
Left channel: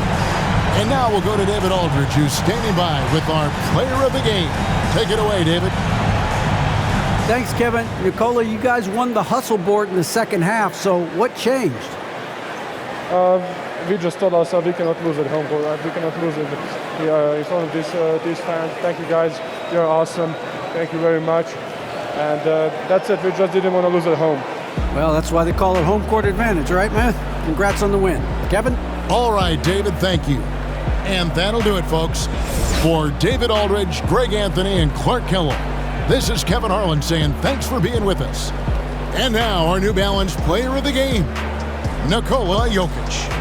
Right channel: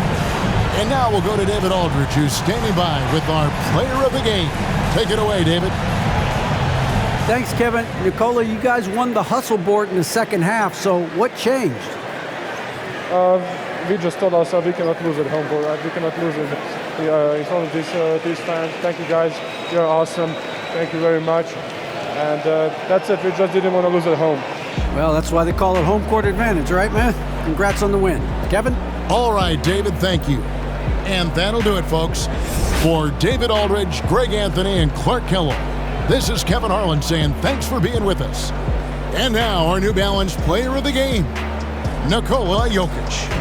And now we'll go to David Aldridge, who's standing by with our player of the game. Take it away, David. Thanks, Kevin. Nicola, you guys won the hustle board in the second half, so what changed? We just told ourselves we cannot lose at home. We cannot lose in front of these fans. Thank you, guys. You're awesome. Thank you very much. And that's it. We just didn't want to lose at home. Well, that's why they call it home court advantage, right, man? Congrats on the win. Kevin? All right, David, thank you. And that'll do it, folks. For David Aldridge, Greg Anthony, and Clark Kellogg, this is Kevin Harlan saying thanks for being with us. And now, our New Balance player of the game, Nikola Jokic.